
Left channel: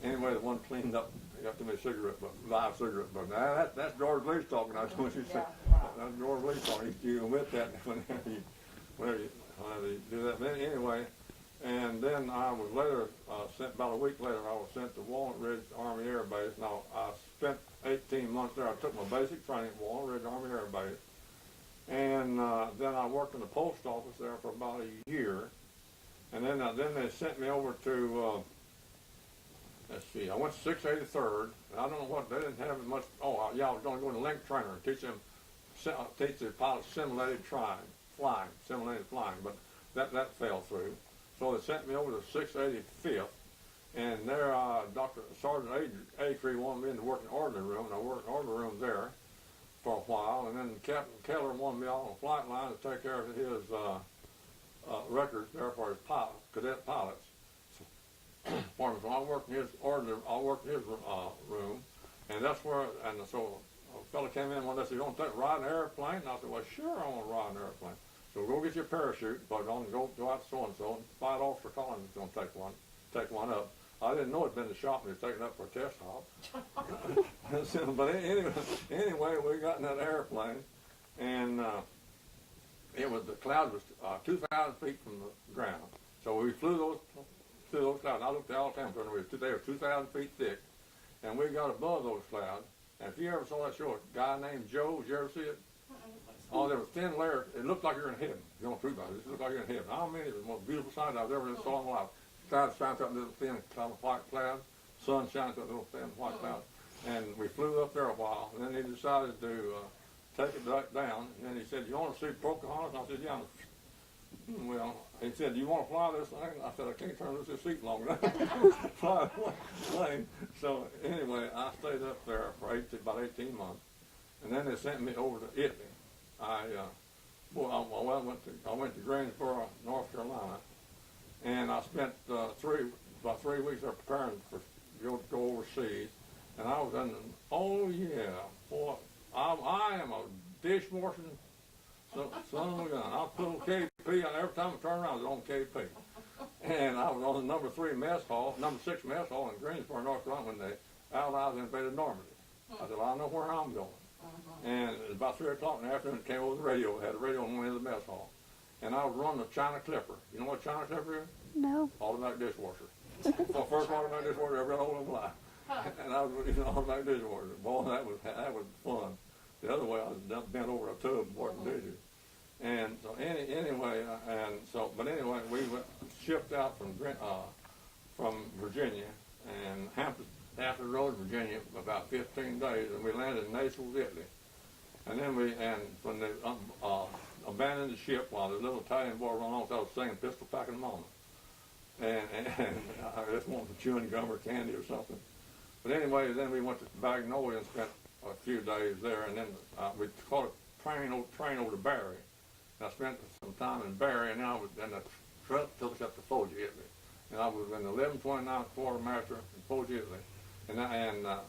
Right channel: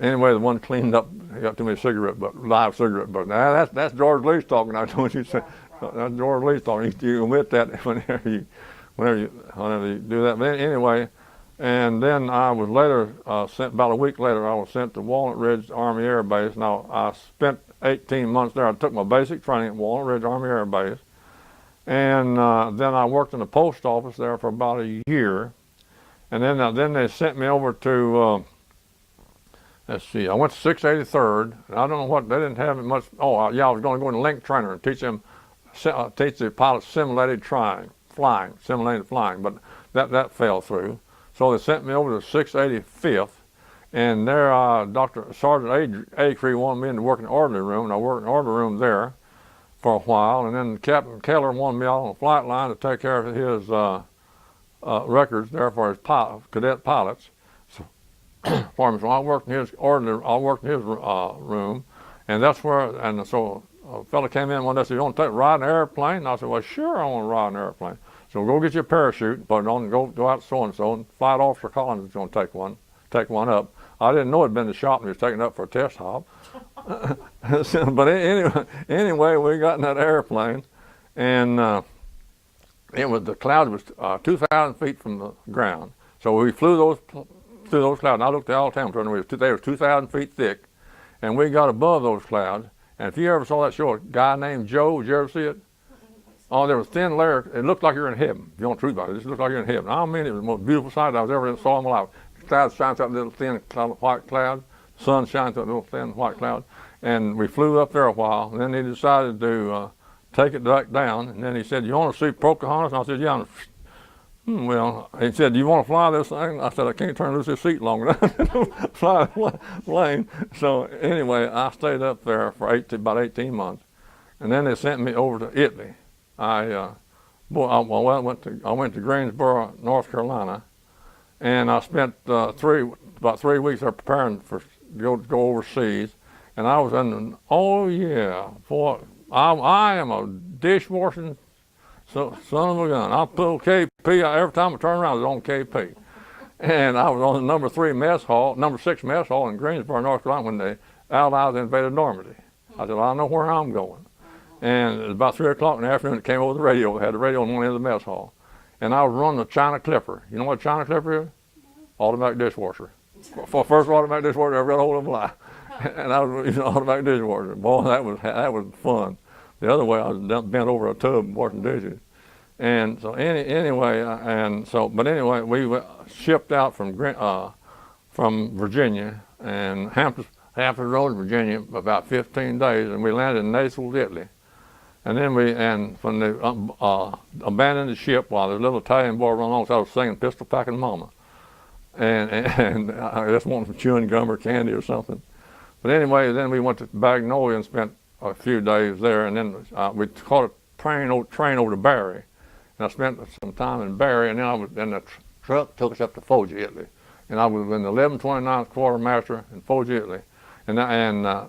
anyway, the one cleaned up, he got too many live cigarette butts. Now that's George Leach talking. I told you, that's George Leach talking. You omit that whenever you do that. But anyway, and then I was later sent, about a week later, I was sent to Walnut Ridge Army Air Base. Now, I spent 18 months there. I took my basic training at Walnut Ridge Army Air Base. And then I worked in the post office there for about a year. And then they sent me over to, let's see, I went to 683rd. And I don't know what, they didn't have much. Oh, yeah, I was going to go into link trainer and teach the pilots simulated flying, but that fell through. So they sent me over to 685th, and there Sergeant Acree wanted me in to work in the orderly room, and I worked in the orderly room there for a while, and then Captain Keller wanted me out on the flight line to take care of his records there for his cadet pilots. So, for me, so I worked in his room, and that's where, and so a fellow came in one day and said, "You want to ride an airplane?" And I said, "Well, sure, I want to ride an airplane." So go get your parachute, put it on, and go out so-and-so, and Flight Officer Collins is going to take one up. I didn't know it had been the shop and he was taking it up for a test hop. But anyway, we got in that airplane, and the cloud was 2,000 feet from the ground. So we flew through those clouds. And I looked at all the time, they were 2,000 feet thick, and we got above those clouds. And if you ever saw that show, a guy named Joe, did you ever see it? Oh, there was thin layer. It looked like you're in heaven. If you want the truth about it, it just looked like you're in heaven. I mean, it was the most beautiful sight I was ever saw in my life. Cloud shines out, little thin white cloud. Sun shines out, little thin white cloud. And we flew up there a while. And then he decided to take it back down. And then he said, "You want to see Pocahontas?" And I said, "Yeah." Well, he said, "Do you want to fly this thing?" I said, "I can't turn loose this seat long enough to fly the plane." So anyway, I stayed up there for about 18 months. And then they sent me over to Italy. I went to Greensboro, North Carolina, and I spent about 3 weeks there preparing to go overseas. And I was I am a dishwashing son of a gun. I put KP every time I turn around. I was on KP, and I was on the number 6 mess hall in Greensboro, North Carolina, when the Allies invaded Normandy. I said, "Well, I know where I'm going." And it was about 3 o'clock in the afternoon, it came over the radio. It had the radio on one end of the mess hall. And I was running a China Clipper. You know what a China Clipper is? No. Automatic dishwasher. First automatic dishwasher I ever got a hold of in my life. And I was using an automatic dishwasher. Boy, that was fun. The other way, I was bent over a tub washing dishes. And so anyway, we shipped out from Virginia and Hampton Road, Virginia, about 15 days, and we landed in Naples, Italy. And then when they abandoned the ship, while this little Italian boy run on, so I was singing "Pistol Packing Mama," and I just wanted some chewing gum or candy or something. But anyway, then we went to Magnolia and spent a few days there, and then we caught a train over to Bari, and I spent some time in Bari, and then the truck took us up to Foggia, Italy, and I was in the 1129th Quartermaster in Foggia, Italy. And I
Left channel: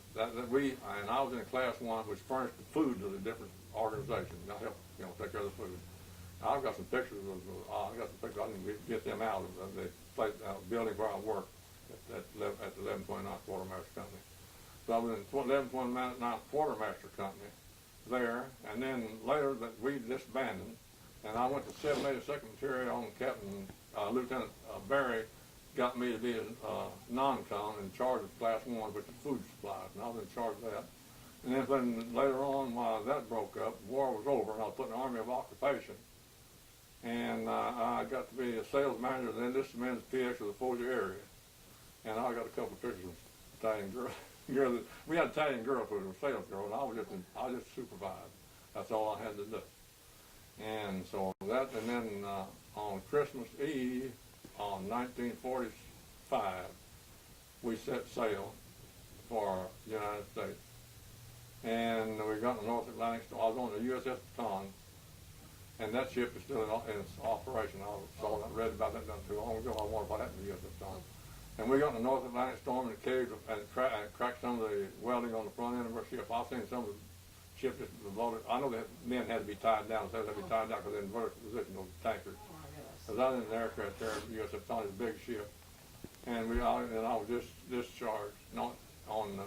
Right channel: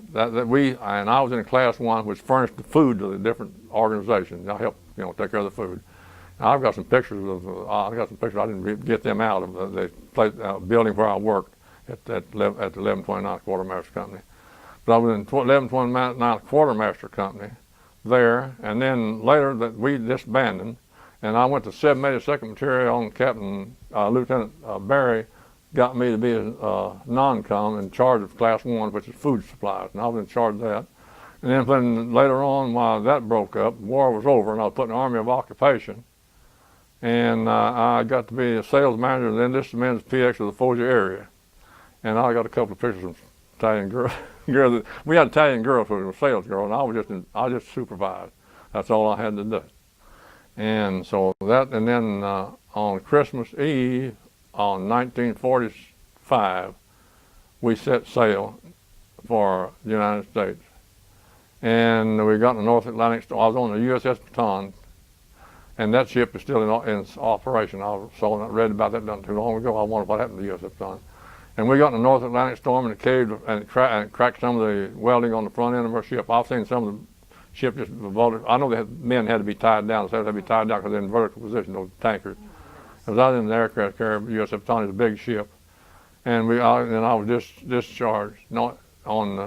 was in class 1, which furnished the food to the different organizations. I helped, take care of the food. Now, I've got some pictures I didn't get them out of the place, building where I worked at the 1129th Quartermaster Company. But I was in 1129th Quartermaster Company there, and then later that we disbanded, and I went to 782nd Material, and Lieutenant Barry got me to be a non-com in charge of Class 1, which is food supplies, and I was in charge of that. And then later on, while that broke up, the war was over, and I was put in the Army of Occupation. And I got to be a sales manager, and then this men's PX of the Foggia area. And I got a couple of pictures of Italian girls. We had Italian girls who were sales girls, and I just supervised. That's all I had to do. And so and then on Christmas Eve, on 1945, we set sail for the United States. And we got in the North Atlantic Storm. I was on the USS Baton, and that ship is still in operation. I read about that not too long ago. I wondered what happened to the USS Baton. And we got in the North Atlantic Storm, and it caved and it cracked some of the welding on the front end of our ship. I've seen some of the ship just vaulted. I know that men had to be tied down. So they had to be tied down because they're in vertical position, those tankers. I was out in the aircraft carrier, USS Tony's a big ship. And I was discharged on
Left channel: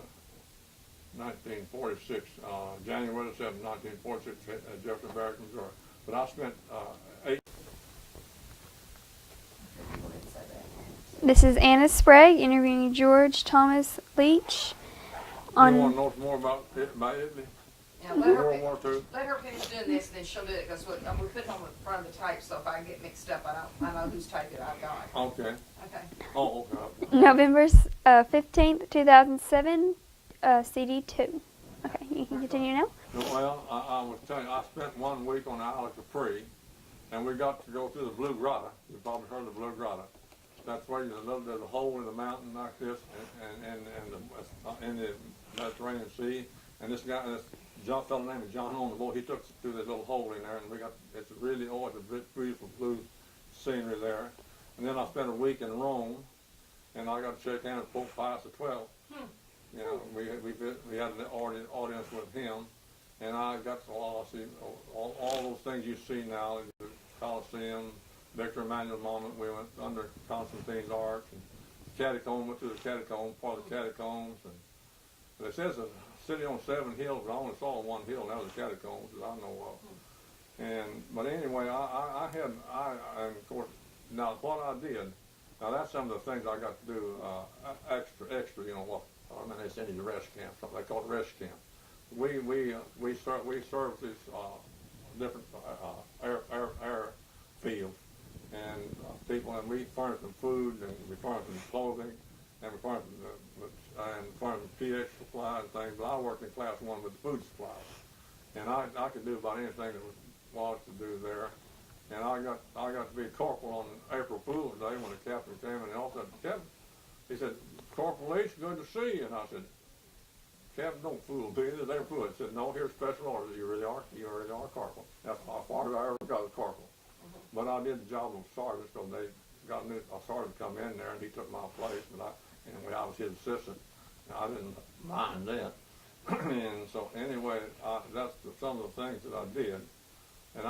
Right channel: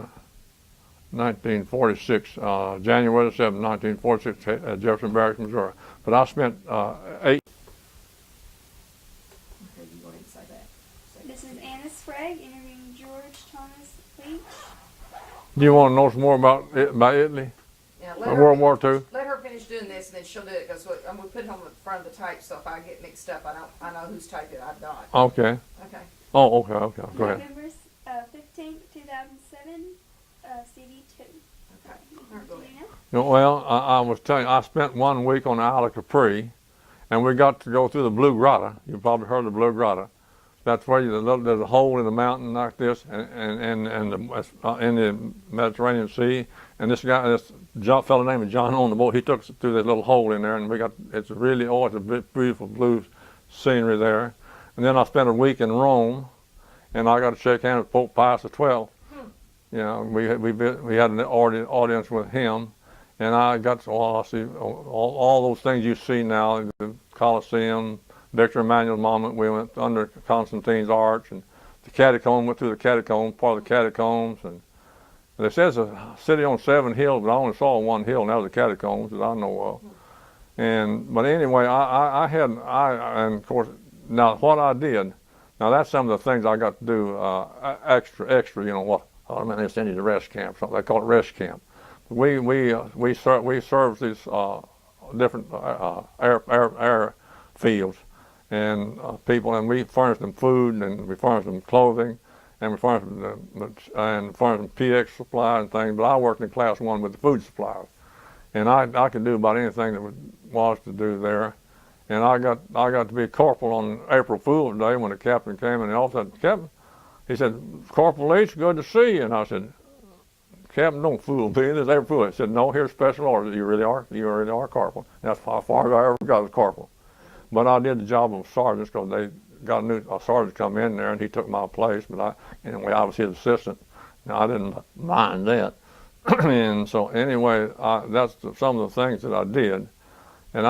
1946, January 7, 1946, at Jefferson Barracks, Missouri. But I spent 8. This is Anna Sprague interviewing George Thomas Leach. You want to know some more about Italy? Yeah, World War II? Let her finish doing this, and then she'll do it, because I'm going to put it on the front of the tape, so if I get mixed up, I know whose tape that I've got. Okay. Okay. Oh, okay. Right. November 15th, 2007, CD2. Okay, you can continue now. Well, I was telling you, I spent 1 week on the Isle of Capri, and we got to go through the Blue Grotto. You probably heard of the Blue Grotto. That's where there's a hole in the mountain like this, and in the Mediterranean Sea. And this fellow named John on the boat, he took us through this little hole in there, and it's a beautiful blue scenery there. And then I spent a week in Rome, and I got to shake hands with Pope Pius XII. You know, we had an audience with him, and I got to see all those things you see now, the Colosseum, Victor Emmanuel's monument. We went under Constantine's arch, and the catacomb, went through the catacomb, part of the catacombs. And they said it's a city on 7 hills, but I only saw one hill, and that was the catacombs that I know of. But anyway, and of course, now what I did, now that's some of the things I got to do extra, you know what, they send you to rest camp, something they call it rest camp. We served these different air fields and people, and we furnished them food, and we furnished them clothing, and we furnished them PX supply and things. But I worked in class 1 with the food supplies, and I could do about anything that was to do there. And I got to be a corporal on April Fool's Day when the captain came in the office. Captain, he said, "Corporal Leach, good to see you." And I said, "Captain, don't fool me. This is April Fool's." He said, "No, here's special orders. You really are corporal." And that's how far as I ever got as corporal. But I did the job of sergeant because they got a new sergeant come in there, and he took my place. But anyway, I was his assistant. Now I didn't mind that. And so anyway, that's some of the things that I did. And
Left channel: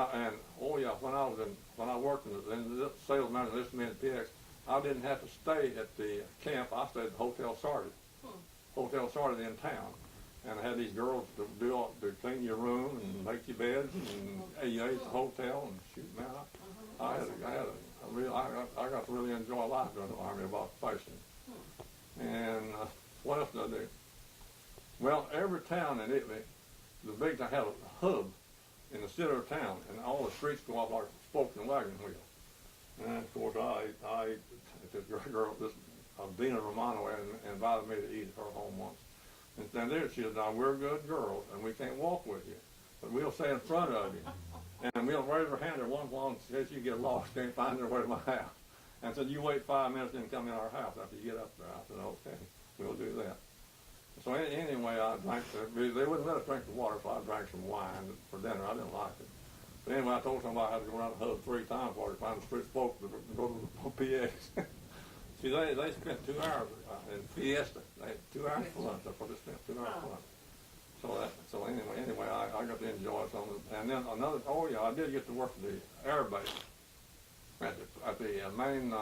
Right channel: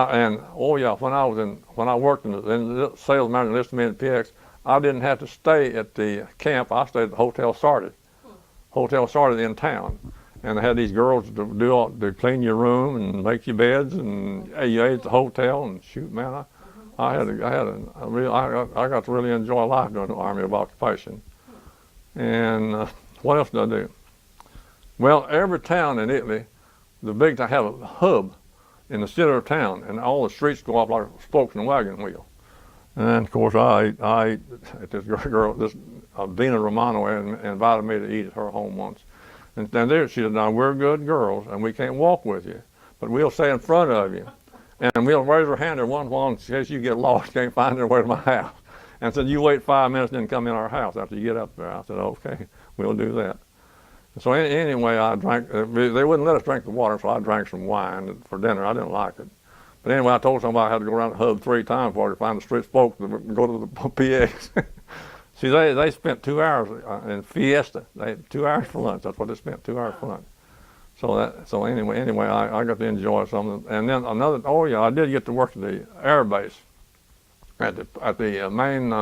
when I worked in the sales manager listed me in the PX, I didn't have to stay at the camp. I stayed at the Hotel Sardis. Hotel Sardis in town, and they had these girls to clean your room and make your beds, and you ate at the hotel. And shoot, man, I got to really enjoy life during the Army of Occupation. And what else did I do? Well, every town in Italy, the big town have a hub in the center of town, and all the streets go up like spokes in a wagon wheel. And of course, I ate at this girl, this Dina Romano, and invited me to eat at her home once. And there she said, "Now we're good girls, and we can't walk with you, but we'll stay in front of you, and we'll raise our hand every once in a while in case you get lost, can't find your way to my house." And said, "You wait 5 minutes, and then come in our house after you get up there." I said, "Okay, we'll do that." So anyway, I drank. They wouldn't let us drink the water, so I drank some wine for dinner. I didn't like it. But anyway, I told somebody I had to go around the hub 3 times before I could find the street spokes to go to the PX. See, they spent 2 hours in Fiesta. They had 2 hours for lunch. That's what they spent, 2 hours for lunch. So anyway, I got to enjoy something. And then I did get to work at the air base, at the main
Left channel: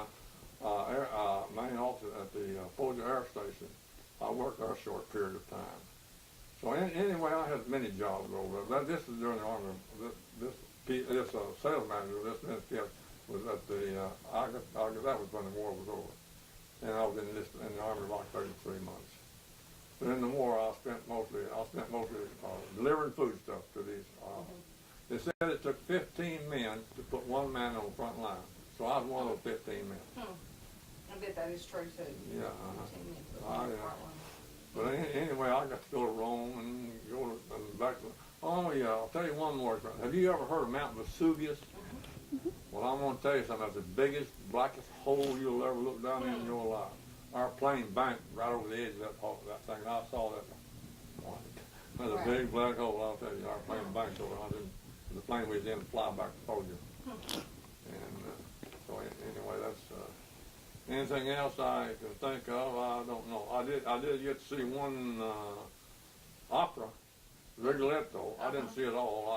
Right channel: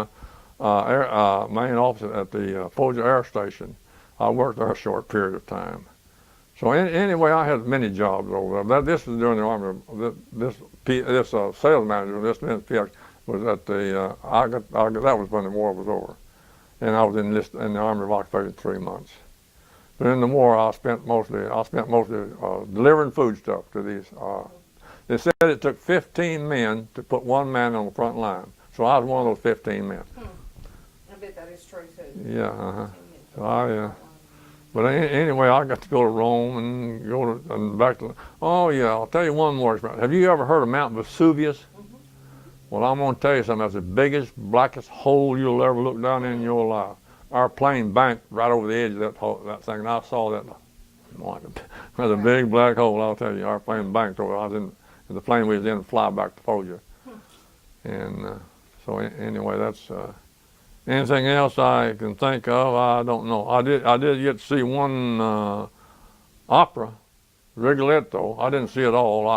office at the Foggia Air Station. I worked there a short period of time. So anyway, I had many jobs over there. This was during the Army. This sales manager, this PX, was at the. That was when the war was over, and I was in the Army of Occupation 3 months. But in the war, I spent mostly delivering foodstuff to these. They said it took 15 men to put 1 man on the front line. So I was one of those 15 men. I bet that is true too. Yeah. But anyway, I got to go to Rome and back to. Oh yeah, I'll tell you one more. Have you ever heard of Mount Vesuvius? Well, I'm going to tell you something. That's the biggest, blackest hole you'll ever look down in your life. Our plane banked right over the edge of that thing, and I saw that. There's a big black hole. I'll tell you, our plane banked over. The plane we was in fly back to Foggia. And so anyway, that's. Anything else I can think of, I don't know. I did get to see one opera Rigoletto. I didn't see it all.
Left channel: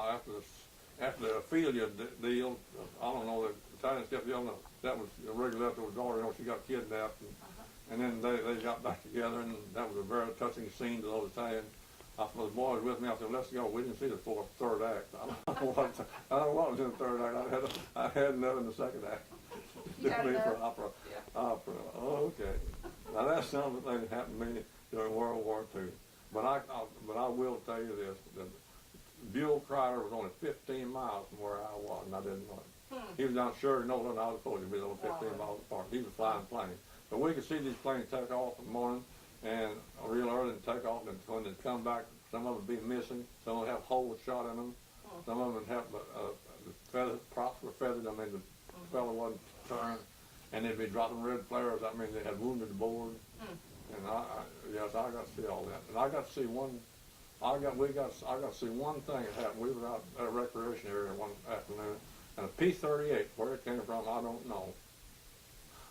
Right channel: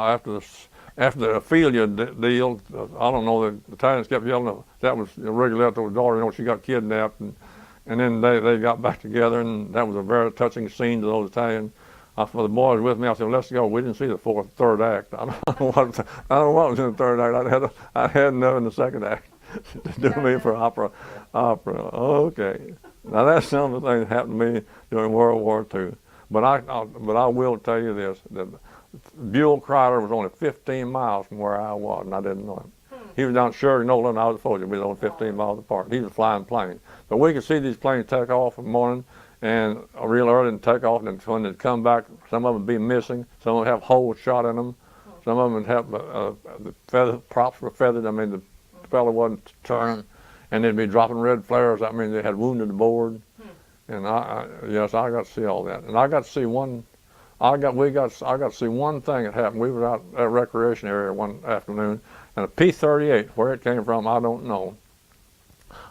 After the Ophelia deal, I don't know, the Italians kept yelling that was Rigoletto's daughter. You know, she got kidnapped, and then they got back together, and that was a very touching scene to those Italians. For the boys with me, I said, let's go. We didn't see the third act. I don't know what was in the third act. I had enough in the second act to do me for opera. Okay. Now that's some of the things that happened to me during World War II. But I will tell you this, that Buell Crider was only 15 miles from where I was, and I didn't know him. He was down at Sheridan, Nolan, I was at Folger. We was only 15 miles apart. He was flying planes. But we could see these planes take off in the morning, and real early and take off, and when they come back, some of them would be missing. Some of them have holes shot in them. Some of them would have the feather props were feathered. I mean, the fellow wasn't turned, and they'd be dropping red flares. I mean, they had wounded the board. And yes, I got to see all that, and I got to see one. I got to see one thing that happened. We were out at a recreation area one afternoon, and a P-38, where it came from, I don't know.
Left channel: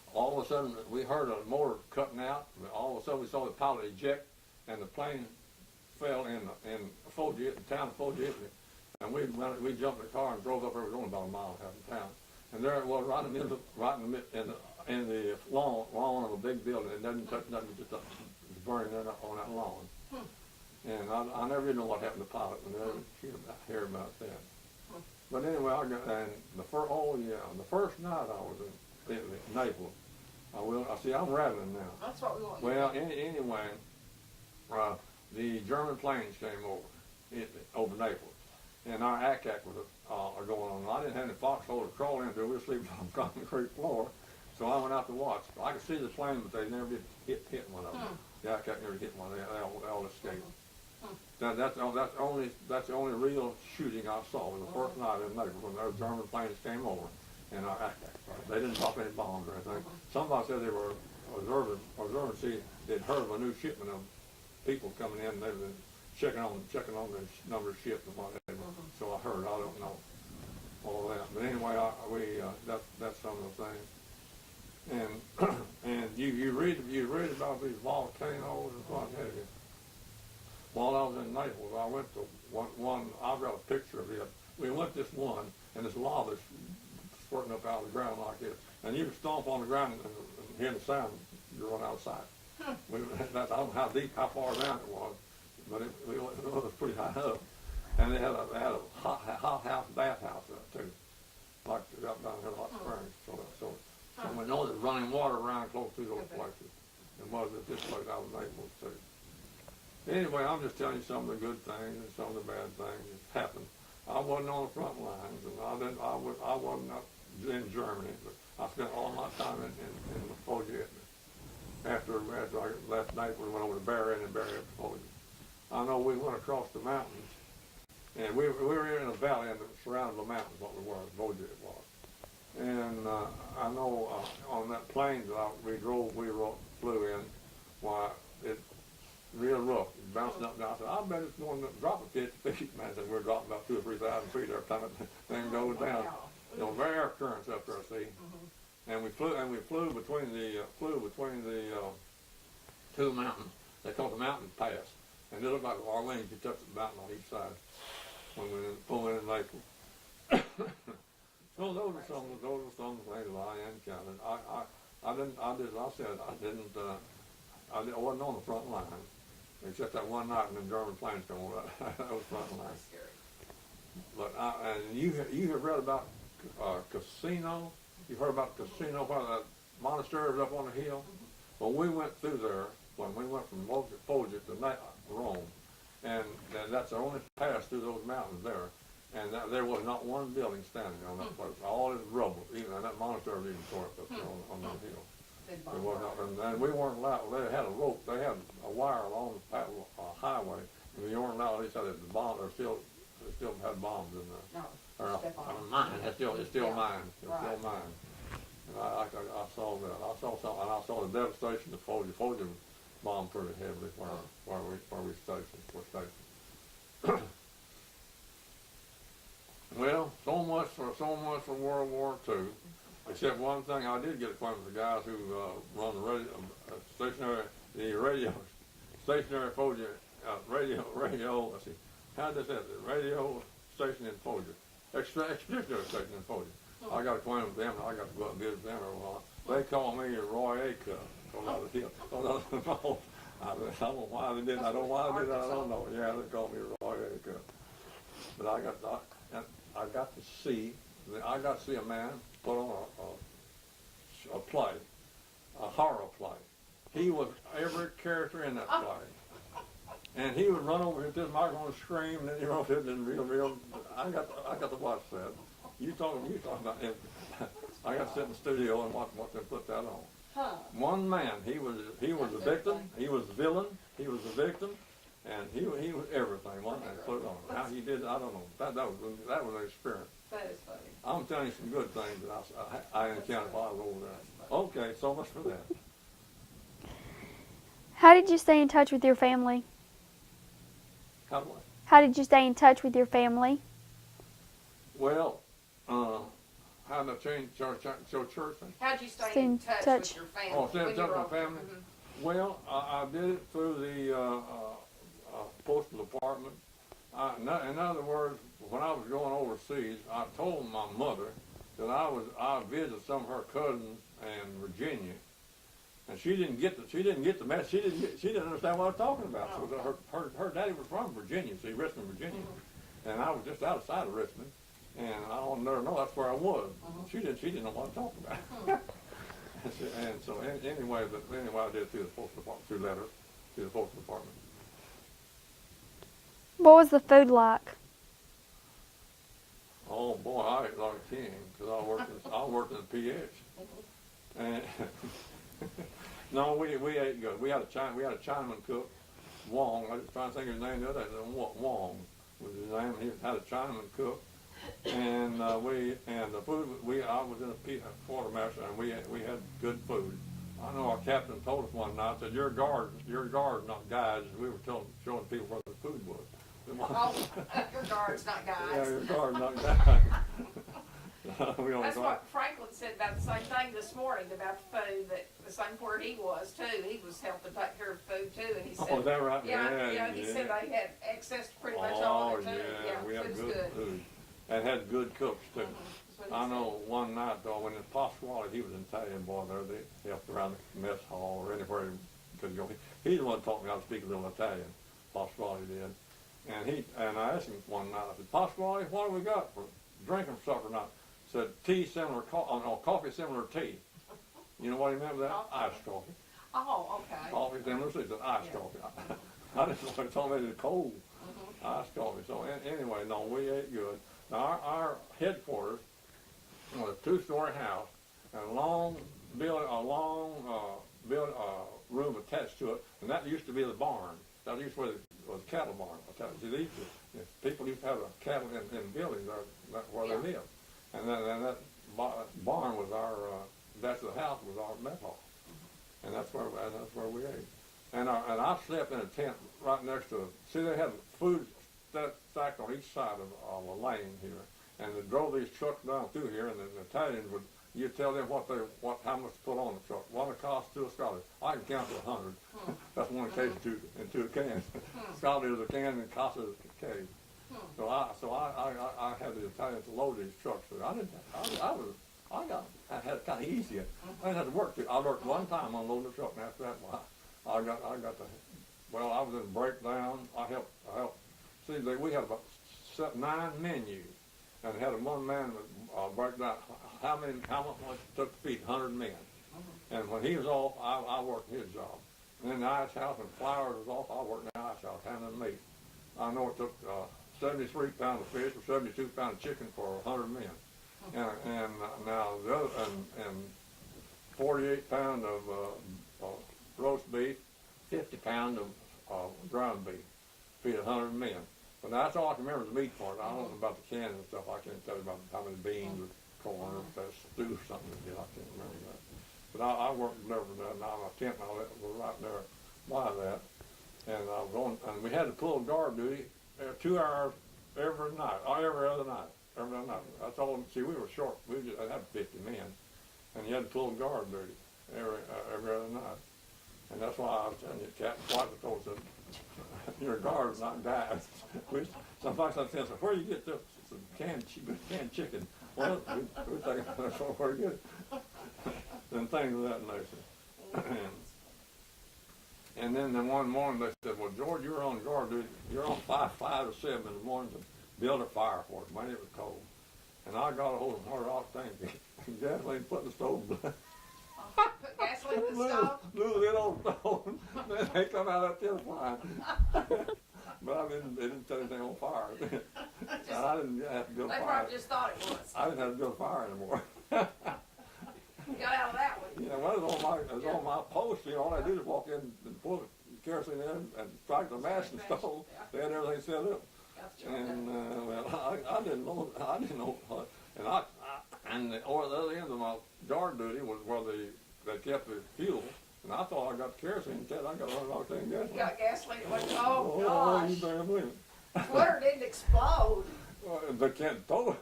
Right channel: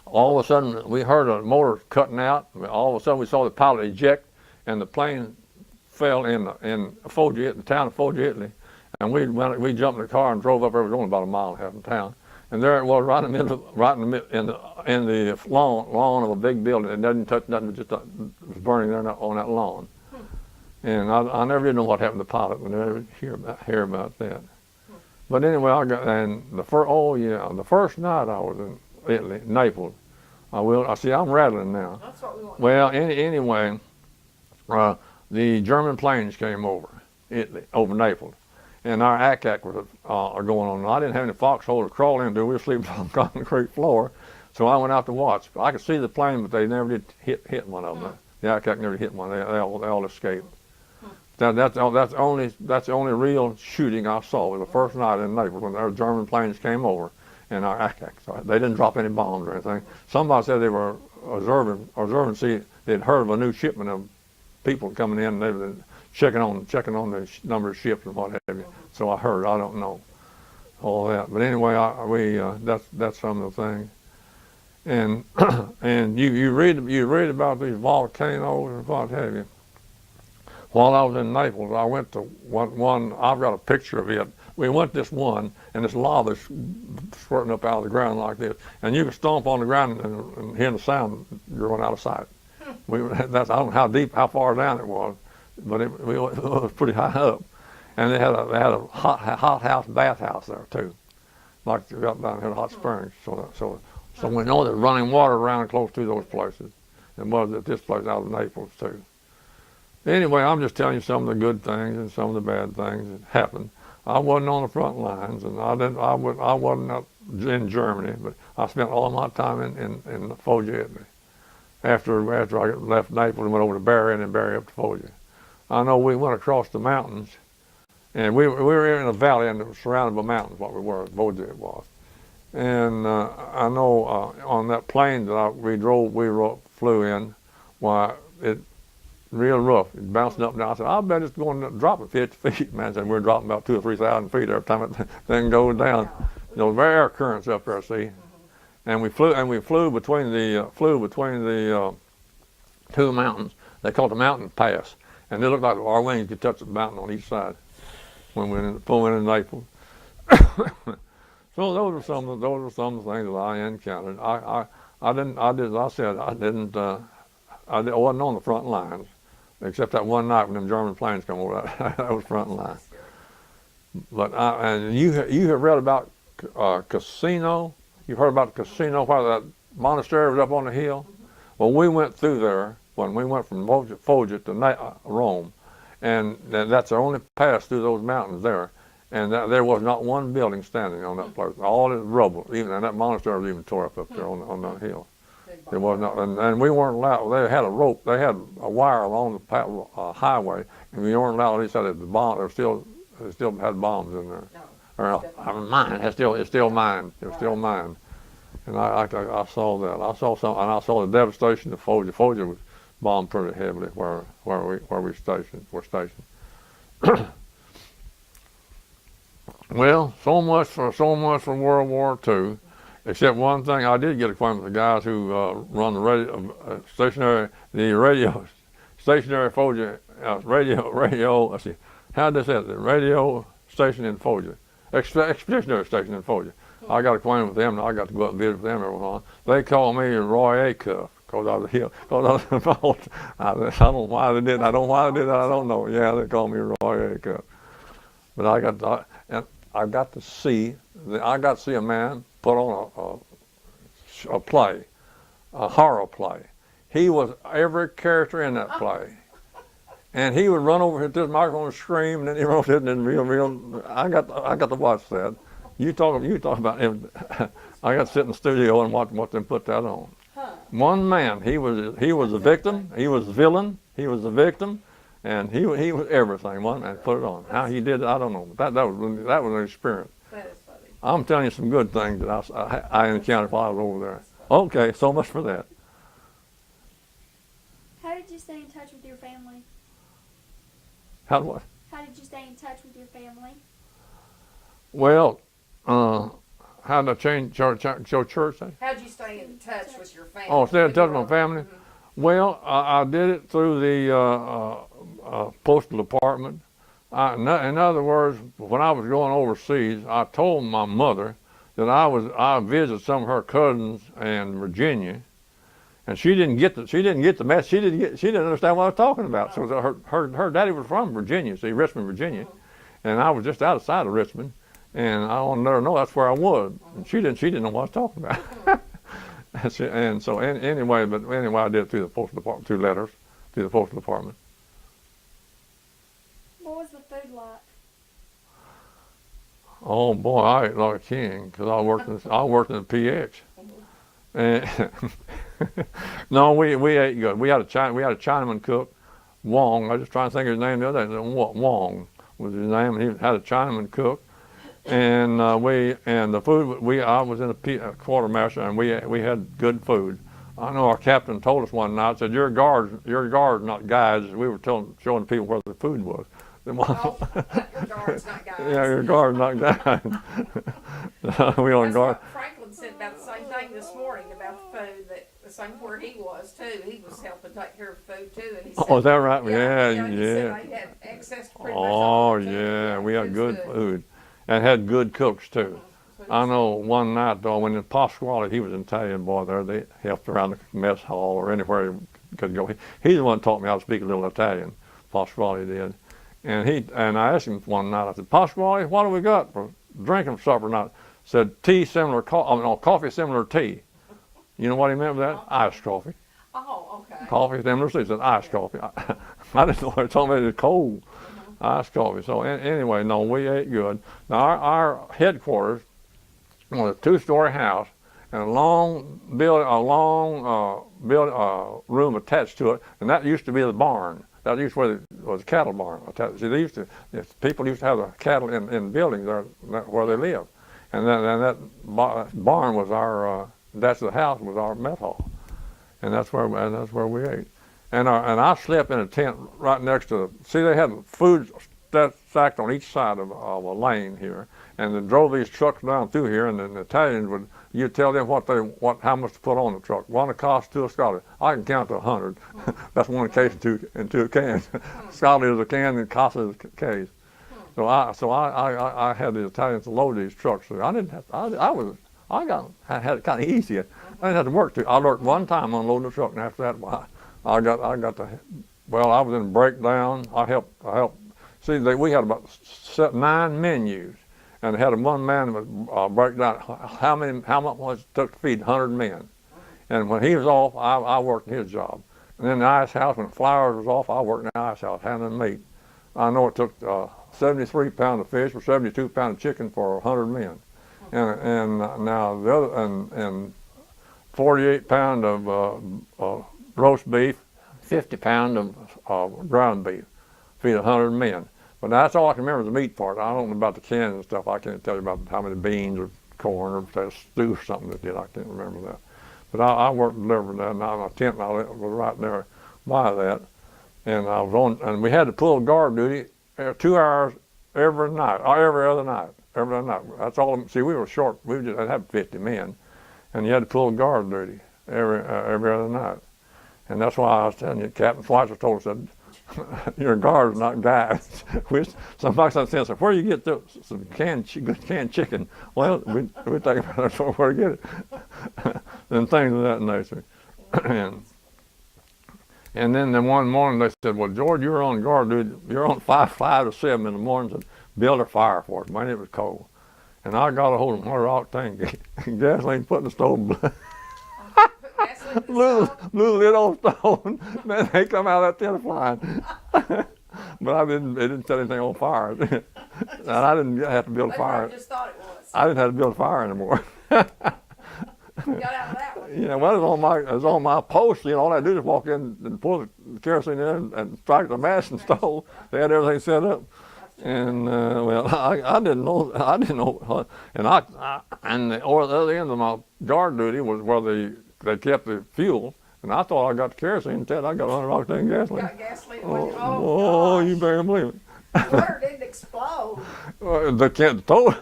All of a sudden, we heard a motor cutting out. All of a sudden, we saw the pilot eject, and the plane fell in Foggia, the town of Foggia, Italy. And we jumped in the car and drove up there. It was only about a mile and a half from town. And there it was, right in the lawn of a big building. It doesn't touch nothing; it just was burning there on that lawn. And I never did know what happened to the pilot. I never hear about that. But anyway, the first night I was in Italy, Naples. I see I'm rattling now. That's what we want. Well, anyway, the German planes came over Naples, and our ACAC was going on. I didn't have any foxholes to crawl into. We were sleeping on the concrete floor, so I went out to watch. I could see the plane, but they never did hit one of them. The ACAC never hit one. They all escaped. That's the only real shooting I saw. It was the first night in Naples when our German planes came over, and our ACAC. So they didn't drop any bombs or anything. Somebody said they were observing. See, they'd heard of a new shipment of people coming in. And they were checking on the number of ships and what have you. So I heard. I don't know all that. But anyway, that's some of the things. And and you read about these volcanoes and what have you. While I was in Naples, I went to one. I've got a picture of it. We went this one, and this lava squirting up out of the ground like this, and you could stomp on the ground and hear the sound. You're going out of sight. I don't know how far down it was, but it was pretty high up. And they had a hot house, bathhouse there too, like they got down here in Hot Springs. So we know there's running water around close to those places. It was at this place out of Naples too. Anyway, I'm just telling you some of the good things and some of the bad things that happened. I wasn't on the front lines, and I wasn't up in Germany, but I spent all my time in Foggia, Italy. After I left Naples and went over to Bari and then Bari up to Foggia. I know we went across the mountains, and we were in a valley and it was surrounded by mountains. What we were, Foggia it was. And I know on that plane that we flew in, why it. Real rough. It bouncing up and down. I said, I bet it's going to drop at 50 feet. Man said, we're dropping about 2,000 or 3,000 feet every time the thing goes down. Those air currents up there, see. And we flew between the two mountains. They called the mountain pass. And it looked like our wings could touch the mountain on each side when we went in Naples. So those are some of the things that I encountered. I wasn't on the front lines. Except that one night when them German planes come over, that was front line. But and you have read about Casino. You've heard about the casino where that monastery was up on the hill. Well, we went through there when we went from Foggia to Rome, and that's the only pass through those mountains there. And there was not one building standing on that place. All is rubble. And that monastery was even tore up there on that hill. It was not, and we weren't allowed. They had a rope. They had a wire along the highway, and we weren't allowed. They said that the bomb. They still had bombs in there. No, mine. It's still mine. It's still mine. And I saw that. I saw some, and I saw the devastation of Foggia. Foggia was bombed pretty heavily where we were stationed. Well, so much for World War II. Except one thing, I did get acquainted with the guys who run the stationary Foggia radio. Let's see, How'd they say it? The radio station in Folger, expeditionary station in Folger. I got acquainted with them, and I got to go up and visit with them every once. They called me Roy A. Cuff because I was here. Cause I was I don't know why they did. I don't know why they did that. I don't know. Yeah, they called me Roy A. Cuff. But I got to see a man put on a play, a horror play. He was every character in that play. And he would run over to the microphone and scream, and then he wrote it in real. I got to watch that. You talk about him. I got to sit in the studio and watch them put that on. One man, he was the victim, he was the villain, he was the victim, and he was everything. One and put it on. How he did it, I don't know. That was an experience. That is funny. I'm telling you some good things that I encountered while I was over there. Okay, so much for that. How did you stay in touch with your family? How How did you stay in touch with your family? Well, how did I change your church thing? How'd you stay in touch with your family? Oh, stay in when touch you with my were- family? Well, I did it through the postal department. In other words, when I was going overseas, I told my mother that I visited some of her cousins in Virginia, and she didn't get the message. She didn't understand what I was talking about. So her daddy was from Virginia, see, Richmond, Virginia, and I was just outside of Richmond, and I wanted to let her know that's where I was. And she didn't know what I was talking about. And so anyway, I did it through the postal department, through letters, through the postal department. What was the food like? Oh boy, I ate like a king because I worked in the PX. And no, we ate good. We had a Chinaman cook, Wong. I was just trying to think of his name the other day. Wong was his name, and he had a Chinaman cook. And the food I was in a quartermaster, and we had good food. I know our captain told us one night, said, "Your guards, not guides." We were showing people where the food was. Oh, your guards, not guys. Yeah, your guards, not guides. We on That's guard. what Franklin said about the same thing this morning about the food, that the same where he was too. He was helping take care of food too, and he said, Oh, is that right? He said they had access to pretty much all Oh the food. yeah, we had it was good food, and had good cooks too. I know one night though, when in Pasquale, he was an Italian boy there. They helped around the mess hall or anywhere he could go. He's the one that taught me how to speak a little Italian. Pasquale did, and I asked him one night. I said, "Pasquale, what do we got for drinking for supper tonight?" Said, "Coffee similar to tea." You know what he meant by that? Iced coffee. Oh, okay. Coffee similar to tea. He said iced coffee. I didn't know. He told me it was cold. Iced coffee. So anyway, no, we ate good. Now our headquarters was a two-story house and a long room attached to it, and that used to be the barn. That used to was a cattle barn. See, people used to have the cattle in buildings there where they lived, and that barn was our that's the house was our mess hall, and that's where we ate. And I slept in a tent right next to. See, they had food stacked on each side of a lane here, and they drove these trucks down through here, and the Italians would. You tell them how much to put on the truck. One a cost, two a Scotty. I can count to 100. That's one case in two cans. Scotty is a can and Casa is a case. So I had the Italians load these trucks. So I didn't have. I had it kind of easy. I didn't have to work too. I worked one time unloading the truck, and after that, I got the. Well, I was in breakdown. I helped. See, we had about 9 menus. And they had one man that would break down how much it took to feed 100 men. And when he was off, I worked in his job. And then the ice house, when Flowers was off, I worked in the ice house handling meat. I know it took 73 pounds of fish or 72 pounds of chicken for 100 men. And now the other, and 48 pounds of roast beef, 50 pounds of ground beef, feed 100 men. But that's all I can remember, the meat part. I don't know about the cans and stuff. I can't tell you about how many beans or corn or stew or something that did. I can't remember that. But I worked delivering that, and my tent was right there by that. And I was on, and we had to pull guard duty 2 hours every night, or every other night. That's all. See, we were short. We just had 50 men, and you had to pull guard duty every other night. And that's why I was telling you, Captain Schweitzer told us that You're guards, not guys. Which somebody said, so where do you get some good canned chicken? Well, we take it from where to get it. And things of that nature. And then one morning they said, well, George, you're on guard duty. You're on 5 to 7 in the mornings and build a fire for us. Man, it was cold. And I got a hold of 100 octane gasoline, put in the stove, Put gasoline in the blew stove. the lid off the stove. Man, they come out of that tin flying. But it didn't set anything on fire. And I didn't have to build a They fire. probably just thought it was. I didn't have to build a fire anymore. Got out of that one. Yeah, well, it was on my post. You know, all I do is walk in and pull the kerosene in and strike the match and stove. They had everything set up. And well, I didn't know, and and the other end of my guard duty was where they kept the fuel, and I thought I got the kerosene. Instead, I got 100 octane gasoline. Got gasoline. Oh, Gosh. you better believe it. Water didn't explode. The can't told.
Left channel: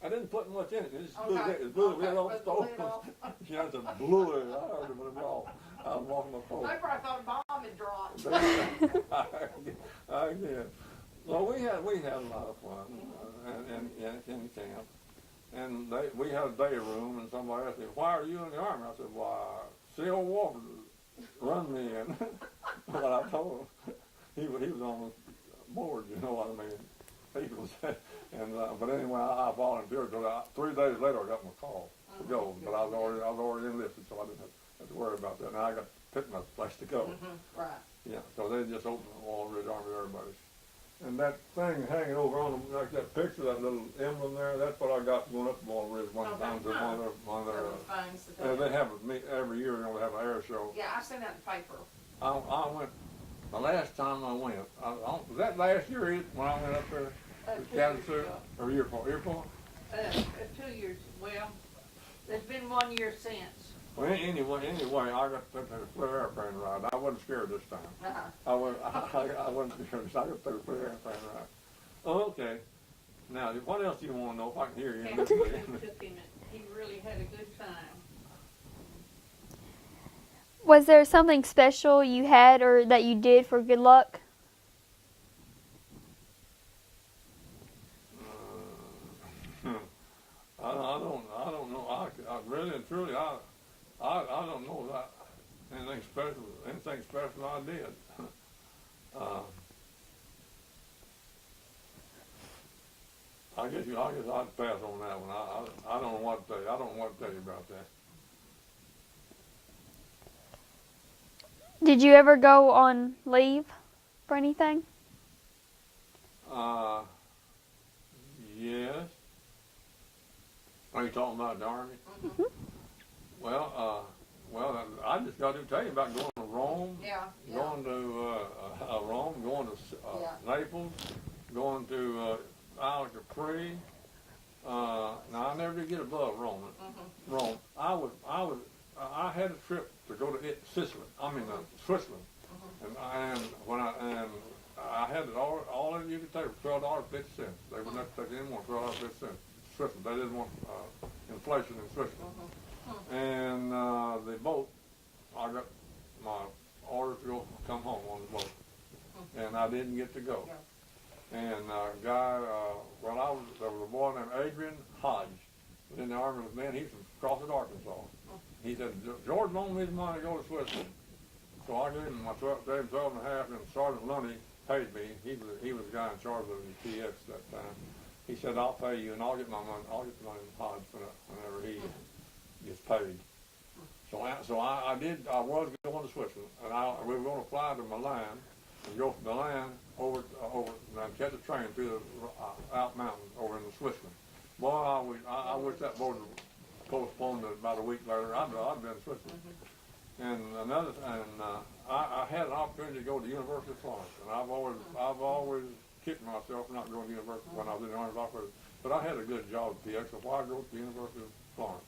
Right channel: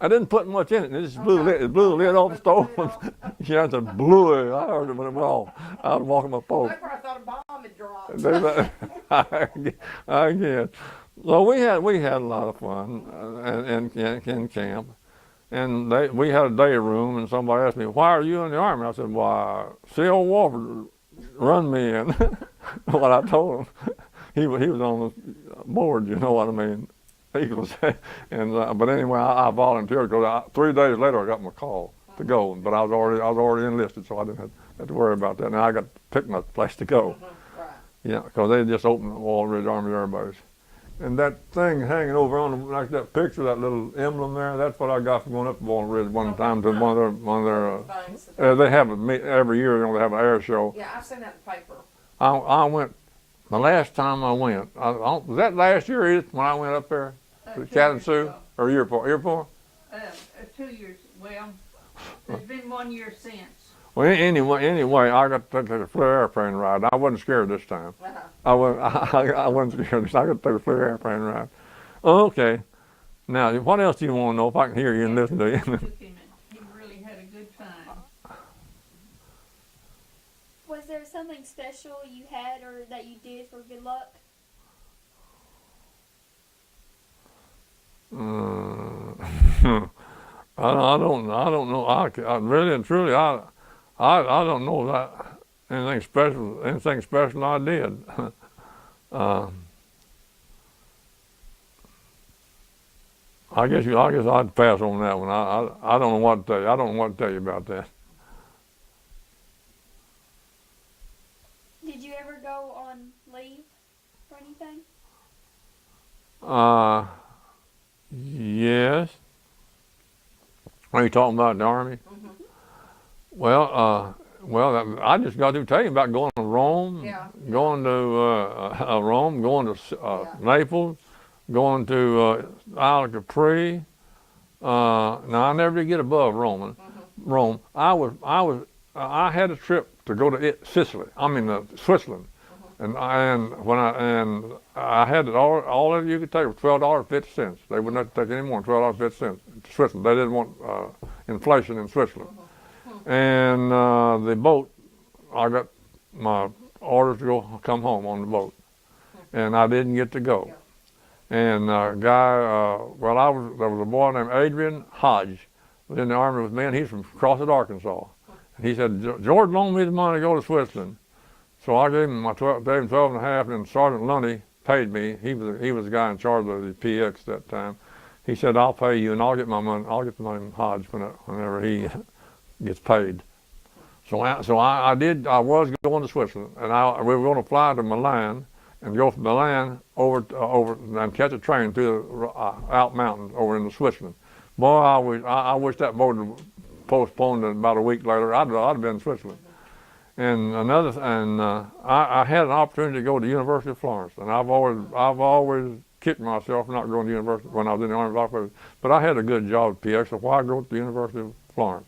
I didn't put much in it. It just blew the lid off the stove. Yeah, it just blew it. I heard it when it went off. I was walking my post. They probably thought a bomb had dropped. I guess. So we had a lot of fun in camp, and we had a day room, and somebody asked me, "Why are you in the Army?" I said, "Why, C.O. Walford run me in." What I told him, he was on the board. You know what I mean? He was, and but anyway, I volunteered because 3 days later I got my call to go, but I was already enlisted, so I didn't have to worry about that. Now I got to pick my place to go. Right. Yeah, because they just opened the Wall Ridge Army Air Base. And that thing hanging over on like that picture, that little emblem there, that's what I got from going up the Wall Ridge one time to one of their they have every year, you know, they have an air show. Yeah, I've seen that in the paper. I went, the last time I went, was that last year, Edith, when I went up there to Kalamazoo? Or year before? 2 years. Well, there's been 1 year since. Well, anyway, I got to take a Flair airplane ride. I wasn't scared this time. I wasn't scared this time. I got to take a Flair airplane ride. Okay. Now, what else do you want to know if I can hear you and listen to you? He really had a good time. Was there something special you had or that you did for good luck? I don't know. I really and truly, I don't know that anything special I did. I guess I'd pass on that one. I don't know what to tell you. I don't know what to tell you about that. Did you ever go on leave for anything? Yes. Are you talking about the Army? Mm-hmm. Well, I just got to tell you about going to Rome, going to Rome, going to Naples, going to Isle of Capri. Now I never did get above Rome. Rome. I had a trip to go to Sicily. I mean Switzerland, and I had it all of you could take was $12.50. They wouldn't have to take any more than $12.50 to Switzerland. They didn't want inflation in Switzerland. And the boat, I got my orders to come home on the boat, and I didn't get to go. And a guy, there was a boy named Adrian Hodge, was in the Army with me, and he's from Crossett, Arkansas. He said, George loaned me the money to go to Switzerland. So I gave him 12 and a half, and Sergeant Lundy paid me. He was the guy in charge of the PX that time. He said, I'll pay you, and I'll get my money. I'll get the money from Hodge whenever he gets paid. So I did. I was going to Switzerland, and we were going to fly to Milan and go from Milan over and catch a train through the Alp Mountains over into Switzerland. Boy, I wish that boat had postponed it about a week later. I'd have been in Switzerland. And I had an opportunity to go to the University of Florence, and I've always kicked myself for not going to university when I was in the Army. But I had a good job at PX, so why go to the University of Florence?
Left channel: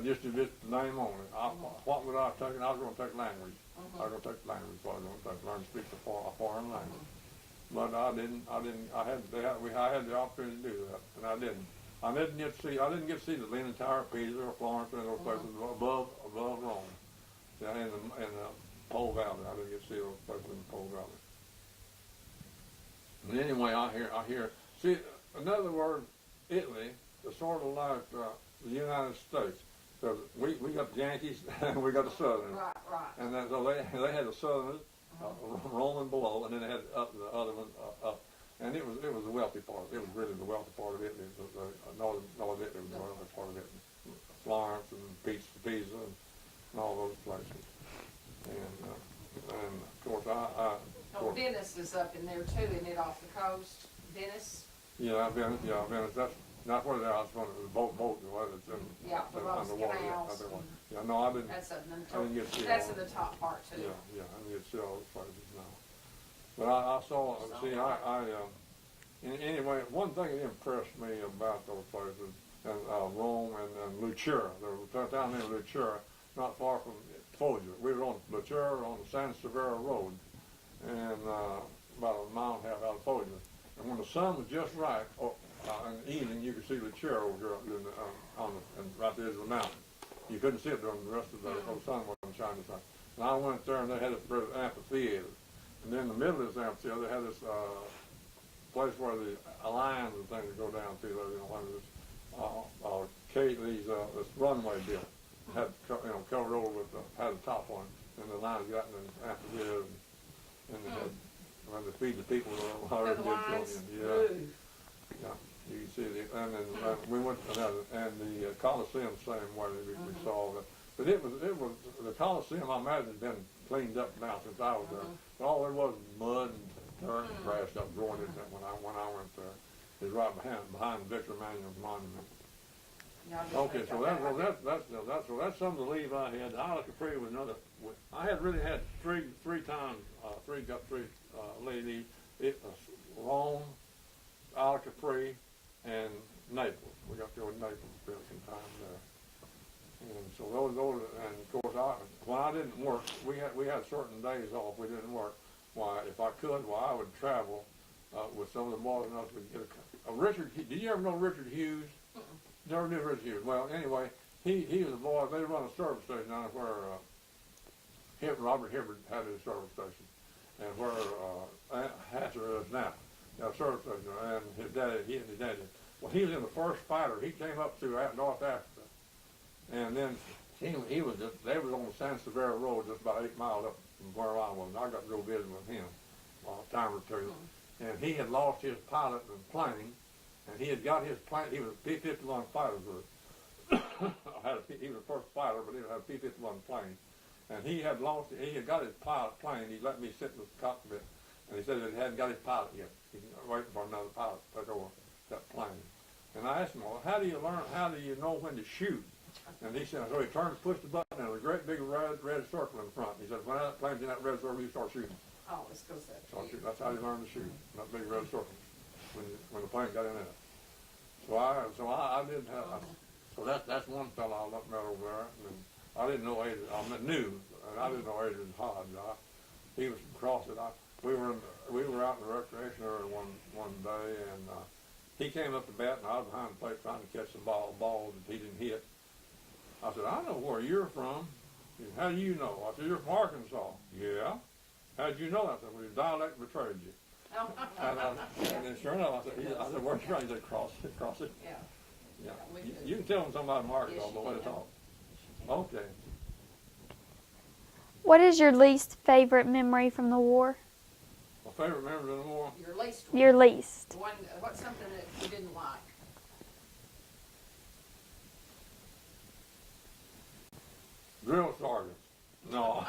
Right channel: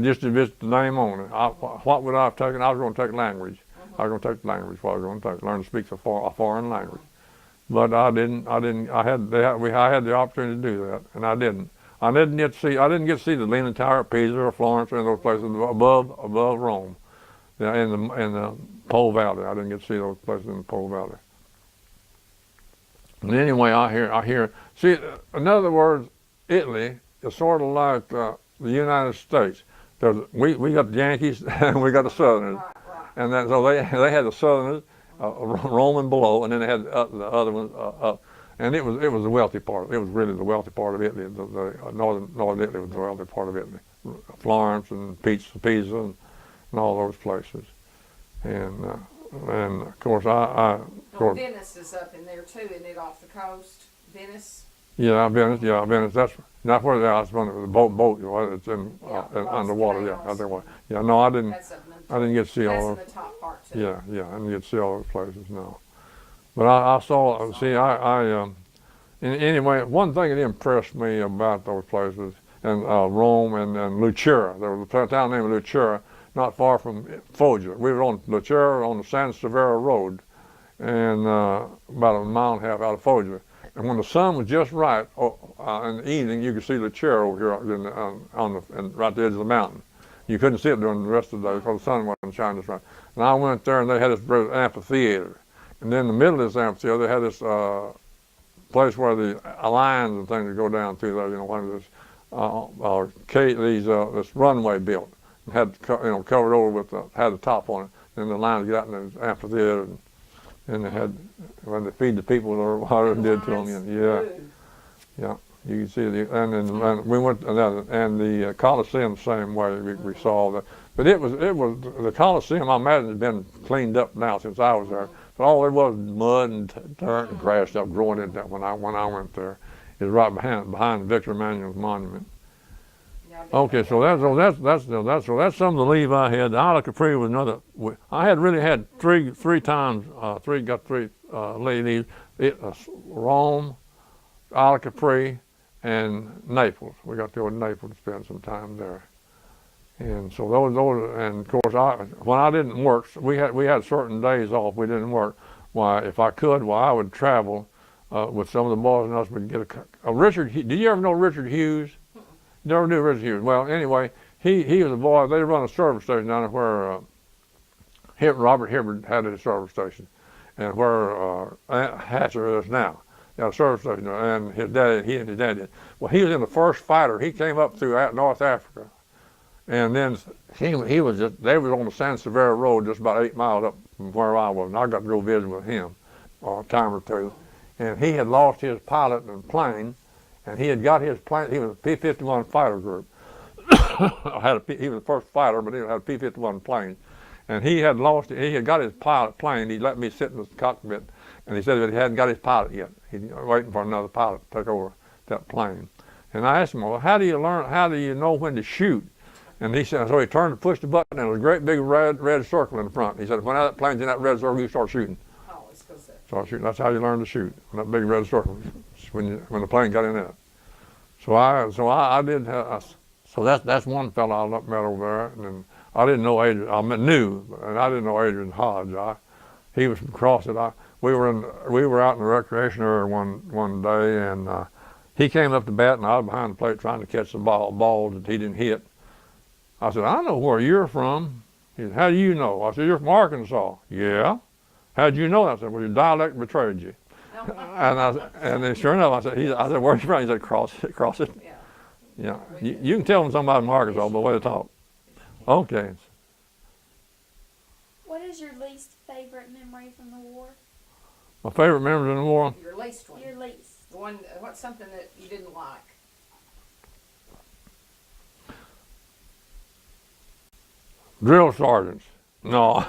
Just to visit the name on it. What would I have taken? I was going to take language. I was going to take language. What I was going to take, learn to speak a foreign language. But I didn't. I had the opportunity to do that, and I didn't. I didn't get to see the Leaning Tower at Pisa or Florence or in those places above Rome, in the Po Valley. I didn't get to see those places in the Po Valley. And anyway, I hear. See, in other words, Italy is sort of like the United States. We got the Yankees and we got the Southerners, Right. and so they had the Southerners rolling below, and then they had the other ones up. And it was the wealthy part. It was really the wealthy part of Italy. The northern Italy was the wealthy part of Italy. Florence and Pisa and all those places. And of course Venice is up in there too, isn't it, off the coast? Venice. Venice. That's not where I was running the boat. It's in underwater. Canals. No, I didn't. That's up in the I didn't get to see all. That's in the top part too. Yeah, I didn't get to see all those places. No, but I saw. See, anyway, one thing that impressed me about those places and Rome and Lucera. There was a town named Lucera, not far from Foggia. We were on Lucera on the San Severo Road, and about a mile and a half out of Foggia. And when the sun was just right in the evening, you could see Lucera over here right at the edge of the mountain. You couldn't see it during the rest of the day because the sun wasn't shining just right. And I went there, and they had this amphitheater. And then in the middle of this amphitheater, they had this place where the lines and things would go down through there. This runway built. It had covered over with had the top on it. And the lines get out in the amphitheater, and they had when they feed the people or whatever it did to them. Yeah. You can see and we went and the Coliseum the same way we saw that. But it was the Coliseum. I imagine had been cleaned up now since I was there. But all there was mud and dirt and grass stuff growing in that when I went there. It's right behind Victor Emmanuel's monument. Okay, so that's some of the leave I had. The Isle Capri was another. I had really had three times. Got three leave. Rome, Isle Capri, and Naples. We got to go to Naples to spend some time there. And so those and of course when I didn't work, we had certain days off. We didn't work. Why, if I could, I would travel with some of the boys and us. Would get a Richard. Did you ever know Richard Hughes? Never knew Richard Hughes. Well, anyway, he was a boy. They run a service station down there where Robert Hibbard had his service station, and where Hatcher is now. Got a service station, and he and his dad did. Well, he was in the first fighter. He came up through North Africa, and then they was on the San Severo Road, just about 8 miles up from where I was, and I got to go visit with him a time or two. And he had lost his pilot and plane, and he had got his plane. He was a P-51 fighter group. He was the first fighter, but he had a P-51 plane, and he had lost it. He had got his pilot plane. He let me sit in the cockpit, and he said that he hadn't got his pilot yet. He's waiting for another pilot to take over that plane. And I asked him, well, how do you know when to shoot? And he said, so he turned to push the button, and there was a great big red circle in the front. He said, when that plane's in that red circle, you start shooting. Oh, it's because start shooting. That's how you learn to shoot, in that big red circle, when the plane got in it. So that's one fellow I met over there, and I didn't know Adrian. I didn't know Adrian Hodge. He was from Crossett. We were out in the recreation area one day, and he came up to bat, and I was behind the plate trying to catch the ball that he didn't hit. I said, I know where you're from. He said, how do you know? I said, you're from Arkansas. Yeah. How'd you know that? I said, well, your dialect betrayed you. And then sure enough, I said, where's you from? He said, Crossett. Yeah. You can tell when somebody's from Arkansas by the way they talk. Okay. What is your least favorite memory from the war? My favorite memory in the war? Your least one. Your least. What's something that you didn't like? Drill sergeants. No.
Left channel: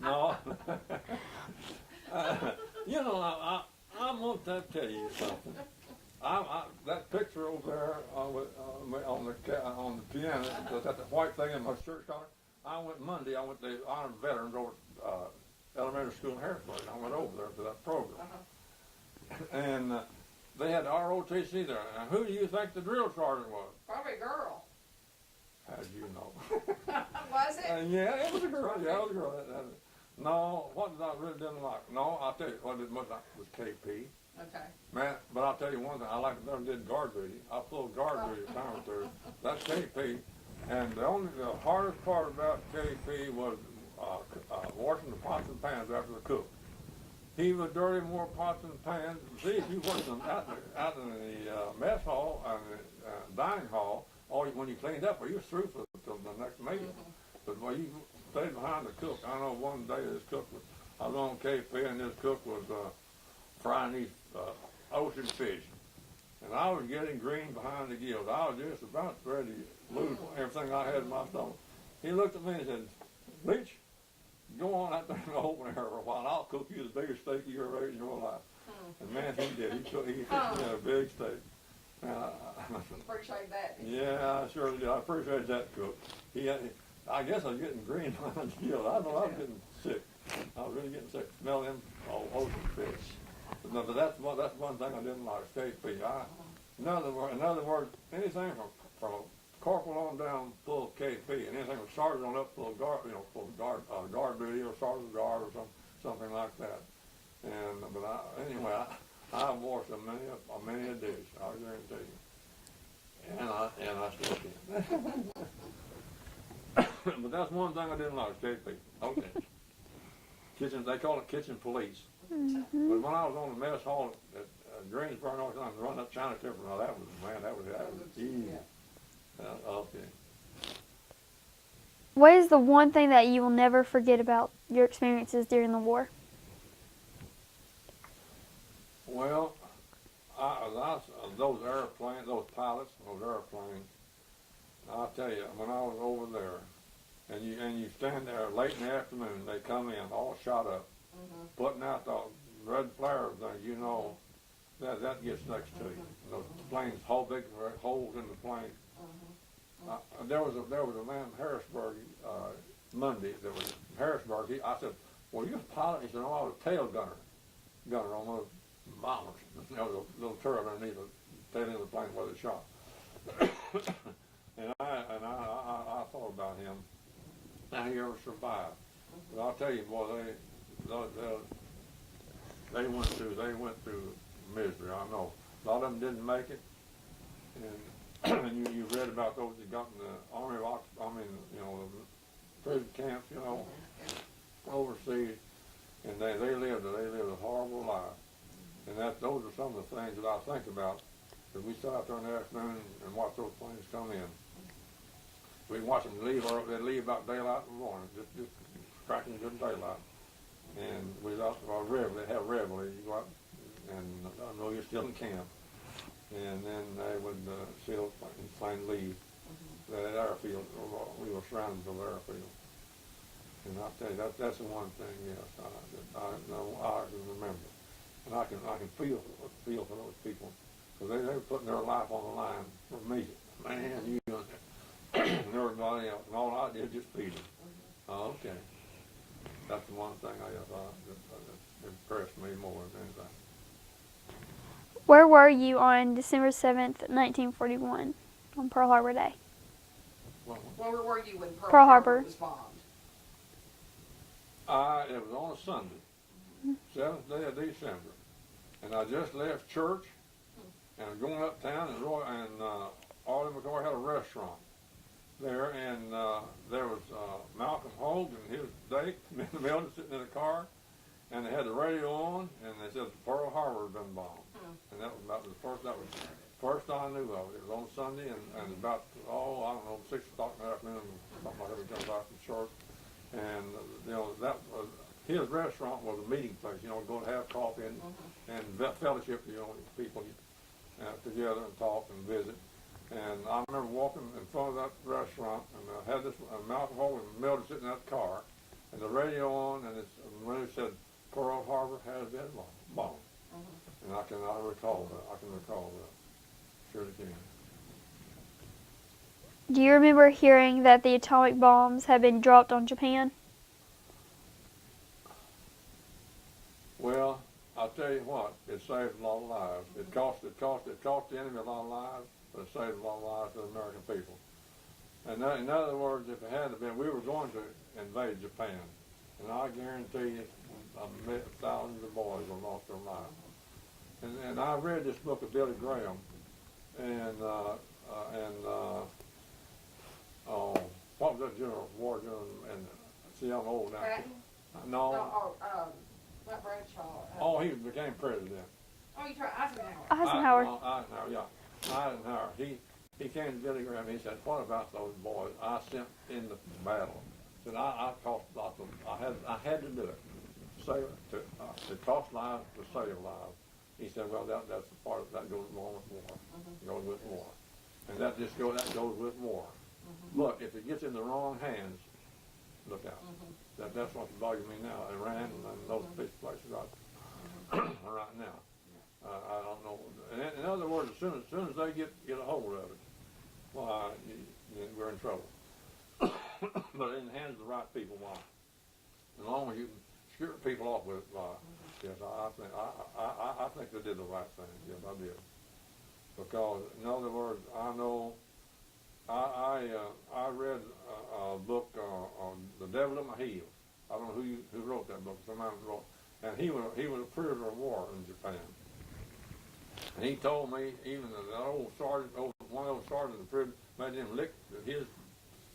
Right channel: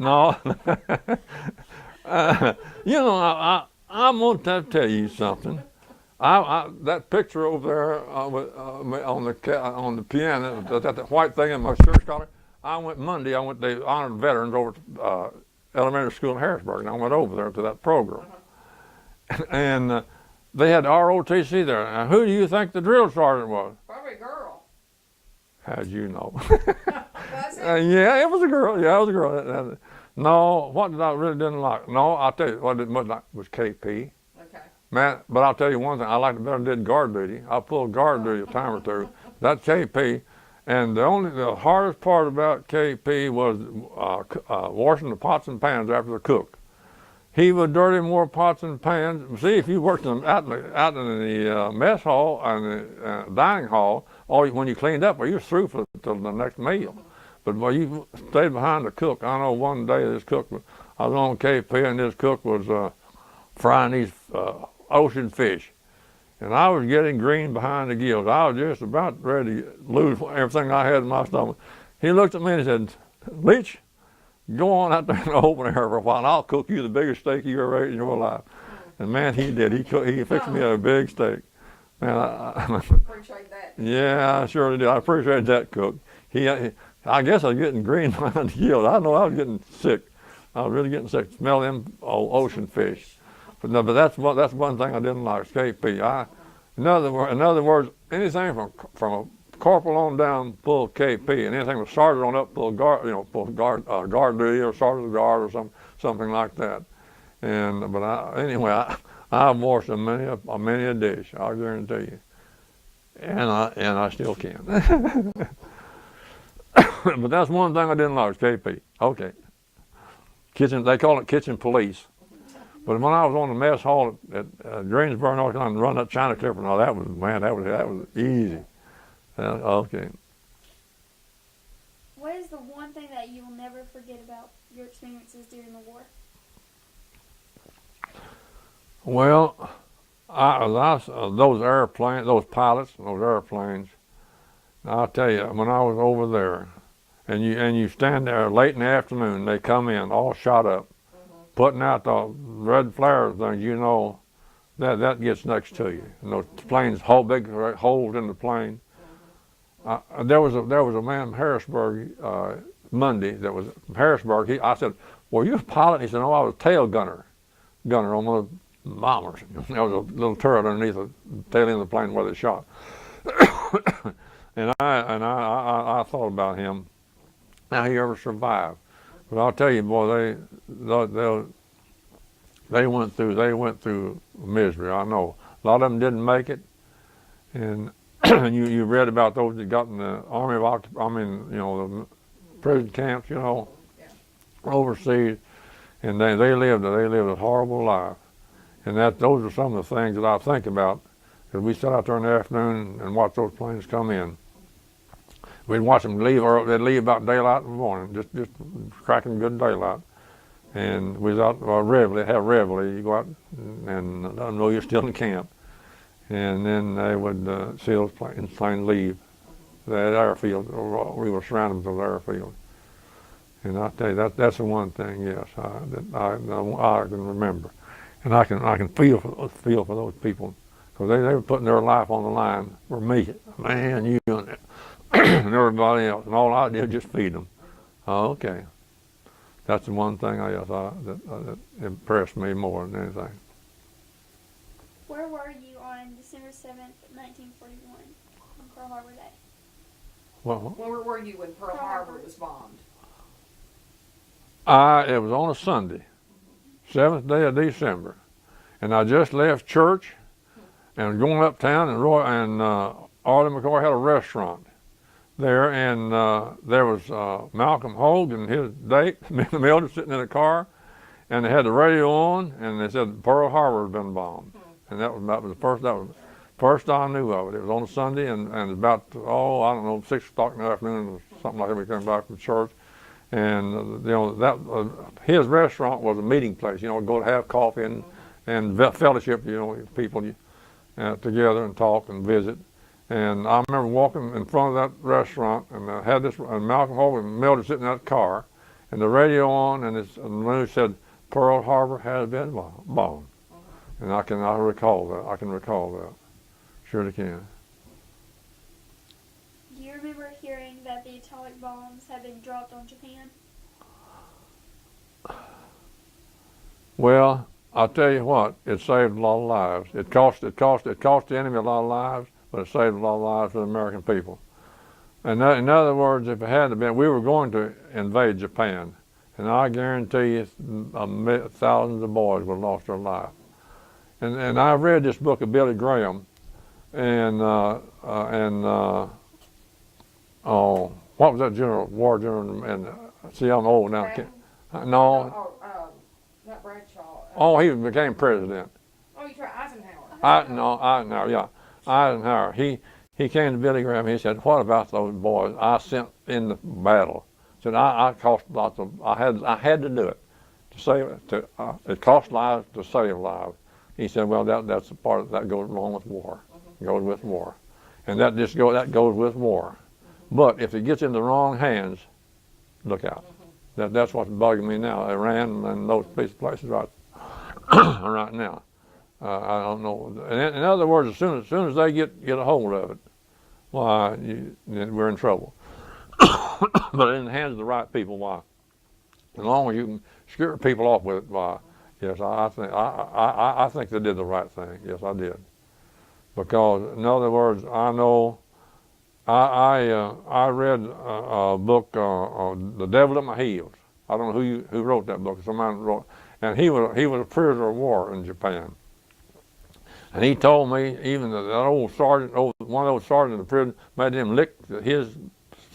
No. I'm going to tell you something. That picture over there on the piano, that white thing in my shirt collar, I went to honored veterans over to elementary school in Harrisburg, and I went over there to that program. And they had ROTC there. Now, who do you think the drill sergeant was? Probably a girl. How'd you know? Was it? Yeah, it was a girl. Yeah, it was a girl. No, what did I really didn't like? No, I'll tell you what I didn't like was KP. Okay. Man, but I'll tell you one thing. I liked it better than did guard duty. I pulled guard duty a time or two. That's KP. And the hardest part about KP was washing the pots and pans after the cook. He would dirty more pots and pans. See, if you worked out in the mess hall and the dining hall, when you cleaned up, well, you were through till the next meal. But when you stayed behind the cook, I know one day this cook I was on KP and this cook was frying these ocean fish. And I was getting green behind the gills. I was just about ready to lose everything I had in my stomach. He looked at me and he said, Leach, go on out there in the open air for a while and I'll cook you the biggest steak you ever ate in your life. And man, he did. He fixed me a big steak. Man, Appreciate that. yeah, I sure did. I appreciate that cook. I guess I was getting green behind the gills. I know I was getting sick. I was really getting sick. Smell them ocean fish. But that's one thing I didn't like, KP. In other words, anything from a corporal on down full KP, and anything was sergeant on up full guard, full guard duty or sergeant of the guard or something like that. Anyway, I've washed many a dish, I guarantee you, and I still can. But that's one thing I didn't like, KP. Okay, they call it kitchen police. But when I was on the mess hall at Greensboro, North Carolina, running that China clipper and all that was easy. Okay. What is the one thing that you will never forget about your experiences during the war? Well, those pilots, those airplanes. I'll tell you, when I was over there, and you stand there late in the afternoon, they come in all shot up, putting out the red flare thing, that gets next to you. And those planes, big holes in the plane. There was a man from Harrisburg Monday that was from Harrisburg. I said, "Were you a pilot?" He said, "No, I was a tail gunner on one of the bombers." There was a little turret underneath the tail end of the plane where they shot. and I thought about him, how he ever survived. But I'll tell you, boy, they went through misery. I know a lot of them didn't make it, and you read about those that got in the the prison camps, overseas, and they lived a horrible life. And those are some of the things that I think about, because we sat out there in the afternoon and watched those planes come in. We'd watch them leave, or they'd leave about daylight in the morning, just cracking good daylight. And we was out have reveille. You go out and let them know you're still in camp. And then they would see those planes leave that airfield. We were surrounded with those airfields. And I tell you, that's the one thing, yes, that I can remember. And I can feel for those people, because they were putting their life on the line for me, man, you and everybody else. And all I did was just feed them. Okay. That's the one thing that impressed me more than anything. Where were you on December 7th, 1941, on Pearl Harbor Day? Well, Where were you when Pearl Harbor was bombed? It was on a Sunday, 7th day of December, and I just left church and going uptown, and Arlie McCoy had a restaurant there, and there was Malcolm Hogue and his date, Mildred, sitting in a car, and they had the radio on, and they said Pearl Harbor had been bombed, and that was the first I knew of it. It was on a Sunday, and about 6 o'clock in the afternoon, or something like that. We came back from church, and his restaurant was a meeting place. Go to have coffee and fellowship. People together and talk and visit. And I remember walking in front of that restaurant, and I had and Malcolm Hogue and Mildred sitting in that car, and the radio on, and the news said Pearl Harbor has been bombed. And I recall that. I can recall that. Surely can. Do you remember hearing that the atomic bombs had been dropped on Japan? Well, I'll tell you what, it saved a lot of lives. It cost the enemy a lot of lives, but it saved a lot of lives for the American people. And in other words, if it hadn't been, we were going to invade Japan, and I guarantee you, thousands of boys would have lost their life. And I read this book of Billy Graham, and what was that general, war general, and see, I'm old now. Patton? No, Not Bradshaw. oh, he became president. Oh, you tried Eisenhower. Eisenhower. Eisenhower, yeah. Eisenhower, he came to Billy Graham, he said, what about those boys I sent in the battle? Said, I cost lots of, I had to do it. To save it cost lives to save lives. He said, well, that's the part that goes along with war. It goes with war, and that goes with war. But if it gets in the wrong hands, look out. That's what's bugging me now. Iran and those places right right now. I don't know. In other words, as soon as they get a hold of it, why we're in trouble. But in the hands of the right people, why? As long as you can scare people off with it, why? Yes, I think they did the right thing. Yes, I did. Because in other words, I know. I read a book, The Devil at My Heels. I don't know who wrote that book. Somebody wrote, and he was a prisoner of war in Japan. And he told me even that old sergeant, one of those sergeants in the prison, made him lick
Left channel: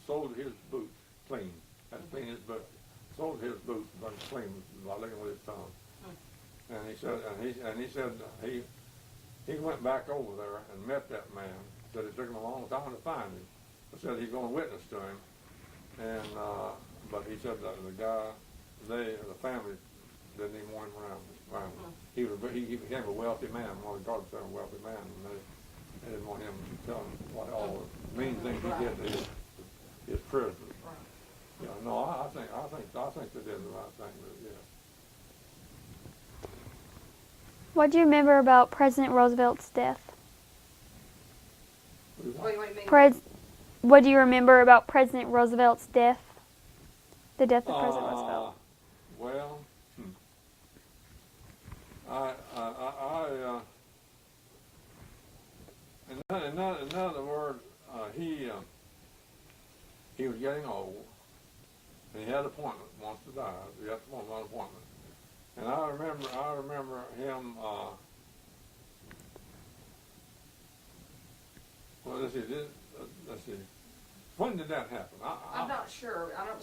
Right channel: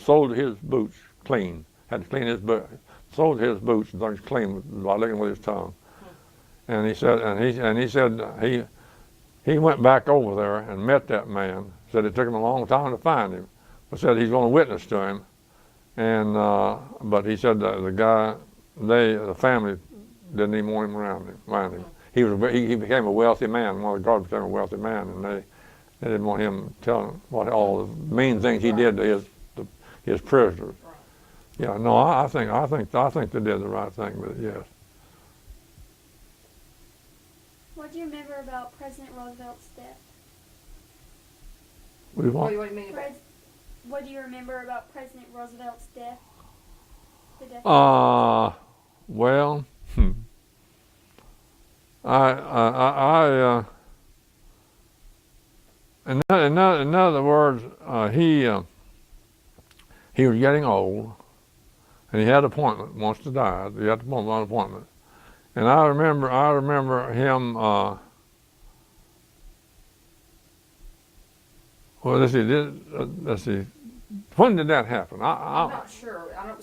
soled his boots clean. Had to clean his boots, soled his boots and things clean by licking with his tongue. And he said he went back over there and met that man. Said it took him a long time to find him, but said he's going to witness to him. And but he said the family didn't even want him around him. He became a wealthy man. One of the guards became a wealthy man, and they didn't want him telling what all the mean things he did to his prisoners. Yeah, no, I think they did the right thing with it. Yes. What do you remember about President Roosevelt's death? What do you mean? What do you remember about President Roosevelt's death? The death of President Well, in other words, he was getting old, and he had an appointment. Wants to die. He had an appointment, and I remember him. Well, let's see. When did that happen? I'm not sure. I know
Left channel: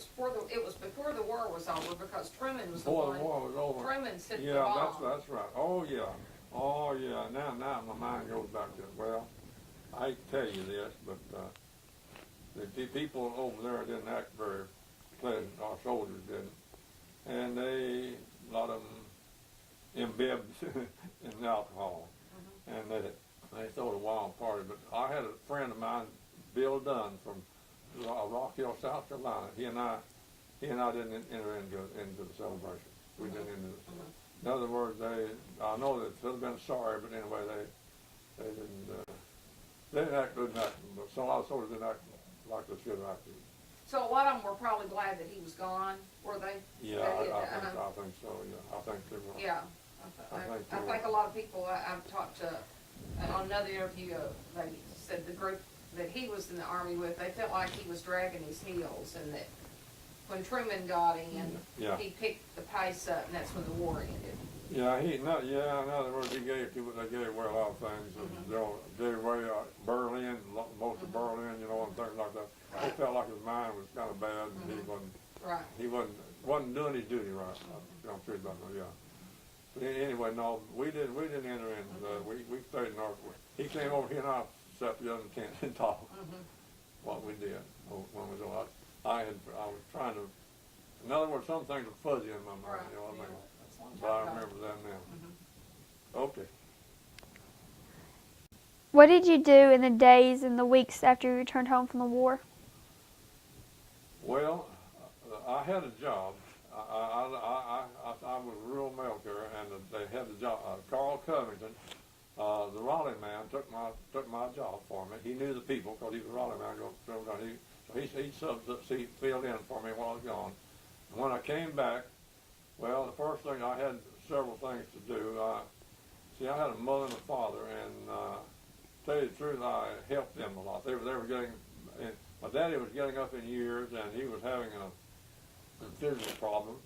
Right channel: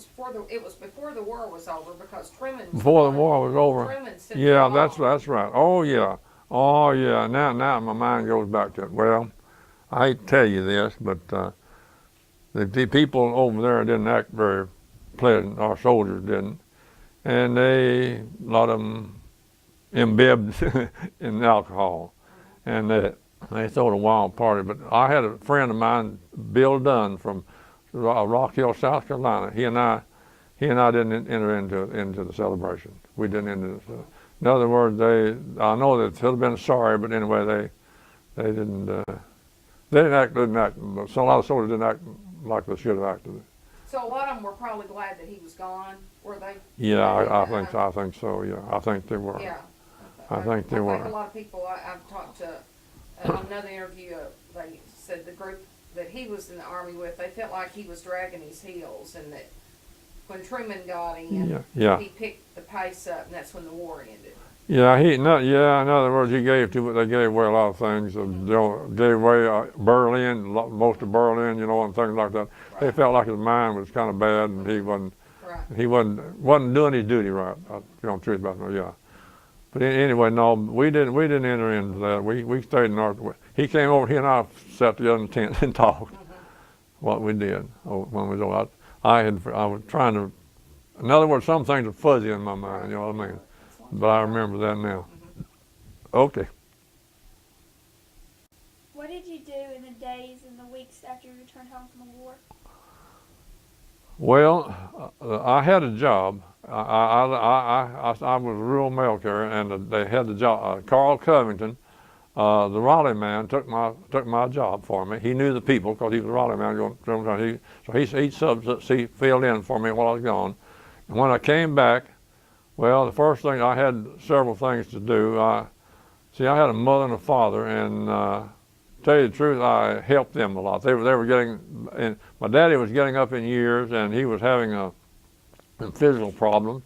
it was before the war was over because Truman was before the war was over. Truman sent Yeah, it that's off. right. Oh yeah. Now my mind goes back to it. Well, I hate to tell you this, but the people over there didn't act very pleasant. Our soldiers didn't, and a lot of them imbibed in alcohol, and they threw a wild party. But I had a friend of mine, Bill Dunn from Rock Hill, South Carolina. He and I didn't enter into the celebration. We didn't enter. In other words, I know they should have been sorry, but anyway, they didn't act. But so a lot of soldiers didn't act like they should have acted. So a lot of them were probably glad that he was gone, were they? Yeah, I think so. Yeah, I think they were. Yeah. I think they were. I think a lot of people I've talked to on another interview, they said the group that he was in the army with, they felt like he was dragging his heels, and that when Truman got in, he picked the pace up, and that's when the war ended. Yeah, in other words, they gave away a lot of things. Gave away Berlin, most of Berlin, and things like that. Right. They felt like his mind was kind of bad, and he wasn't doing his duty right. Truth about it. Yeah. But anyway, no, we didn't enter into that. We stayed in our. He came over. He and I sat together in the tent and talked. What we did when we was over. I was trying to. In other words, some things are fuzzy in my mind. You know what I mean? But I remember that now. Okay. What did you do in the days and the weeks after you returned home from the war? Well, I had a job. I was a rural mail carrier, and they had the job. Carl Covington, the Raleigh man, took my job for me. He knew the people because he was a Raleigh man. He filled in for me while I was gone. And when I came back, well, the first thing, I had several things to do. I had a mother and a father, and to tell you the truth, I helped them a lot. They were getting, and my daddy was getting up in years, and he was having a physical problem,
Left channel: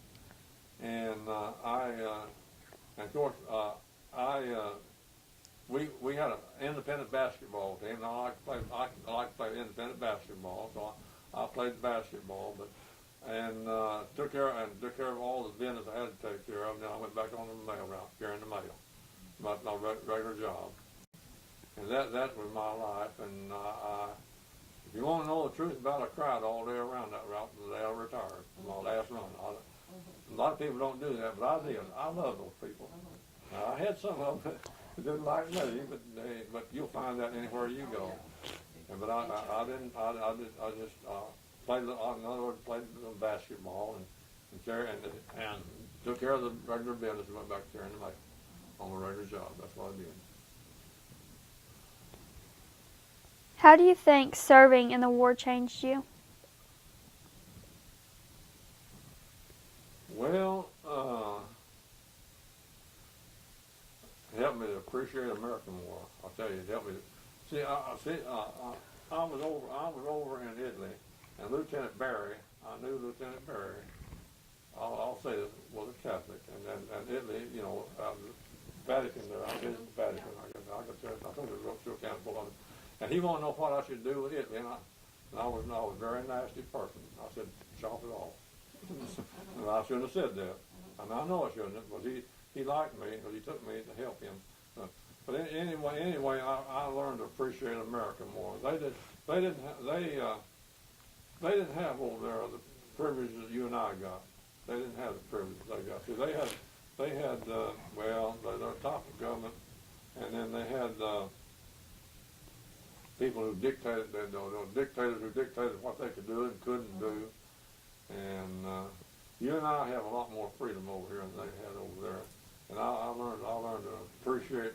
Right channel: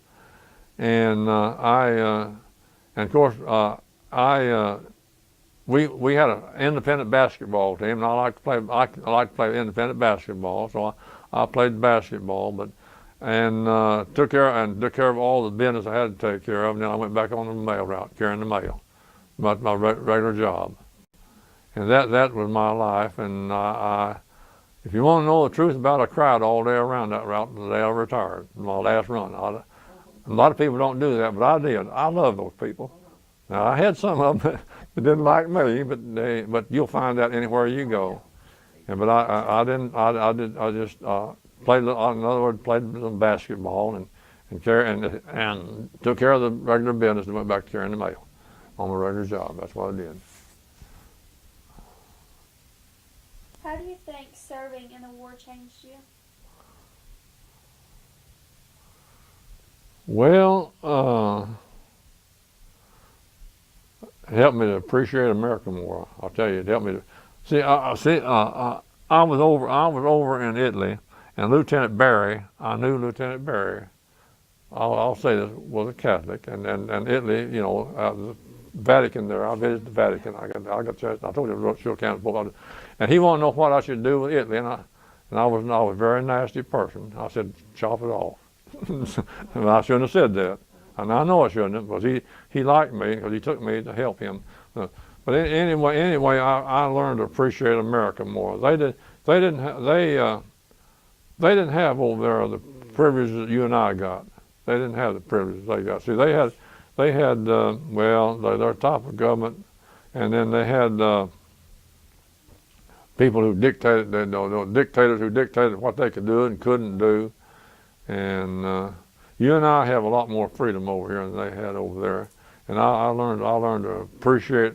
and of course, we had an independent basketball team, and I like to play independent basketball, so I played basketball, and took care of all the business I had to take care of, and then I went back on the mail route, carrying the mail, my regular job, and that was my life. And if you want to know the truth about it, I cried all day around that route the day I retired, my last run. A lot of people don't do that, but I did. I love those people. Now, I had some of them that didn't like me, but you'll find that anywhere you go. But I didn't. I just played. In other words, played some basketball and took care of the regular business and went back to carrying the mail on my regular job. That's what I did. How do you think serving in the war changed you? Well, it helped me to appreciate America more. I'll tell you, it helped me to see. I was over in Italy, and Lieutenant Barry. I knew Lieutenant Barry. I'll say this, was a Catholic, and Italy, you know, the Vatican there. I visited the Vatican. I told you I wrote Shore County book, and he wanted to know what I should do with Italy, and I was a very nasty person. I said, chop it off. And I shouldn't have said that. And I know I shouldn't have, because he liked me, because he took me to help him. But anyway, I learned to appreciate America more. They didn't have over there the privileges that you and I got. They didn't have the privileges they got. See, they had their top of government, and then they had people who dictated, dictators who dictated what they could do and couldn't do. And you and I have a lot more freedom over here than they had over there. And I learned to appreciate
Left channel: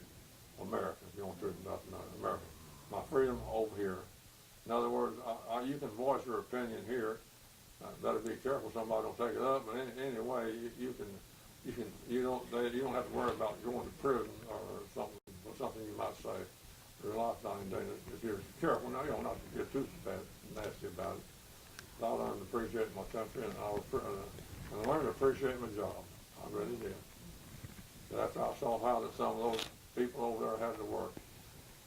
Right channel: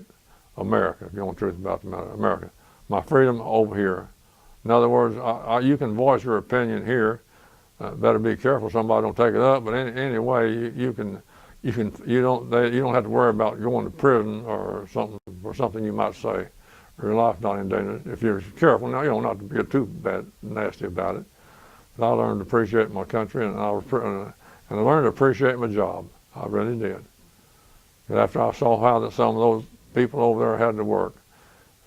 America, if you want the truth about the matter, America. My freedom over here. In other words, you can voice your opinion here. Better be careful somebody don't take it up. But anyway, you don't have to worry about going to prison or something you might say. Your life not in danger if you're careful. Now, you don't have to get too nasty about it. But I learned to appreciate my country, and I learned to appreciate my job. I really did. But after I saw how that some of those people over there had to work,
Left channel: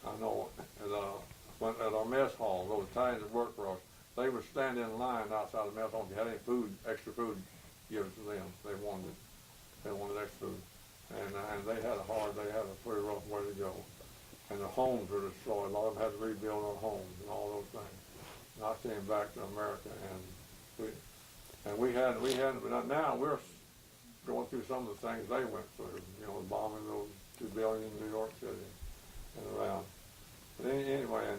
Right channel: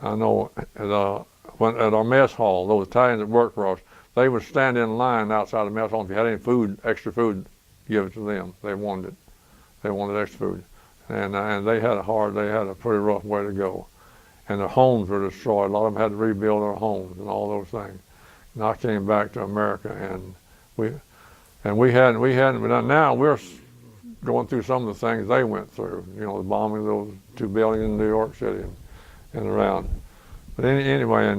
I know at our mess hall, those Italians that worked for us, they would stand in line outside the mess hall. If you had any food, extra food, give it to them. They wanted it. They wanted extra food, and they had a pretty rough way to go, and their homes were destroyed. A lot of them had to rebuild their homes and all those things. And I came back to America, and we hadn't. But now we're going through some of the things they went through. You know, the bombing of those 2 buildings in New York City and around. But anyway,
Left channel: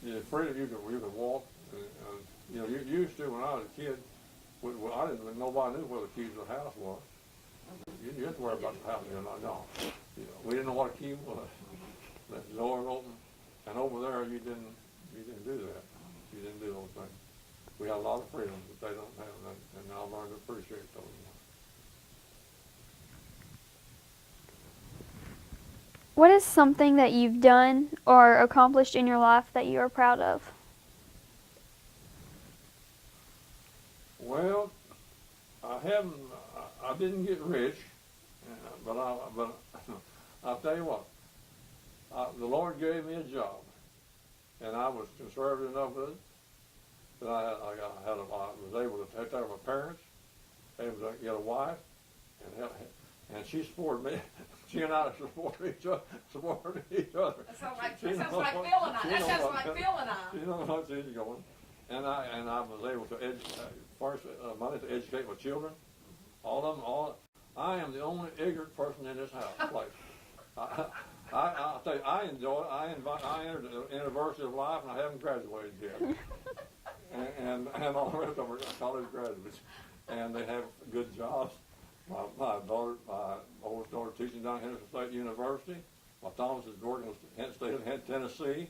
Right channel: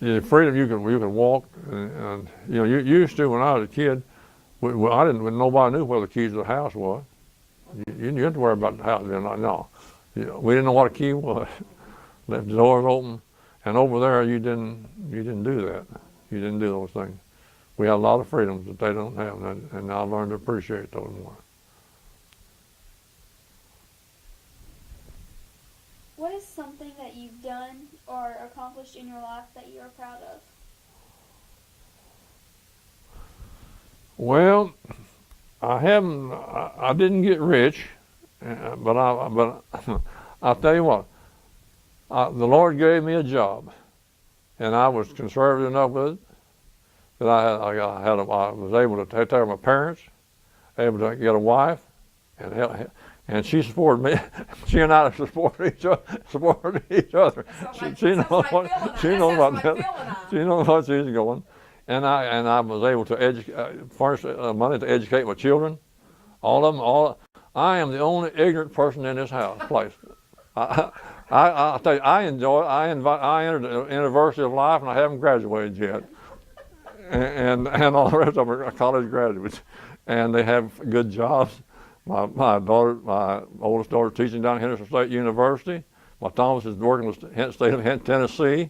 the freedom you can walk, and you know, you used to when I was a kid. When nobody knew where the keys to the house was. You didn't have to worry about the house. No, we didn't know what a key was. Left the doors open. And over there, you didn't do that. You didn't do those things. We had a lot of freedoms that they don't have, and I learned to appreciate those more. What is something that you've done or accomplished in your life that you are proud of? Well, I didn't get rich, but I'll tell you what. The Lord gave me a job, and I was conservative enough with it that I was able to take care of my parents, able to get a wife, and she supported me. She and I supported each other. She knows what she's going, and I was able to furnish money to educate my children, all of them. I am the only ignorant person in this place. I'll tell you, I enjoy it. I entered the University of Life, and I haven't graduated yet. and all the rest of them are college graduates, and they have good jobs. My oldest daughter, teaching down at Henderson State University. My Thomas is working with the state of Tennessee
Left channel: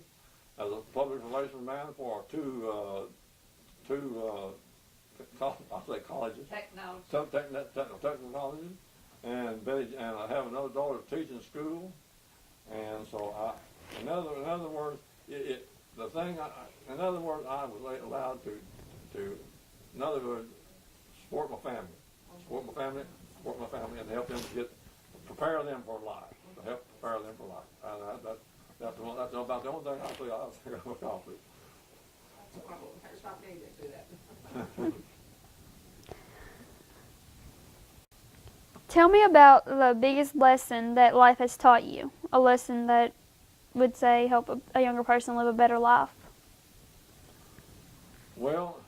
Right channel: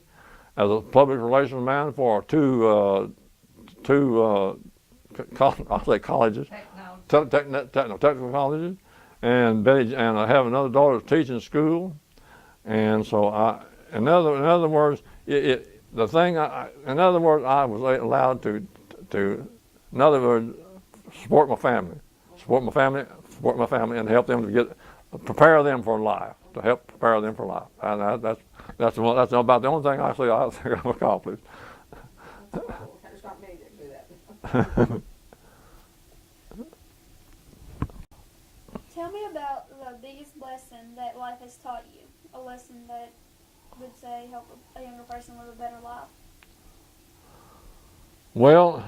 as a public relations man for two colleges, technical colleges, and I have another daughter teaching school. And so in other words, I was allowed to, support my family, and help them to get prepare them for life, to help prepare them for life. And that's about the only thing actually I think I've accomplished. There's not many that do that. Tell me about the biggest lesson that life has taught you. A lesson that would say help a younger person live a better life. Well,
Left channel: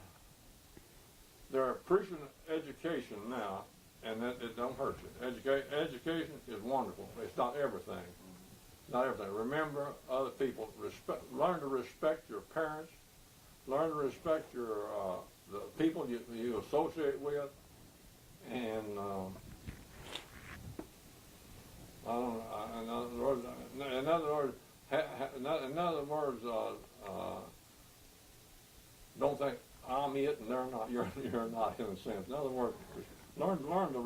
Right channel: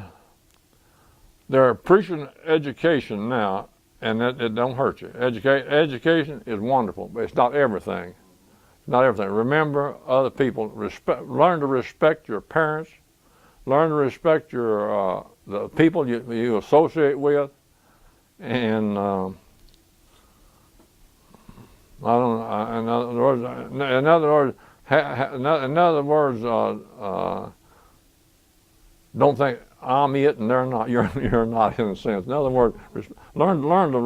they're preaching education now, and it don't hurt you. Education is wonderful, but it's not everything. Not everything. Remember other people. Learn to respect your parents. Learn to respect your the people you associate with, and I don't know. In other words, don't think I'm it and they're not. You're not, in a sense. In other words, learn to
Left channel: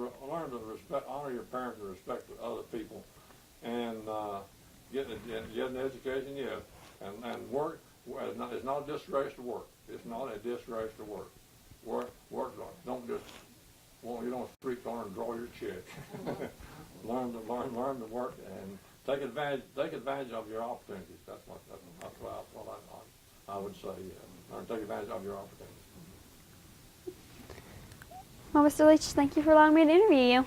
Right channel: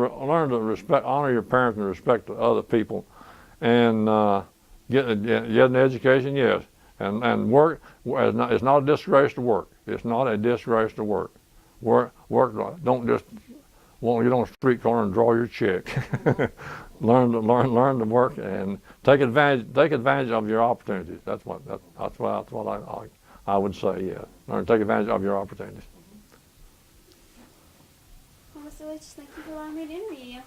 respect, honor your parents and respect the other people, and get an education. Yes, and work. It's not a disgrace to work. It's not a disgrace to work. Work. Don't just won't get on the street corner and draw your check. learn to work and take advantage of your opportunities. That's what I would say. Yeah, learn to take advantage of your opportunities. Well, Mr. Leach, thank you for allowing me to interview you.